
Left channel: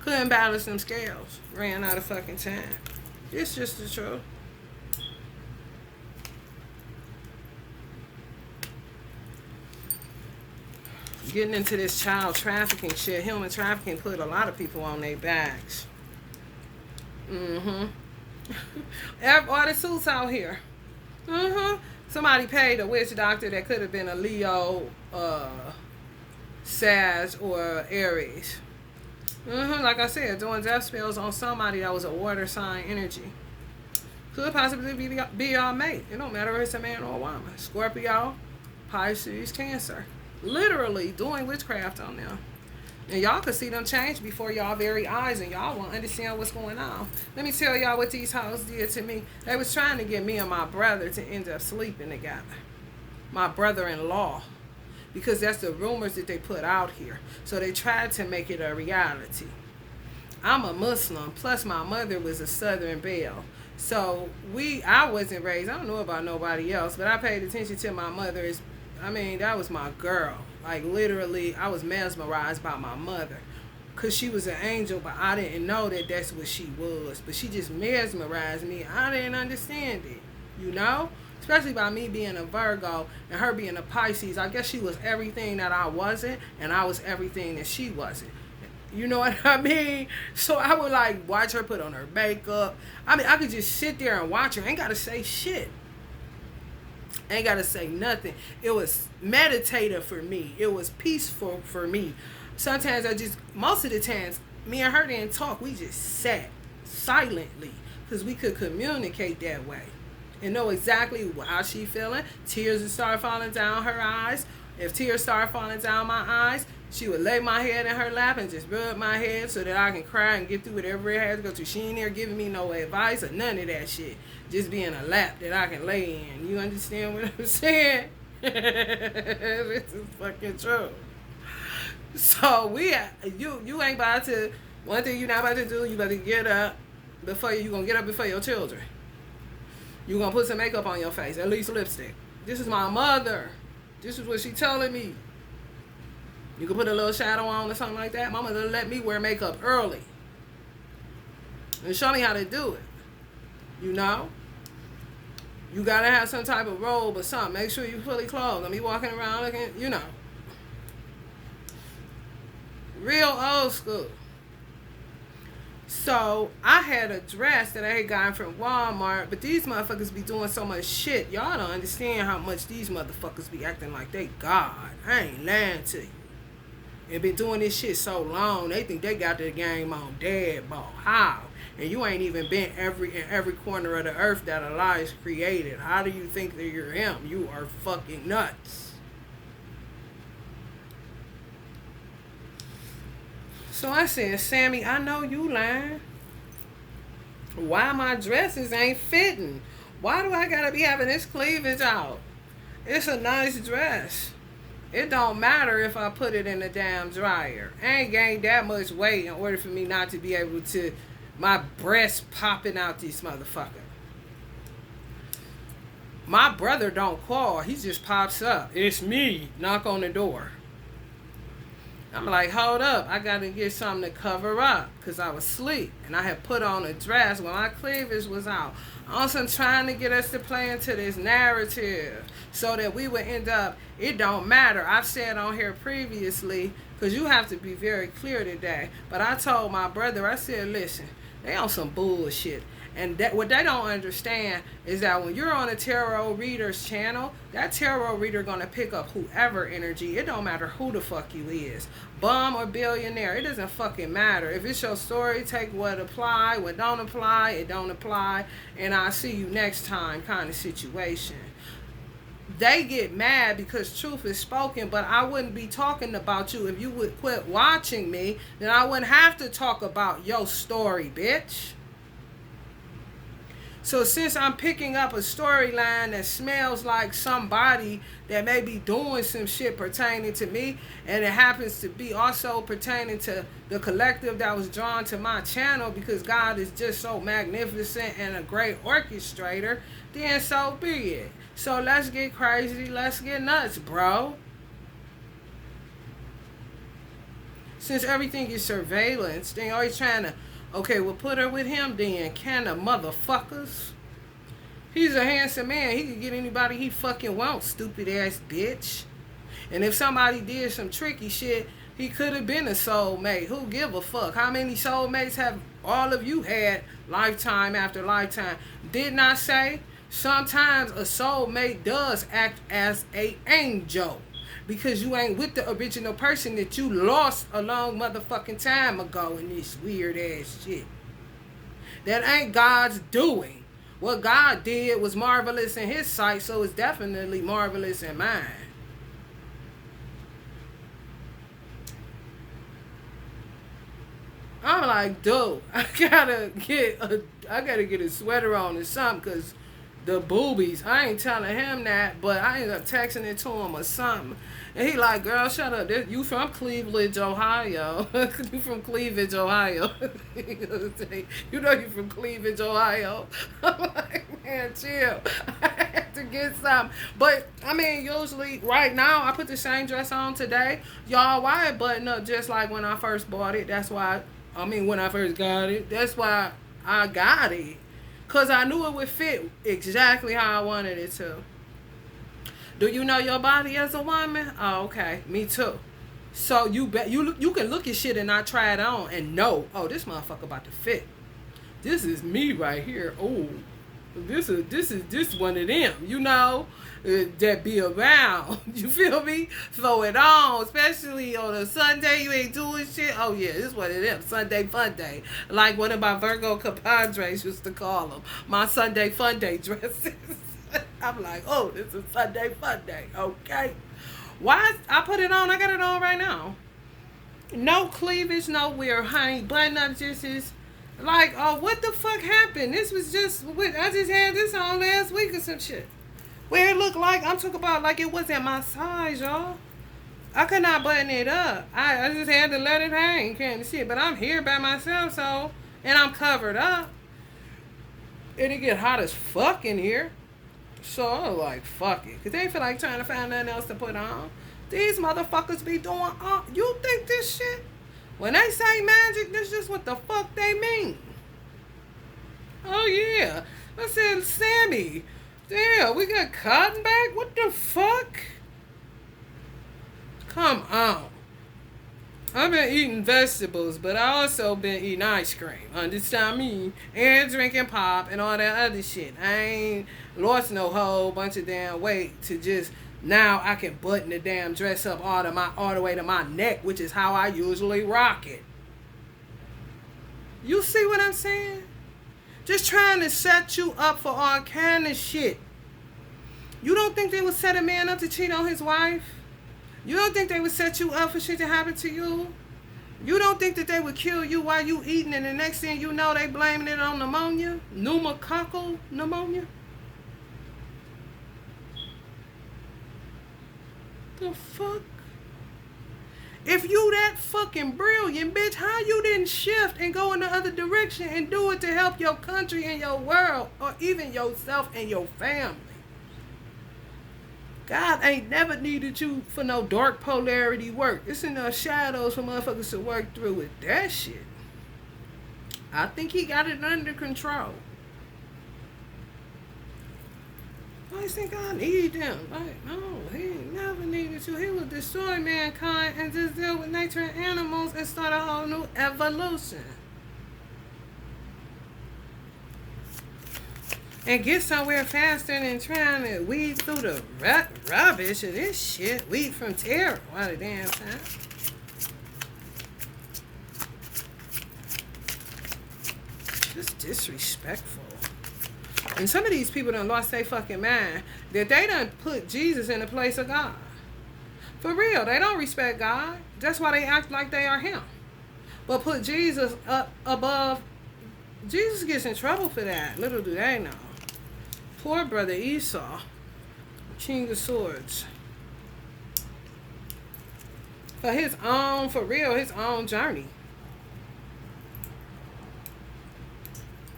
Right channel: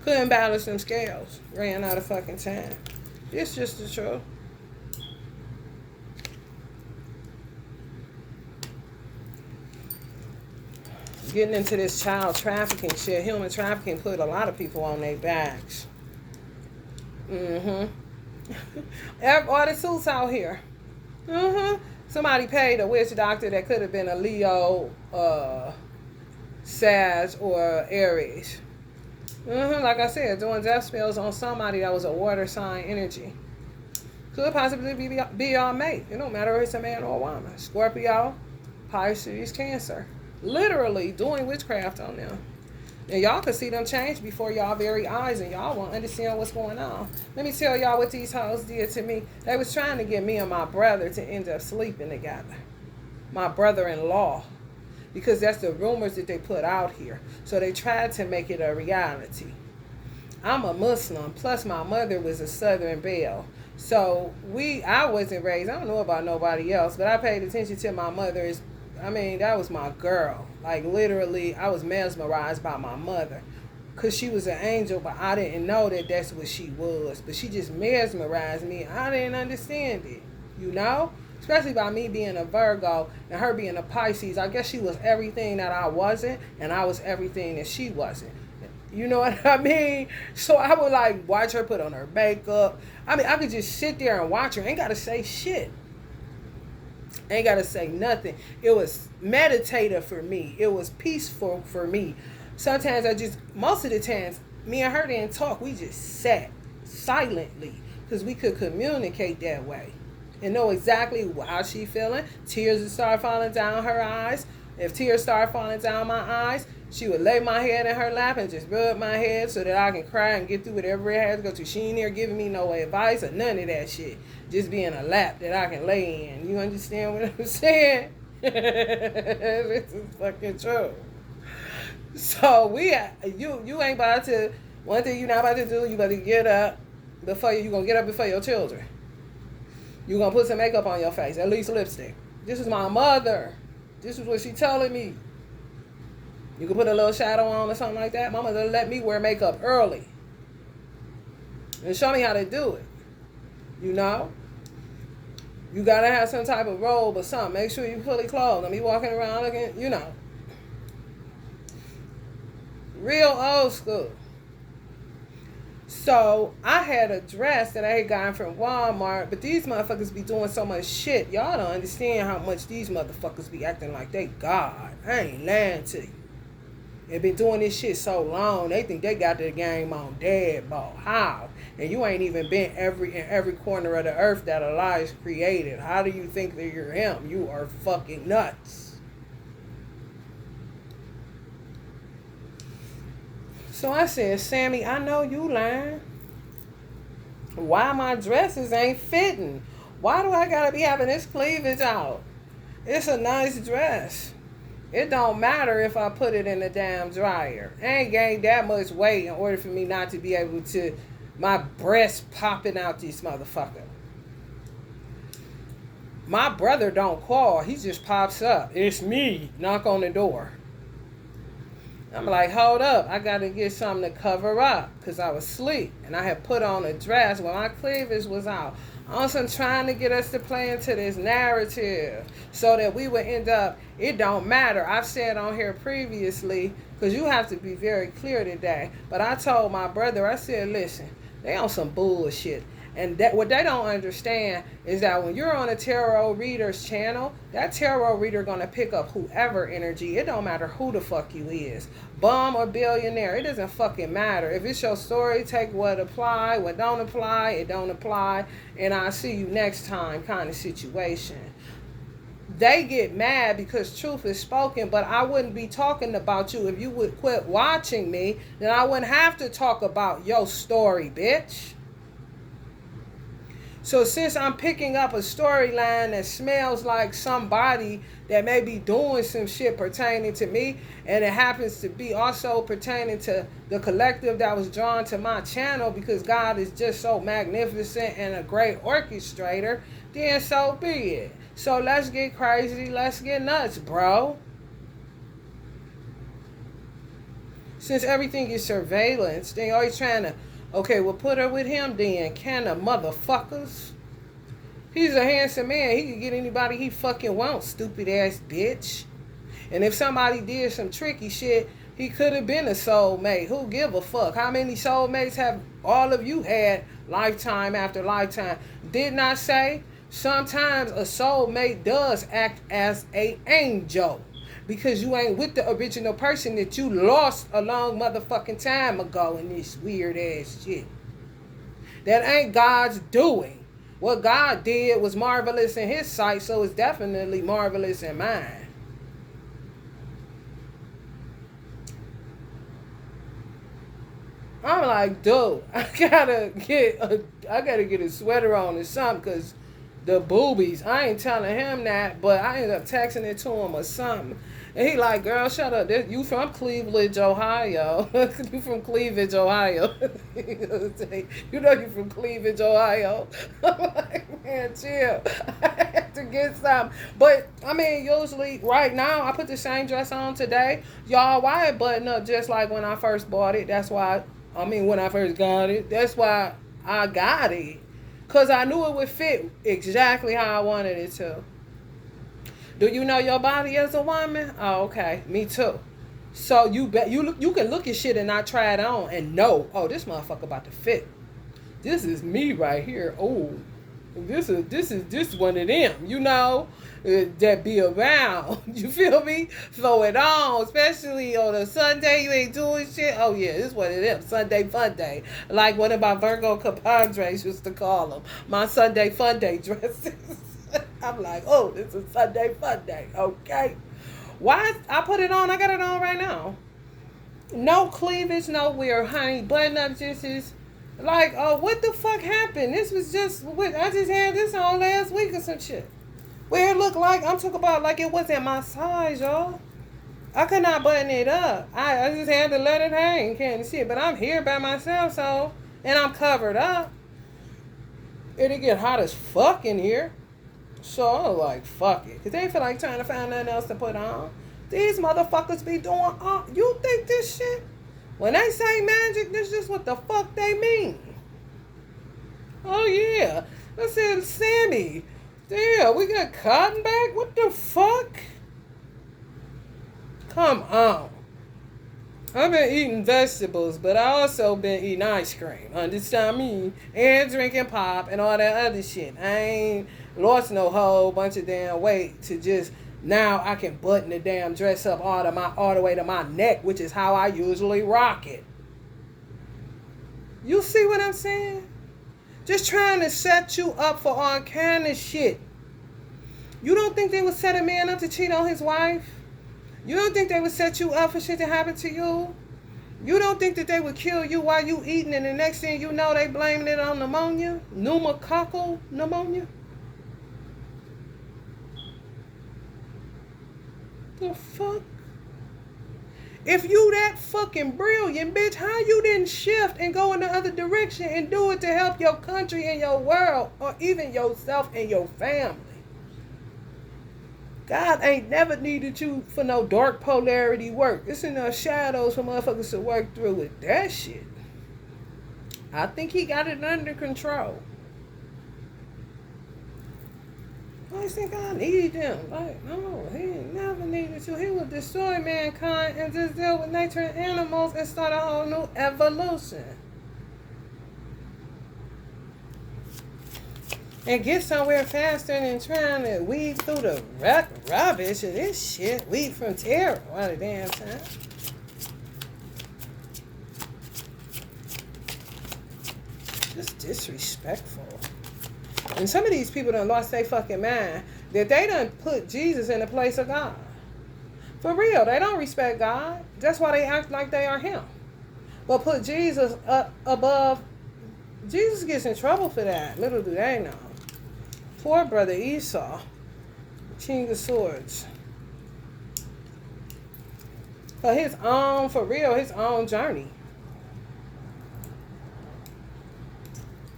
Couldn't balance them scales. Ran out of fucking time. It's just the truth. Getting into this child trafficking shit, human trafficking put a lot of people on their backs. All the suits out here. Somebody paid a witch doctor that could have been a Leo, Sag, or Aries. Like I said, doing death spells on somebody that was a water sign energy. Could possibly be your mate. It don't matter if it's a man or a woman. Scorpio, Pisces, Cancer. Literally doing witchcraft on them. And y'all can see them change before y'all very eyes, and y'all won't understand what's going on. Let me tell y'all what these hoes did to me. They was trying to get me and my brother to end up sleeping together. My brother-in-law. Because that's the rumors that they put out here. So they tried to make it a reality. I'm a Muslim, plus my mother was a Southern Belle. So I wasn't raised, I don't know about nobody else, but I paid attention to my mother. That was my girl. Like, literally, I was mesmerized by my mother. Because she was an angel, but I didn't know that that's what she was. But she just mesmerized me. I didn't understand it, you know? Especially by me being a Virgo and her being a Pisces. I guess she was everything that I wasn't, and I was everything that she wasn't. You know what I mean? So I would, like, watch her put on her makeup. I could just sit there and watch her. Ain't got to say shit. Ain't got to say nothing. It was meditative for me. It was peaceful for me. Sometimes most of the times, me and her didn't talk. We just sat silently because we could communicate that way and know exactly how she feeling. Tears would start falling down her eyes. If tears start falling down my eyes, she would lay my head in her lap and just rub my head so that I can cry and get through whatever it has to go through. She ain't there giving me no advice or none of that shit. Just being a lap that I can lay in. You understand what I'm saying? This is fucking true. So you ain't about to, one thing you not about to do, you about to get up before you gonna get up before your children. You gonna put some makeup on your face, at least lipstick. This is my mother. This is what she telling me. You can put a little shadow on or something like that. My mother let me wear makeup early. And show me how to do it. You know? You gotta have some type of robe or something. Make sure you're fully clothed. Don't be walking around looking, you know. Real old school. So, I had a dress that I had gotten from Walmart, but these motherfuckers be doing so much shit. Y'all don't understand how much these motherfuckers be acting like they God. I ain't lying to you. They been doing this shit so long, they think they got their game on dead ball. How? And you ain't even been in every corner of the earth that Elias created. How do you think that you're him? You are fucking nuts. So I said, Sammy, I know you lying. Why my dresses ain't fitting? Why do I gotta be having this cleavage out? It's a nice dress. It don't matter if I put it in the damn dryer. I ain't gained that much weight in order for me not to be able to, my breast popping out this motherfucker. My brother don't call. He just pops up. It's me. Knock on the door. I'm like, hold up. I got to get something to cover up because I was asleep. And I had put on a dress when my cleavage was out. Also trying to get us to play into this narrative so that we would end up, it don't matter. I've said on here previously, because you have to be very clear today. But I told my brother, I said, listen, they on some bullshit. And that what they don't understand is that when you're on a tarot reader's channel, that tarot reader gonna pick up whoever energy. It don't matter who the fuck you is, bum or billionaire. It doesn't fucking matter. If it's your story, take what apply, what don't apply, it don't apply, and I'll see you next time kind of situation. They get mad because truth is spoken, but I wouldn't be talking about you if you would quit watching me. Then I wouldn't have to talk about your story, bitch. So since I'm picking up a storyline that smells like somebody that may be doing some shit pertaining to me, and it happens to be also pertaining to the collective that was drawn to my channel because God is just so magnificent and a great orchestrator, then so be it. So let's get crazy, let's get nuts, bro. Since everything is surveillance, they always trying to, okay, well, put her with him then. Can the motherfuckers? He's a handsome man. He can get anybody he fucking wants, stupid ass bitch. And if somebody did some tricky shit, he could have been a soulmate. Who give a fuck? How many soulmates have all of you had lifetime after lifetime? Didn't I say sometimes a soulmate does act as an angel? Because you ain't with the original person that you lost a long motherfucking time ago in this weird ass shit. That ain't God's doing. What God did was marvelous in his sight, so it's definitely marvelous in mine. I'm like, dude, I gotta get a sweater on or something, cause the boobies. I ain't telling him that, but I ended up texting it to him or something. And he like, girl, shut up. You from Cleveland, Ohio. You from Cleveland, Ohio. You know you from Cleveland, Ohio. I'm like, man, chill. I have to get something. But, I mean, usually, right now, I put the same dress on today. Y'all, why it button up just like when I first bought it? That's why, when I first got it. That's why I got it. Because I knew it would fit exactly how I wanted it to. Do you know your body as a woman? Oh, okay. Me too. So you can look at shit and not try it on and know, oh, this motherfucker about to fit. This is me right here. Oh, this is one of them, you know, that be around. You feel me? Throw it on, especially on a Sunday you ain't doing shit. Oh yeah, this is one of them. Sunday fun day. Like one of my Virgo compadres used to call them. My Sunday fun day dresses. I'm like, oh, this is Sunday fun day, okay? Why? I put it on. I got it on right now. No cleavage, no weird honey button up. Just is like, oh, what the fuck happened? This was just, I just had this on last week or some shit. Where it looked like, I'm talking about like it wasn't my size, y'all. I could not button it up. I just had to let it hang, can't see it. But I'm here by myself, so, and I'm covered up. It'll get hot as fuck in here. So I was like, fuck it. Because they feel like trying to find nothing else to put on. These motherfuckers be doing, you think this shit? When they say magic, this is what the fuck they mean. Oh yeah. I said, Sammy, damn, we got cotton back? What the fuck? Come on. I've been eating vegetables, but I also been eating ice cream. Understand me? And drinking pop and all that other shit. I ain't lost no whole bunch of damn weight to just now I can button the damn dress up all the way to my neck, which is how I usually rock it. You see what I'm saying? Just trying to set you up for all kind of shit. You don't think they would set a man up to cheat on his wife? You don't think they would set you up for shit to happen to you? You don't think that they would kill you while you eating and the next thing you know they blaming it on pneumonia? Pneumococcal pneumonia? The fuck? If you that fucking brilliant, bitch, how you didn't shift and go in the other direction and do it to help your country and your world or even yourself and your family? God ain't never needed you for no dark polarity work. It's enough shadows for motherfuckers to work through with that shit. I think he got it under control. I just think I need them. Like, no, he ain't never needed to. He will destroy mankind and just deal with nature and animals and start a whole new evolution. And get somewhere faster than trying to weed through the rubbish of this shit. Weed from terror all the damn time. Just disrespectful. And some of these people done lost their fucking mind that they done put Jesus in the place of God. For real, they don't respect God. That's why they act like they are him. But put Jesus up above. Jesus gets in trouble for that. Little do they know. Poor brother Esau, king of swords. For his own, for real, his own journey.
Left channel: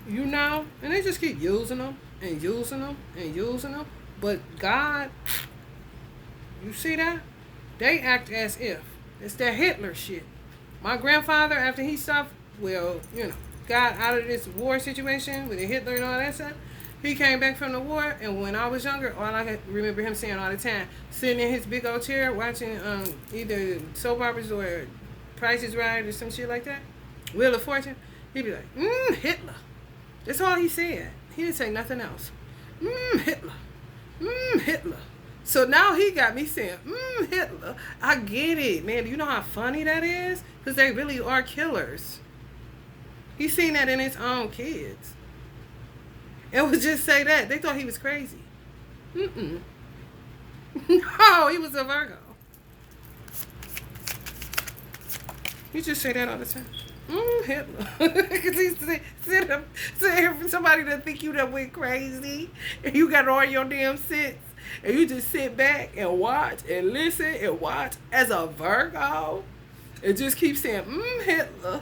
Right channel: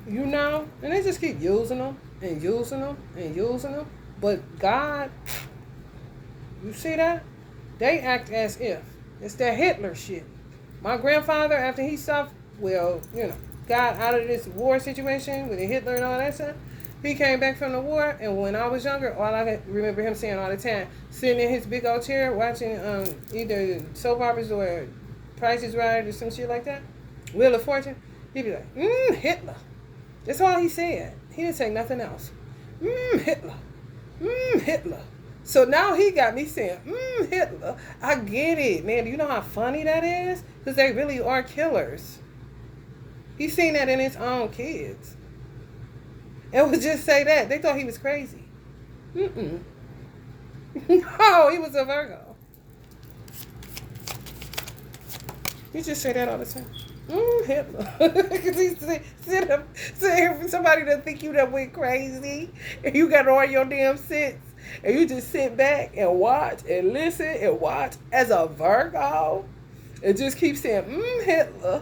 You know? And they just keep using them and using them and using them. But God, you see that? They act as if. It's that Hitler shit. My grandfather, after he stopped, well, you know, got out of this war situation with the Hitler and all that stuff, he came back from the war, and when I was younger, all I remember him saying all the time, sitting in his big old chair watching either soap operas or Price is Right or some shit like that, Wheel of Fortune, he'd be like, Hitler. That's all he said. He didn't say nothing else. Hitler. Hitler. So now he got me saying, Hitler. I get it, man. Do you know how funny that is? Because they really are killers. He's seen that in his own kids. It would just say that. They thought he was crazy. No, he was a Virgo. You just say that all the time. Hitler. Because he's somebody that think you that went crazy and you got all your damn sits and you just sit back and watch and listen and watch as a Virgo and just keep saying, Hitler.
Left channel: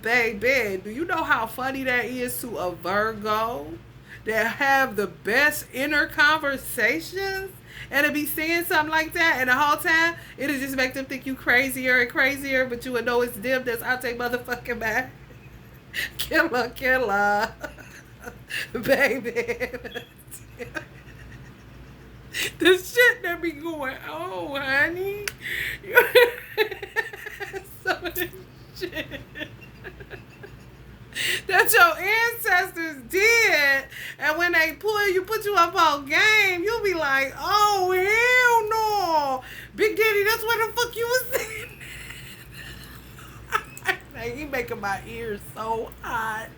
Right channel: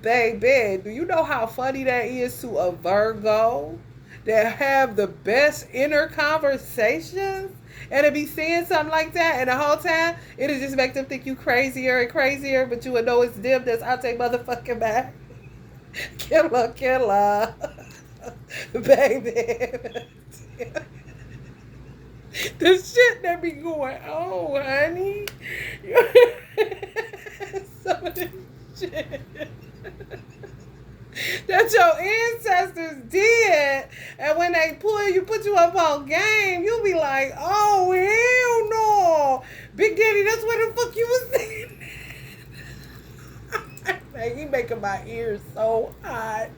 Baby, do you know how funny that is to a Virgo that have the best inner conversations and to be saying something like that and the whole time it'll just make them think you crazier and crazier, but you would know it's them that's out there motherfucking back. Killer. Baby. The shit that be going on, honey. Some of this shit that your ancestors did, and when they put you up on game, you'll be like, oh hell no, Big Daddy, that's what the fuck you was saying. Man, he making my ears so hot.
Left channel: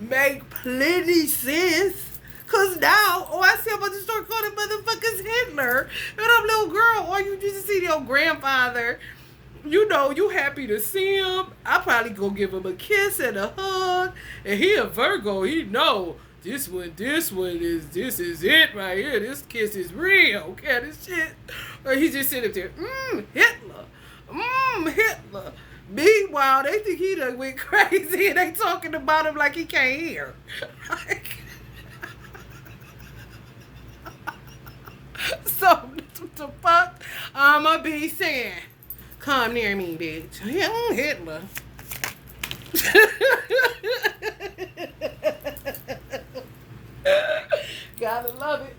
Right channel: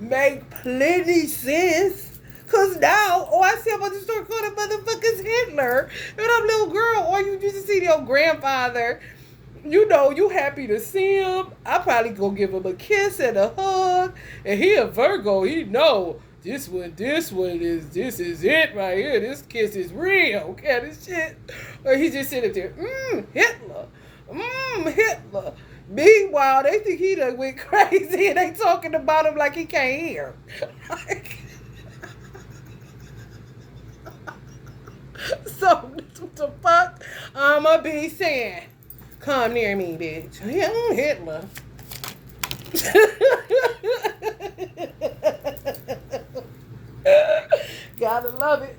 Make plenty sense. Cause now, I said about to start calling motherfuckers Hitler, and I'm little girl, or you used to see your grandfather. You know, you happy to see him. I probably go give him a kiss and a hug. And he a Virgo. He know this is it right here. This kiss is real. Okay, this shit. Or he just sitting there, Hitler. Hitler. Meanwhile, they think he done went crazy and they talking about him like he can't hear. So, what the fuck I'ma be saying? Come near me, bitch. Hitler. Gotta love it.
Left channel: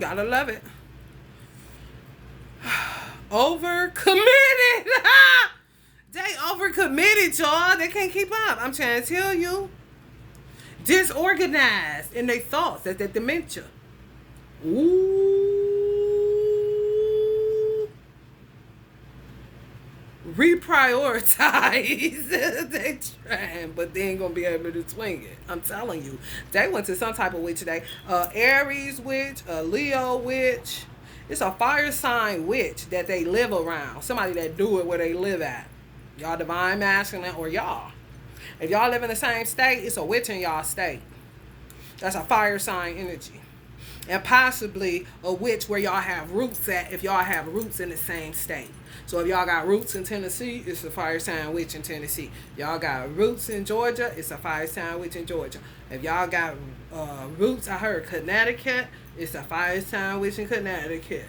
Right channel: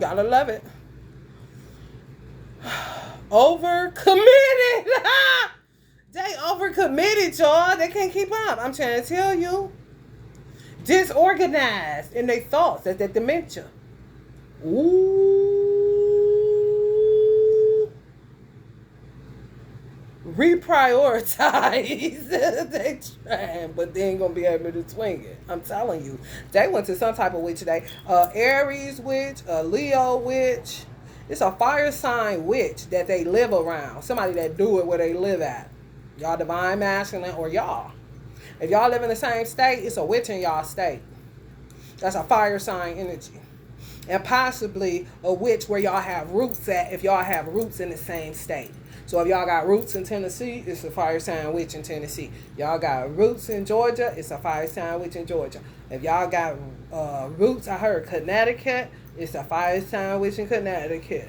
Gotta love it. Overcommitted. They overcommitted, y'all. They can't keep up. I'm trying to tell you. Disorganized in their thoughts. That's that dementia. Ooh. Reprioritize. They trying, but they ain't gonna be able to swing it. I'm telling you. They went to some type of witch today. Aries witch, a Leo witch. It's a fire sign witch that they live around. Somebody that do it where they live at. Y'all divine masculine or y'all. If y'all live in the same state, it's a witch in y'all state. That's a fire sign energy. And possibly a witch where y'all have roots at, if y'all have roots in the same state. So if y'all got roots in Tennessee, it's a fire sign witch in Tennessee. Y'all got roots in Georgia, it's a fire sign witch in Georgia. If y'all got roots, I heard Connecticut, It's a fire sign witch in Connecticut.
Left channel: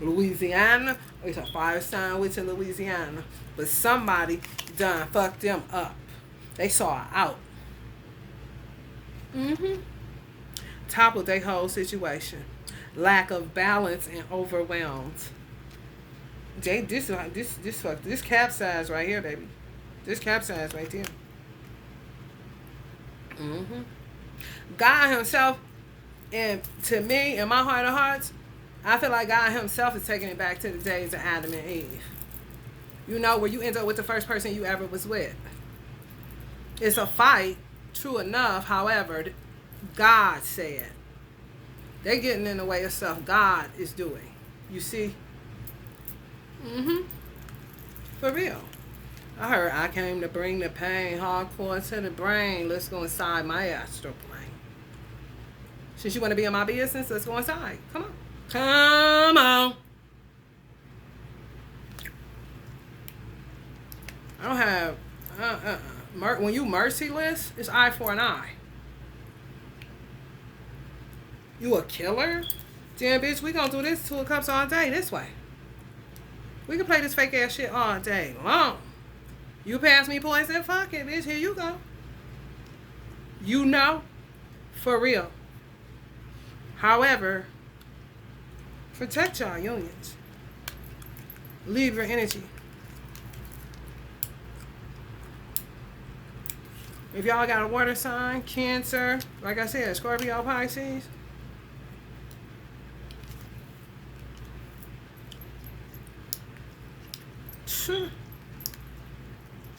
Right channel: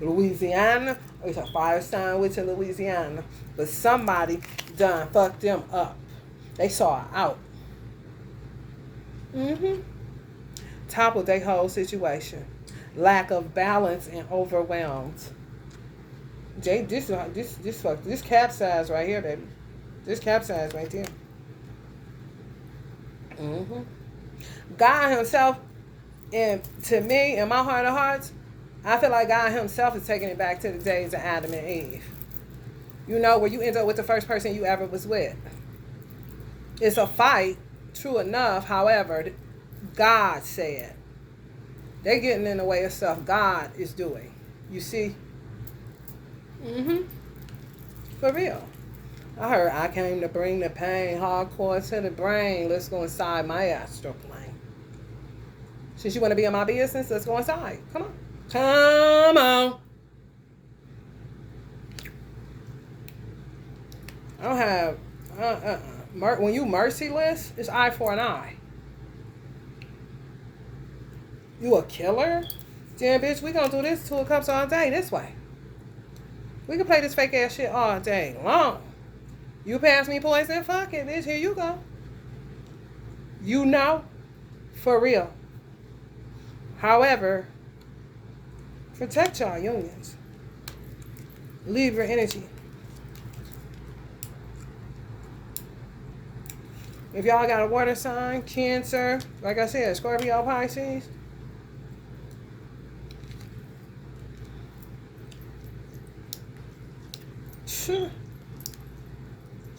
Louisiana, it's a fire sign witch in Louisiana. But somebody done fucked them up. They saw her out. Toppled their whole situation. Lack of balance and overwhelmed. This capsize right here, baby. This capsize right there. God himself, and to me, in my heart of hearts, I feel like God himself is taking it back to the days of Adam and Eve. You know, where you end up with the first person you ever was with. It's a fight, true enough. However, God said, they're getting in the way of stuff God is doing. You see? For real. I heard I came to bring the pain hardcore to the brain. Let's go inside my astral plane. Since you want to be in my business, let's go inside. Come on. Come on. I don't have... when you merciless, it's eye for an eye. You a killer? Damn, bitch, we gonna do this 2 of Cups all day this way. We can play this fake ass shit all day long. You pass me poison, fuck it, bitch, here you go. You know, for real. However, protect y'all unions. Leave your energy. If y'all got a water sign, Cancer, like I said, Scorpio, Pisces,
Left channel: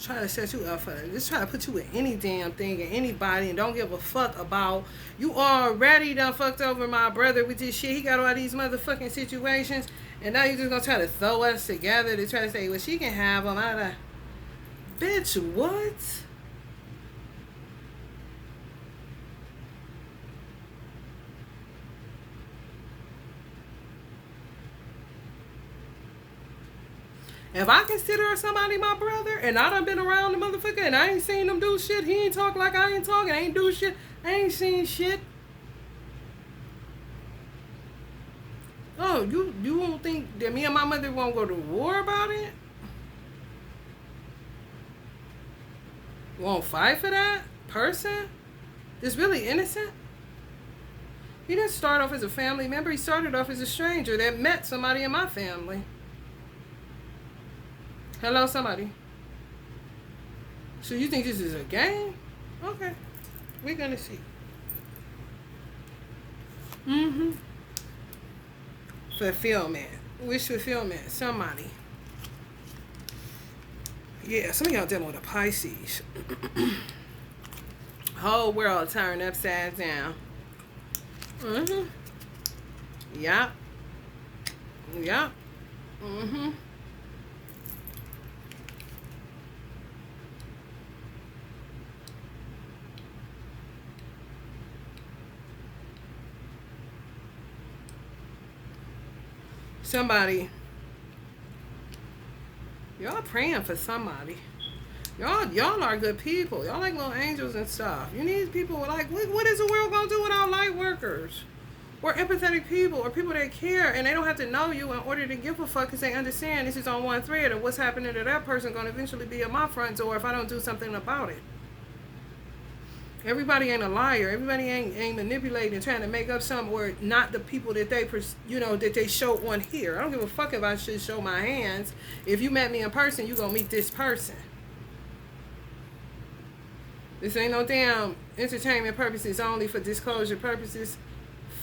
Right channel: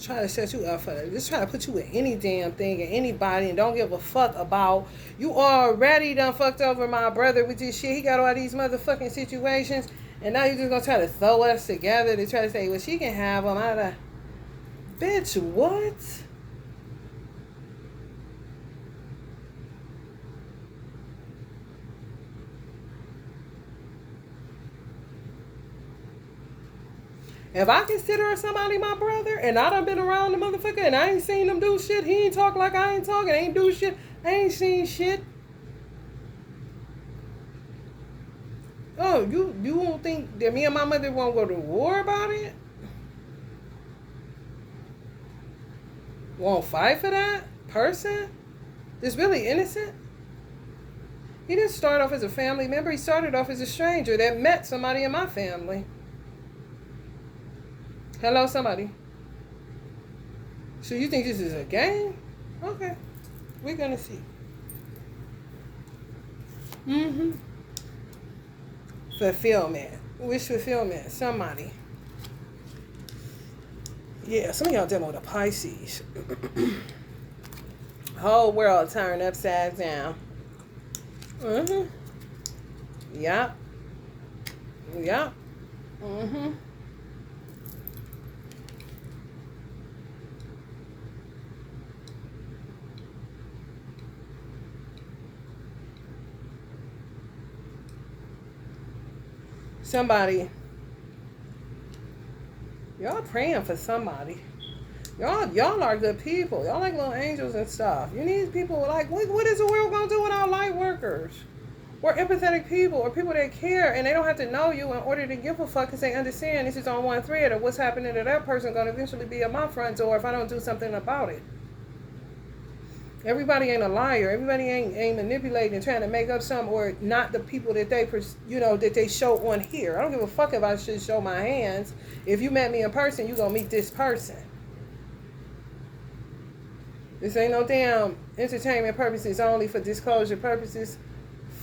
try to set you up for it. Just try to put you with any damn thing and anybody and don't give a fuck about. You already done fucked over my brother with this shit. He got all these motherfucking situations. And now you just gonna try to throw us together to try to say, well, she can have them out of... Bitch, what? If I consider somebody my brother, and I done been around the motherfucker, and I ain't seen him do shit, he ain't talk like I ain't talking, I ain't do shit, I ain't seen shit. Oh, you won't think that me and my mother won't go to war about it? Won't fight for that person that's really innocent? He didn't start off as a family member, he started off as a stranger that met somebody in my family. Hello, somebody. So you think this is a game? Okay. We're gonna see. Fulfillment. Wish fulfillment. Somebody. Yeah, some of y'all dealing with a Pisces. Whole world turned upside down. Yup. Yup. Somebody, y'all praying for somebody. Y'all are good people. Y'all like little angels and stuff. You need people like, what is the world gonna do without light workers? We're empathetic people, or people that care, and they don't have to know you in order to give a fuck, because they understand this is on one thread, or what's happening to that person gonna eventually be at my front door if I don't do something about it. Everybody ain't a liar. Everybody ain't manipulating, trying to make up something, or not the people that they, that they show on here. I don't give a fuck if I should show my hands. If you met me in person, you gonna meet this person. This ain't no damn entertainment purposes only for disclosure purposes.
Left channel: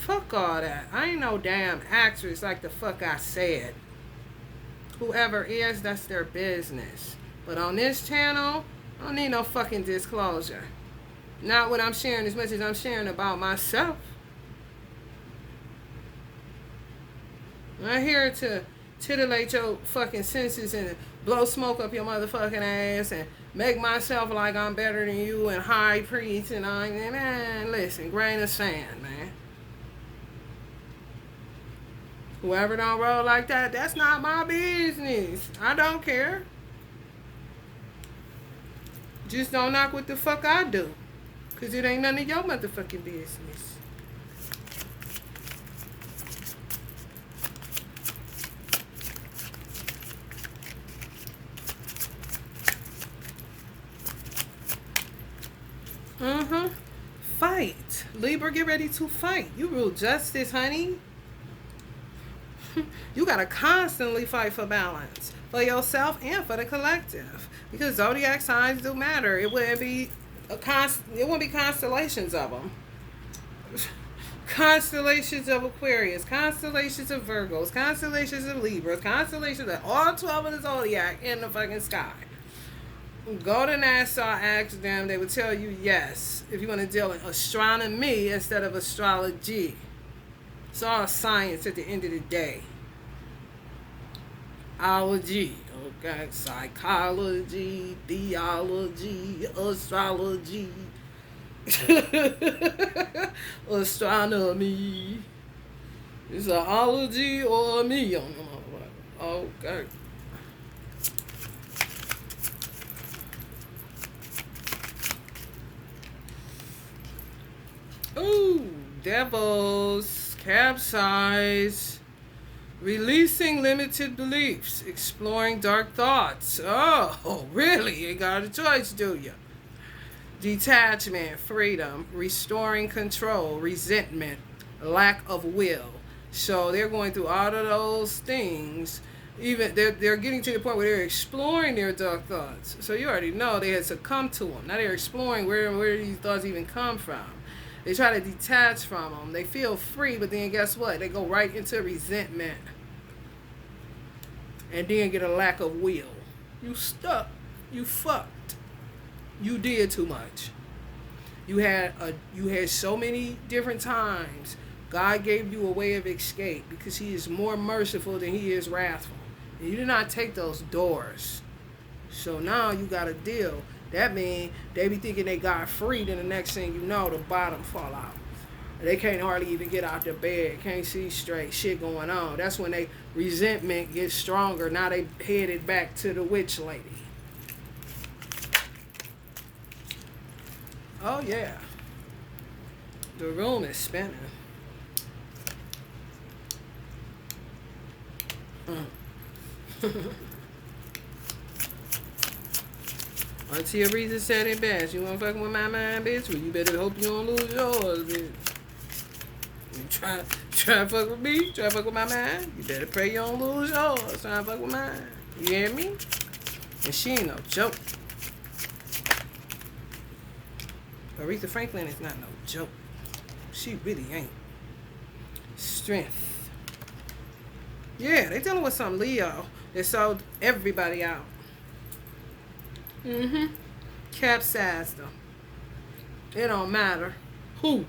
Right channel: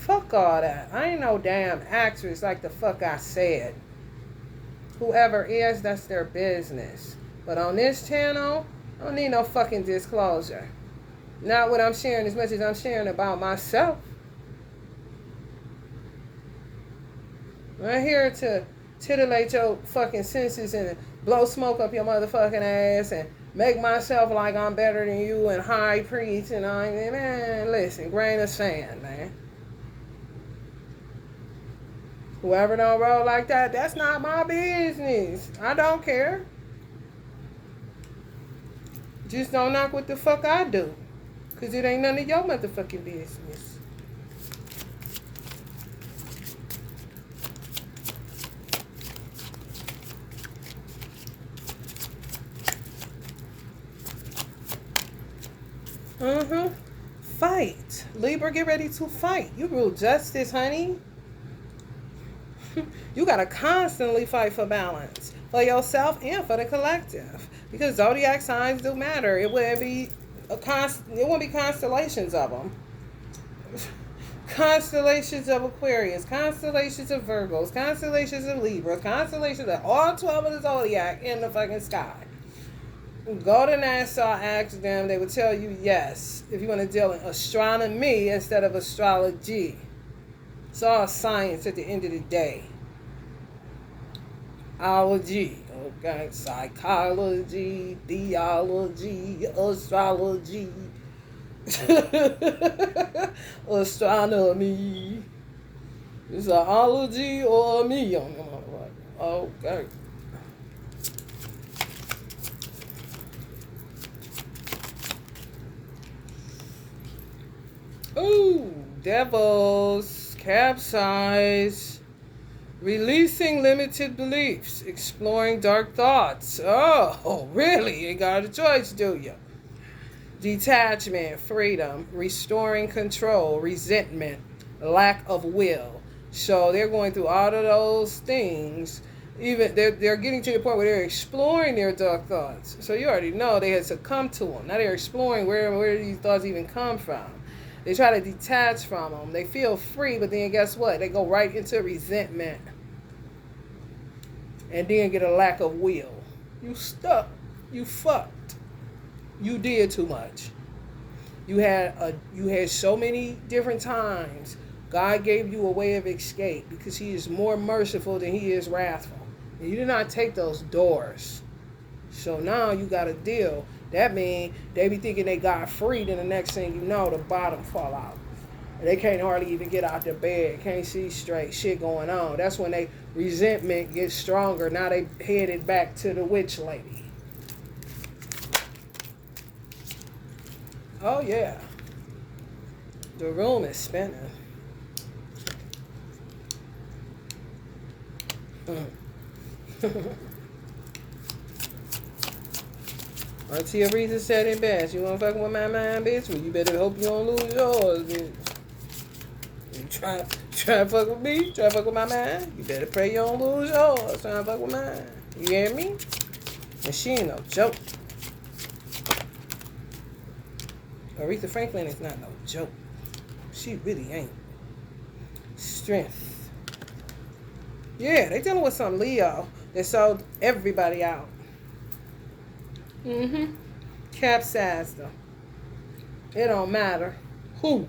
Fuck all that. I ain't no damn actress like the fuck I said. Whoever is, that's their business. But on this channel, I don't need no fucking disclosure. Not what I'm sharing as much as I'm sharing about myself. I'm here to titillate your fucking senses and blow smoke up your motherfucking ass and make myself like I'm better than you and high priest and all. Man, listen, grain of sand, man. Whoever don't roll like that, that's not my business. I don't care. Just don't knock what the fuck I do. Because it ain't none of your motherfucking business. Mm-hmm. Fight. Libra, get ready to fight. You rule justice, honey. You gotta constantly fight for balance. For yourself and for the collective. Because zodiac signs do matter. It wouldn't be constellations of them. Constellations of Aquarius, constellations of Virgos, constellations of Libra, constellations of all 12 of the zodiac in the fucking sky. Go to NASA, ask them, they will tell you yes. If you want to deal in astronomy instead of astrology. It's all science at the end of the day. Ology, okay, psychology, theology, astrology. Astronomy. Is it ology or me? Okay. Ooh, devils, capsize, releasing limited beliefs, exploring dark thoughts. Oh, really? You got a choice, do you? Detachment, freedom, restoring control, resentment, lack of will. So they're going through all of those things. Even they're getting to the point where they're exploring their dark thoughts. So you already know they had succumbed to them. Now they're exploring where these thoughts even come from. They try to detach from them. They feel free, but then guess what? They go right into resentment. And then get a lack of will. You stuck. You fucked. You did too much. You had so many different times. God gave you a way of escape because he is more merciful than he is wrathful. And you did not take those doors. So now you got to deal. That means they be thinking they got free, then the next thing you know, the bottom fall out. They can't hardly even get out their bed, can't see straight, shit going on. That's when they resentment gets stronger. Now they headed back to the witch lady. Oh yeah. The room is spinning. Until reason said it best. You wanna fucking with my mind, bitch? Well, you better hope you don't lose yours, bitch. You try to fuck with me? Try to fuck with my mind? You better pray you don't lose yours. Try to fuck with mine. You hear me? And she ain't no joke. Aretha Franklin is not no joke. She really ain't. Strength. Yeah, they dealing with some Leo that sold everybody out. Capsized them. It don't matter who.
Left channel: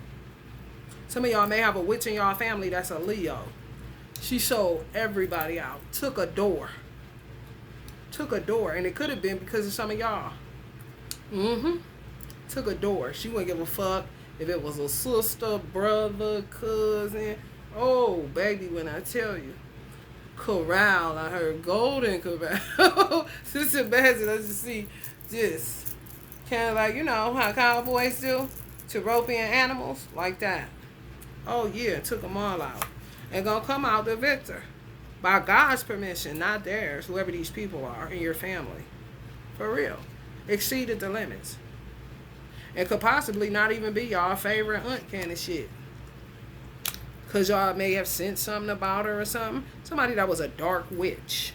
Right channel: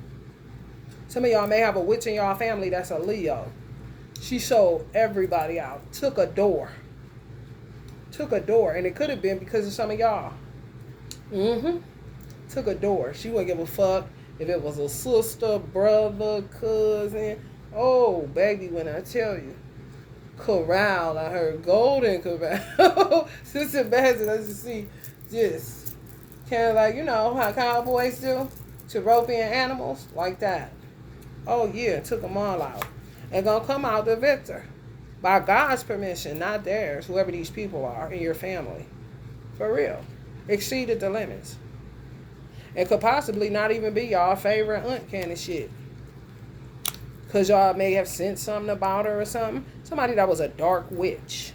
Some of y'all may have a witch in y'all family that's a Leo. She sold everybody out. Took a door. And it could have been because of some of y'all. Took a door. She wouldn't give a fuck if it was a sister, brother, cousin. Oh, baby, when I tell you. Corral, I heard golden corral. Sister Bassett, let's just see just kind of like, you know, how cowboys do. Cheropian animals, like that. Oh, yeah, took them all out. And gonna come out the victor. By God's permission, not theirs, whoever these people are in your family. For real. Exceeded the limits. It could possibly not even be y'all favorite aunt kind of shit. Because y'all may have sent something about her or something. Somebody that was a dark witch.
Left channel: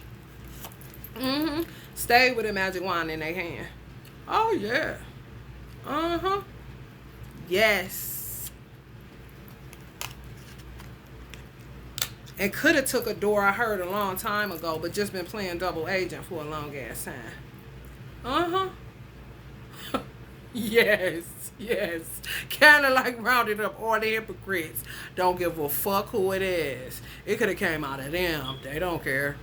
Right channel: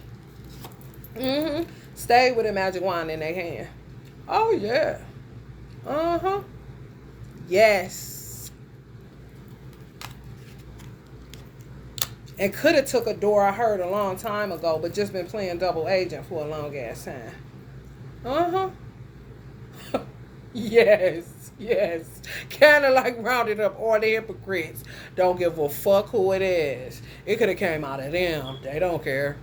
Stayed with a magic wand in their hand. Oh, yeah. Yes. And could have took a door I heard a long time ago, but just been playing double agent for a long ass time. Yes. Kind of like rounded up all the hypocrites. Don't give a fuck who it is. It could have came out of them. They don't care.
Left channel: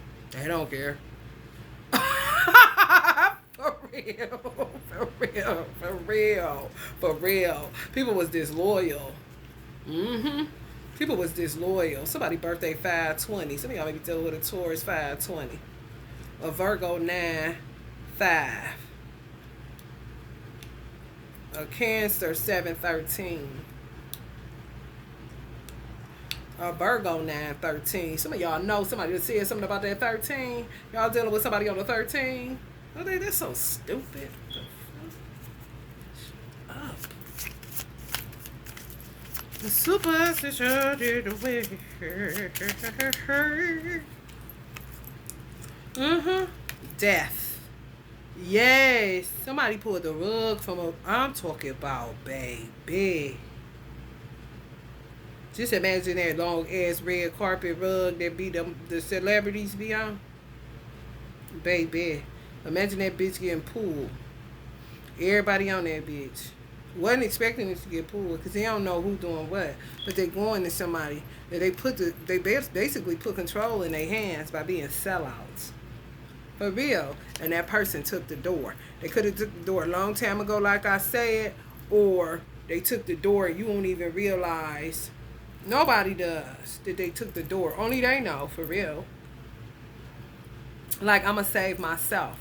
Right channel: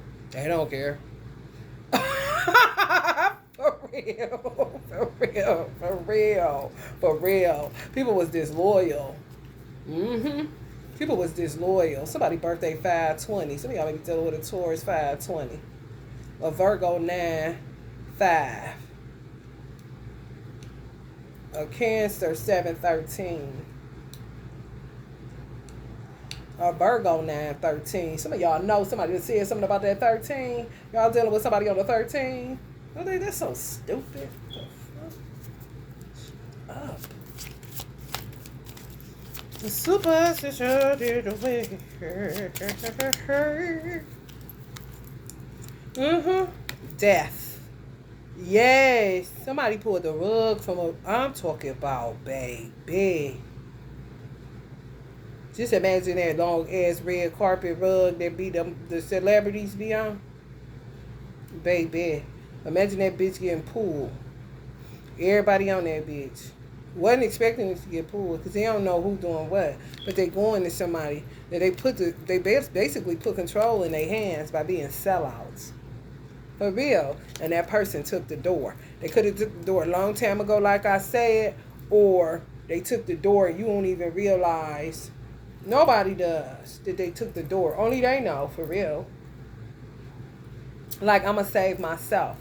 For real. People was disloyal. People was disloyal. Somebody birthday 520. Some of y'all may be dealing with a Taurus 520. A Virgo 9-5. A Cancer 713. A Virgo 913. Some of y'all know somebody that said something about that 13. Y'all dealing with somebody on the 13. Oh, that's so stupid. Shut up. The superstition did away. Death. Yes. Somebody pulled the rug from a. I'm talking about, baby. Just imagine that long ass red carpet rug that be the celebrities be on. Baby. Imagine that bitch getting pulled. Everybody on that bitch. Wasn't expecting it to get pulled because they don't know who doing what. But they going to somebody that they basically put control in their hands by being sellouts. For real. And that person took the door. They could have took the door a long time ago, like I said, or they took the door and you don't even realize. Nobody does that they took the door. Only they know, for real. Like, I'm going to save myself.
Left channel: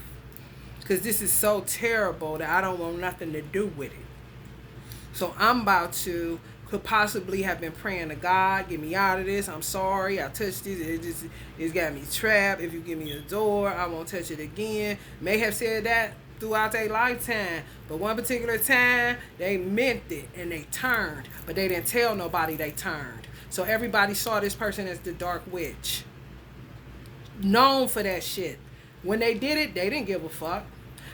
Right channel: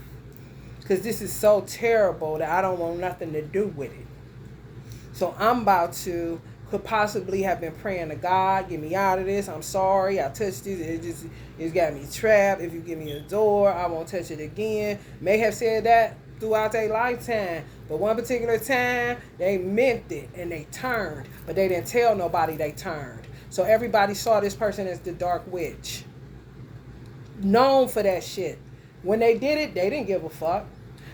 Because this is so terrible that I don't want nothing to do with it. So I'm about to, could possibly have been praying to God, get me out of this. I'm sorry, I touched this. It's got me trapped. If you give me a door, I won't touch it again. May have said that throughout their lifetime. But one particular time, they meant it and they turned. But they didn't tell nobody they turned. So everybody saw this person as the dark witch. Known for that shit. When they did it, they didn't give a fuck.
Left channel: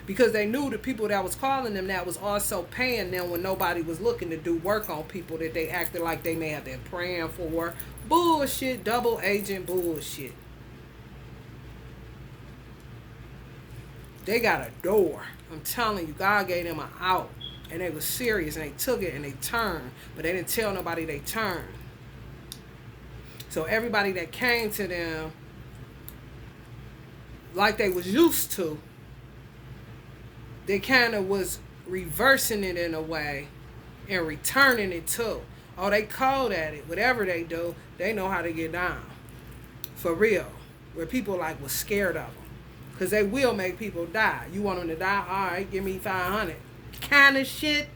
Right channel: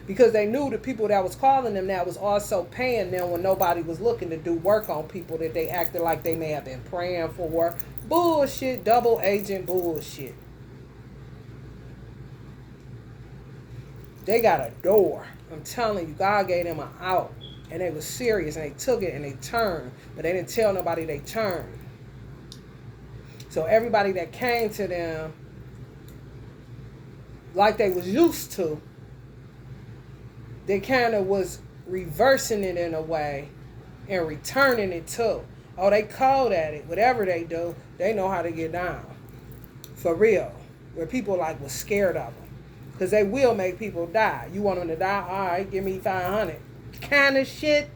Because they knew the people that was calling them that was also paying them when nobody was looking to do work on people that they acted like they may have been praying for. Bullshit, double agent bullshit. They got a door. I'm telling you, God gave them an out. And they were serious and they took it and they turned. But they didn't tell nobody they turned. So everybody that came to them like they was used to, they kind of was reversing it in a way and returning it too. Oh, they cold at it. Whatever they do, they know how to get down. For real. Where people like was scared of them. Because they will make people die. You want them to die? All right, give me 500. Kind of shit.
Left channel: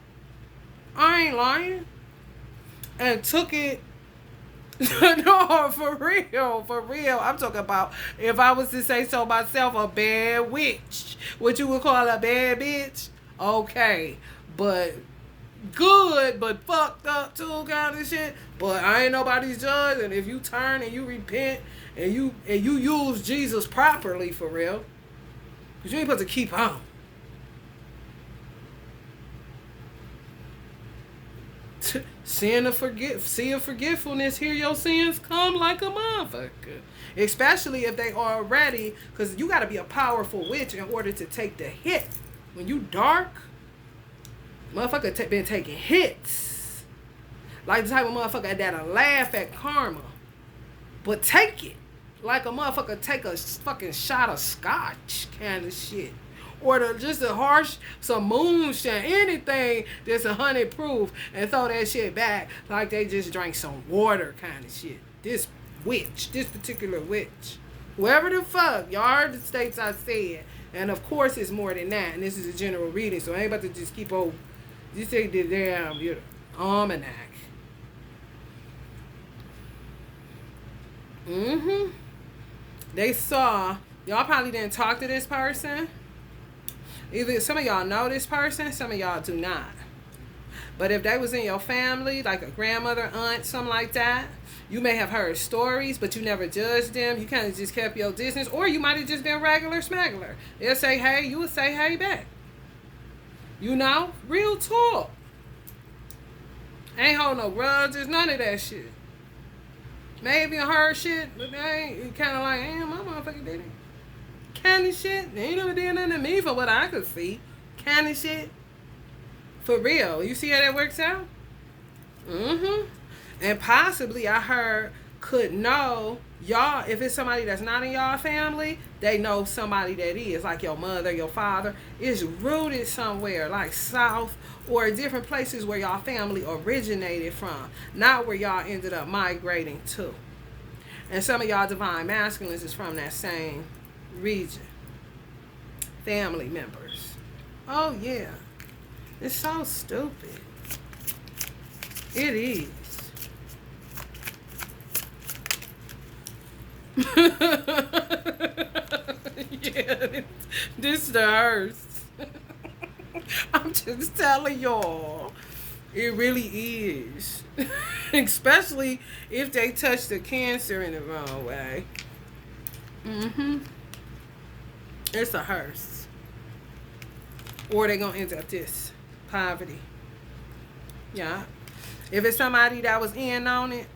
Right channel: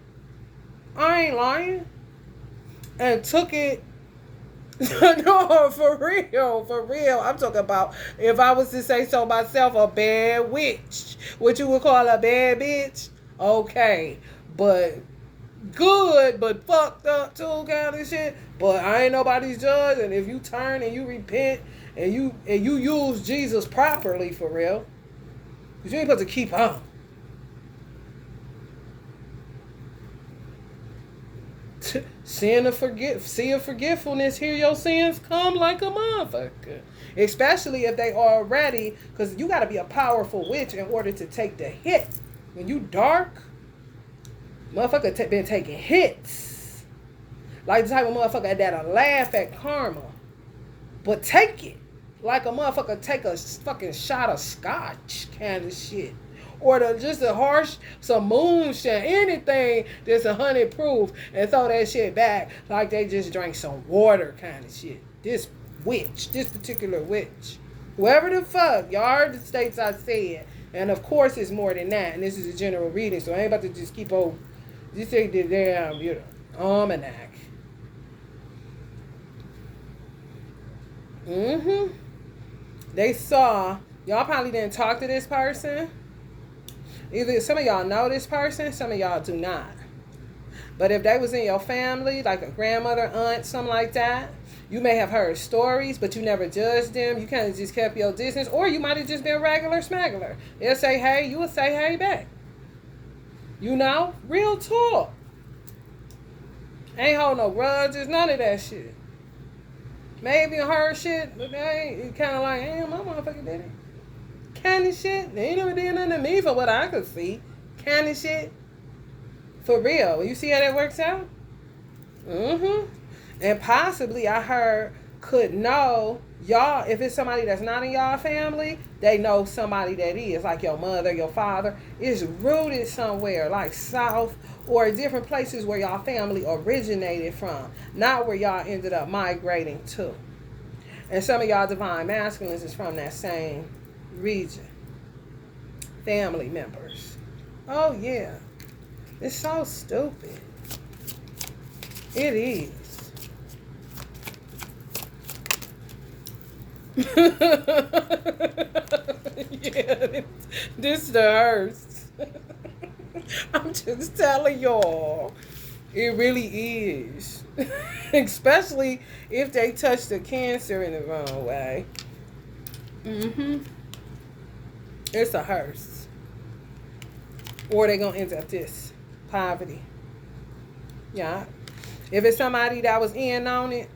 I ain't lying. And took it. No, for real. I'm talking about, if I was to say so myself, a bad witch. What you would call a bad bitch? Okay. But good, but fucked up too, kind of shit. But I ain't nobody's judge. And if you turn and you repent and you use Jesus properly, for real, because you ain't supposed to keep on. See of forgetfulness, hear your sins come like a motherfucker. Especially if they already, because you got to be a powerful witch in order to take the hit. When you dark, motherfucker been taking hits. Like the type of motherfucker that'll laugh at karma, but take it. Like a motherfucker take a fucking shot of scotch kind of shit. Or just a harsh, some moonshine, anything that's 100 proof, and throw that shit back like they just drank some water kind of shit. This particular witch. Whoever the fuck, y'all heard the states I said. And of course it's more than that, and this is a general reading, so I ain't about to just keep on, you say the damn, almanac. They saw, y'all probably didn't talk to this person. Either some of y'all know this person, some of y'all do not. But if they was in your family, like a grandmother, aunt, something like that, you may have heard stories, but you never judged them. You kind of just kept your distance. Or you might have just been regular smuggler. They'll say hey, you will say hey back. You know? Real talk. Ain't hold no grudges, none of that shit. Maybe heard shit, but they ain't kind of like, my motherfucker did it. Kind of shit. They ain't never did nothing to me for what I could see. Kind of shit. For real. You see how that works out? And possibly I heard could know y'all, if it's somebody that's not in y'all family, they know somebody that is, like your mother, your father, is rooted somewhere, like south or different places where y'all family originated from, not where y'all ended up migrating to. And some of y'all divine masculines is from that same region. Family members. Oh yeah. It's so stupid. It is. Yeah, this the worst. I'm just telling y'all. It really is. Especially if they touch the Cancer in the wrong way. Mm-hmm. It's a hearse. Or they gonna end up this. Poverty. Yeah. If it's somebody that was in on it,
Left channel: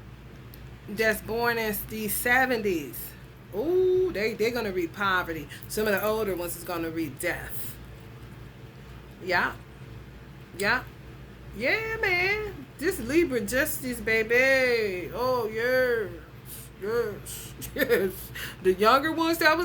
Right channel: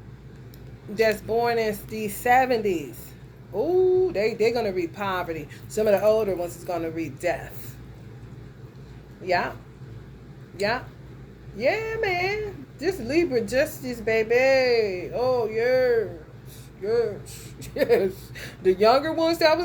that's born in the 70s, ooh, they're gonna read poverty. Some of the older ones is gonna read death. Yeah. Yeah. Yeah, man. This Libra justice, baby. Oh, yes. Yes. Yes. The younger ones that was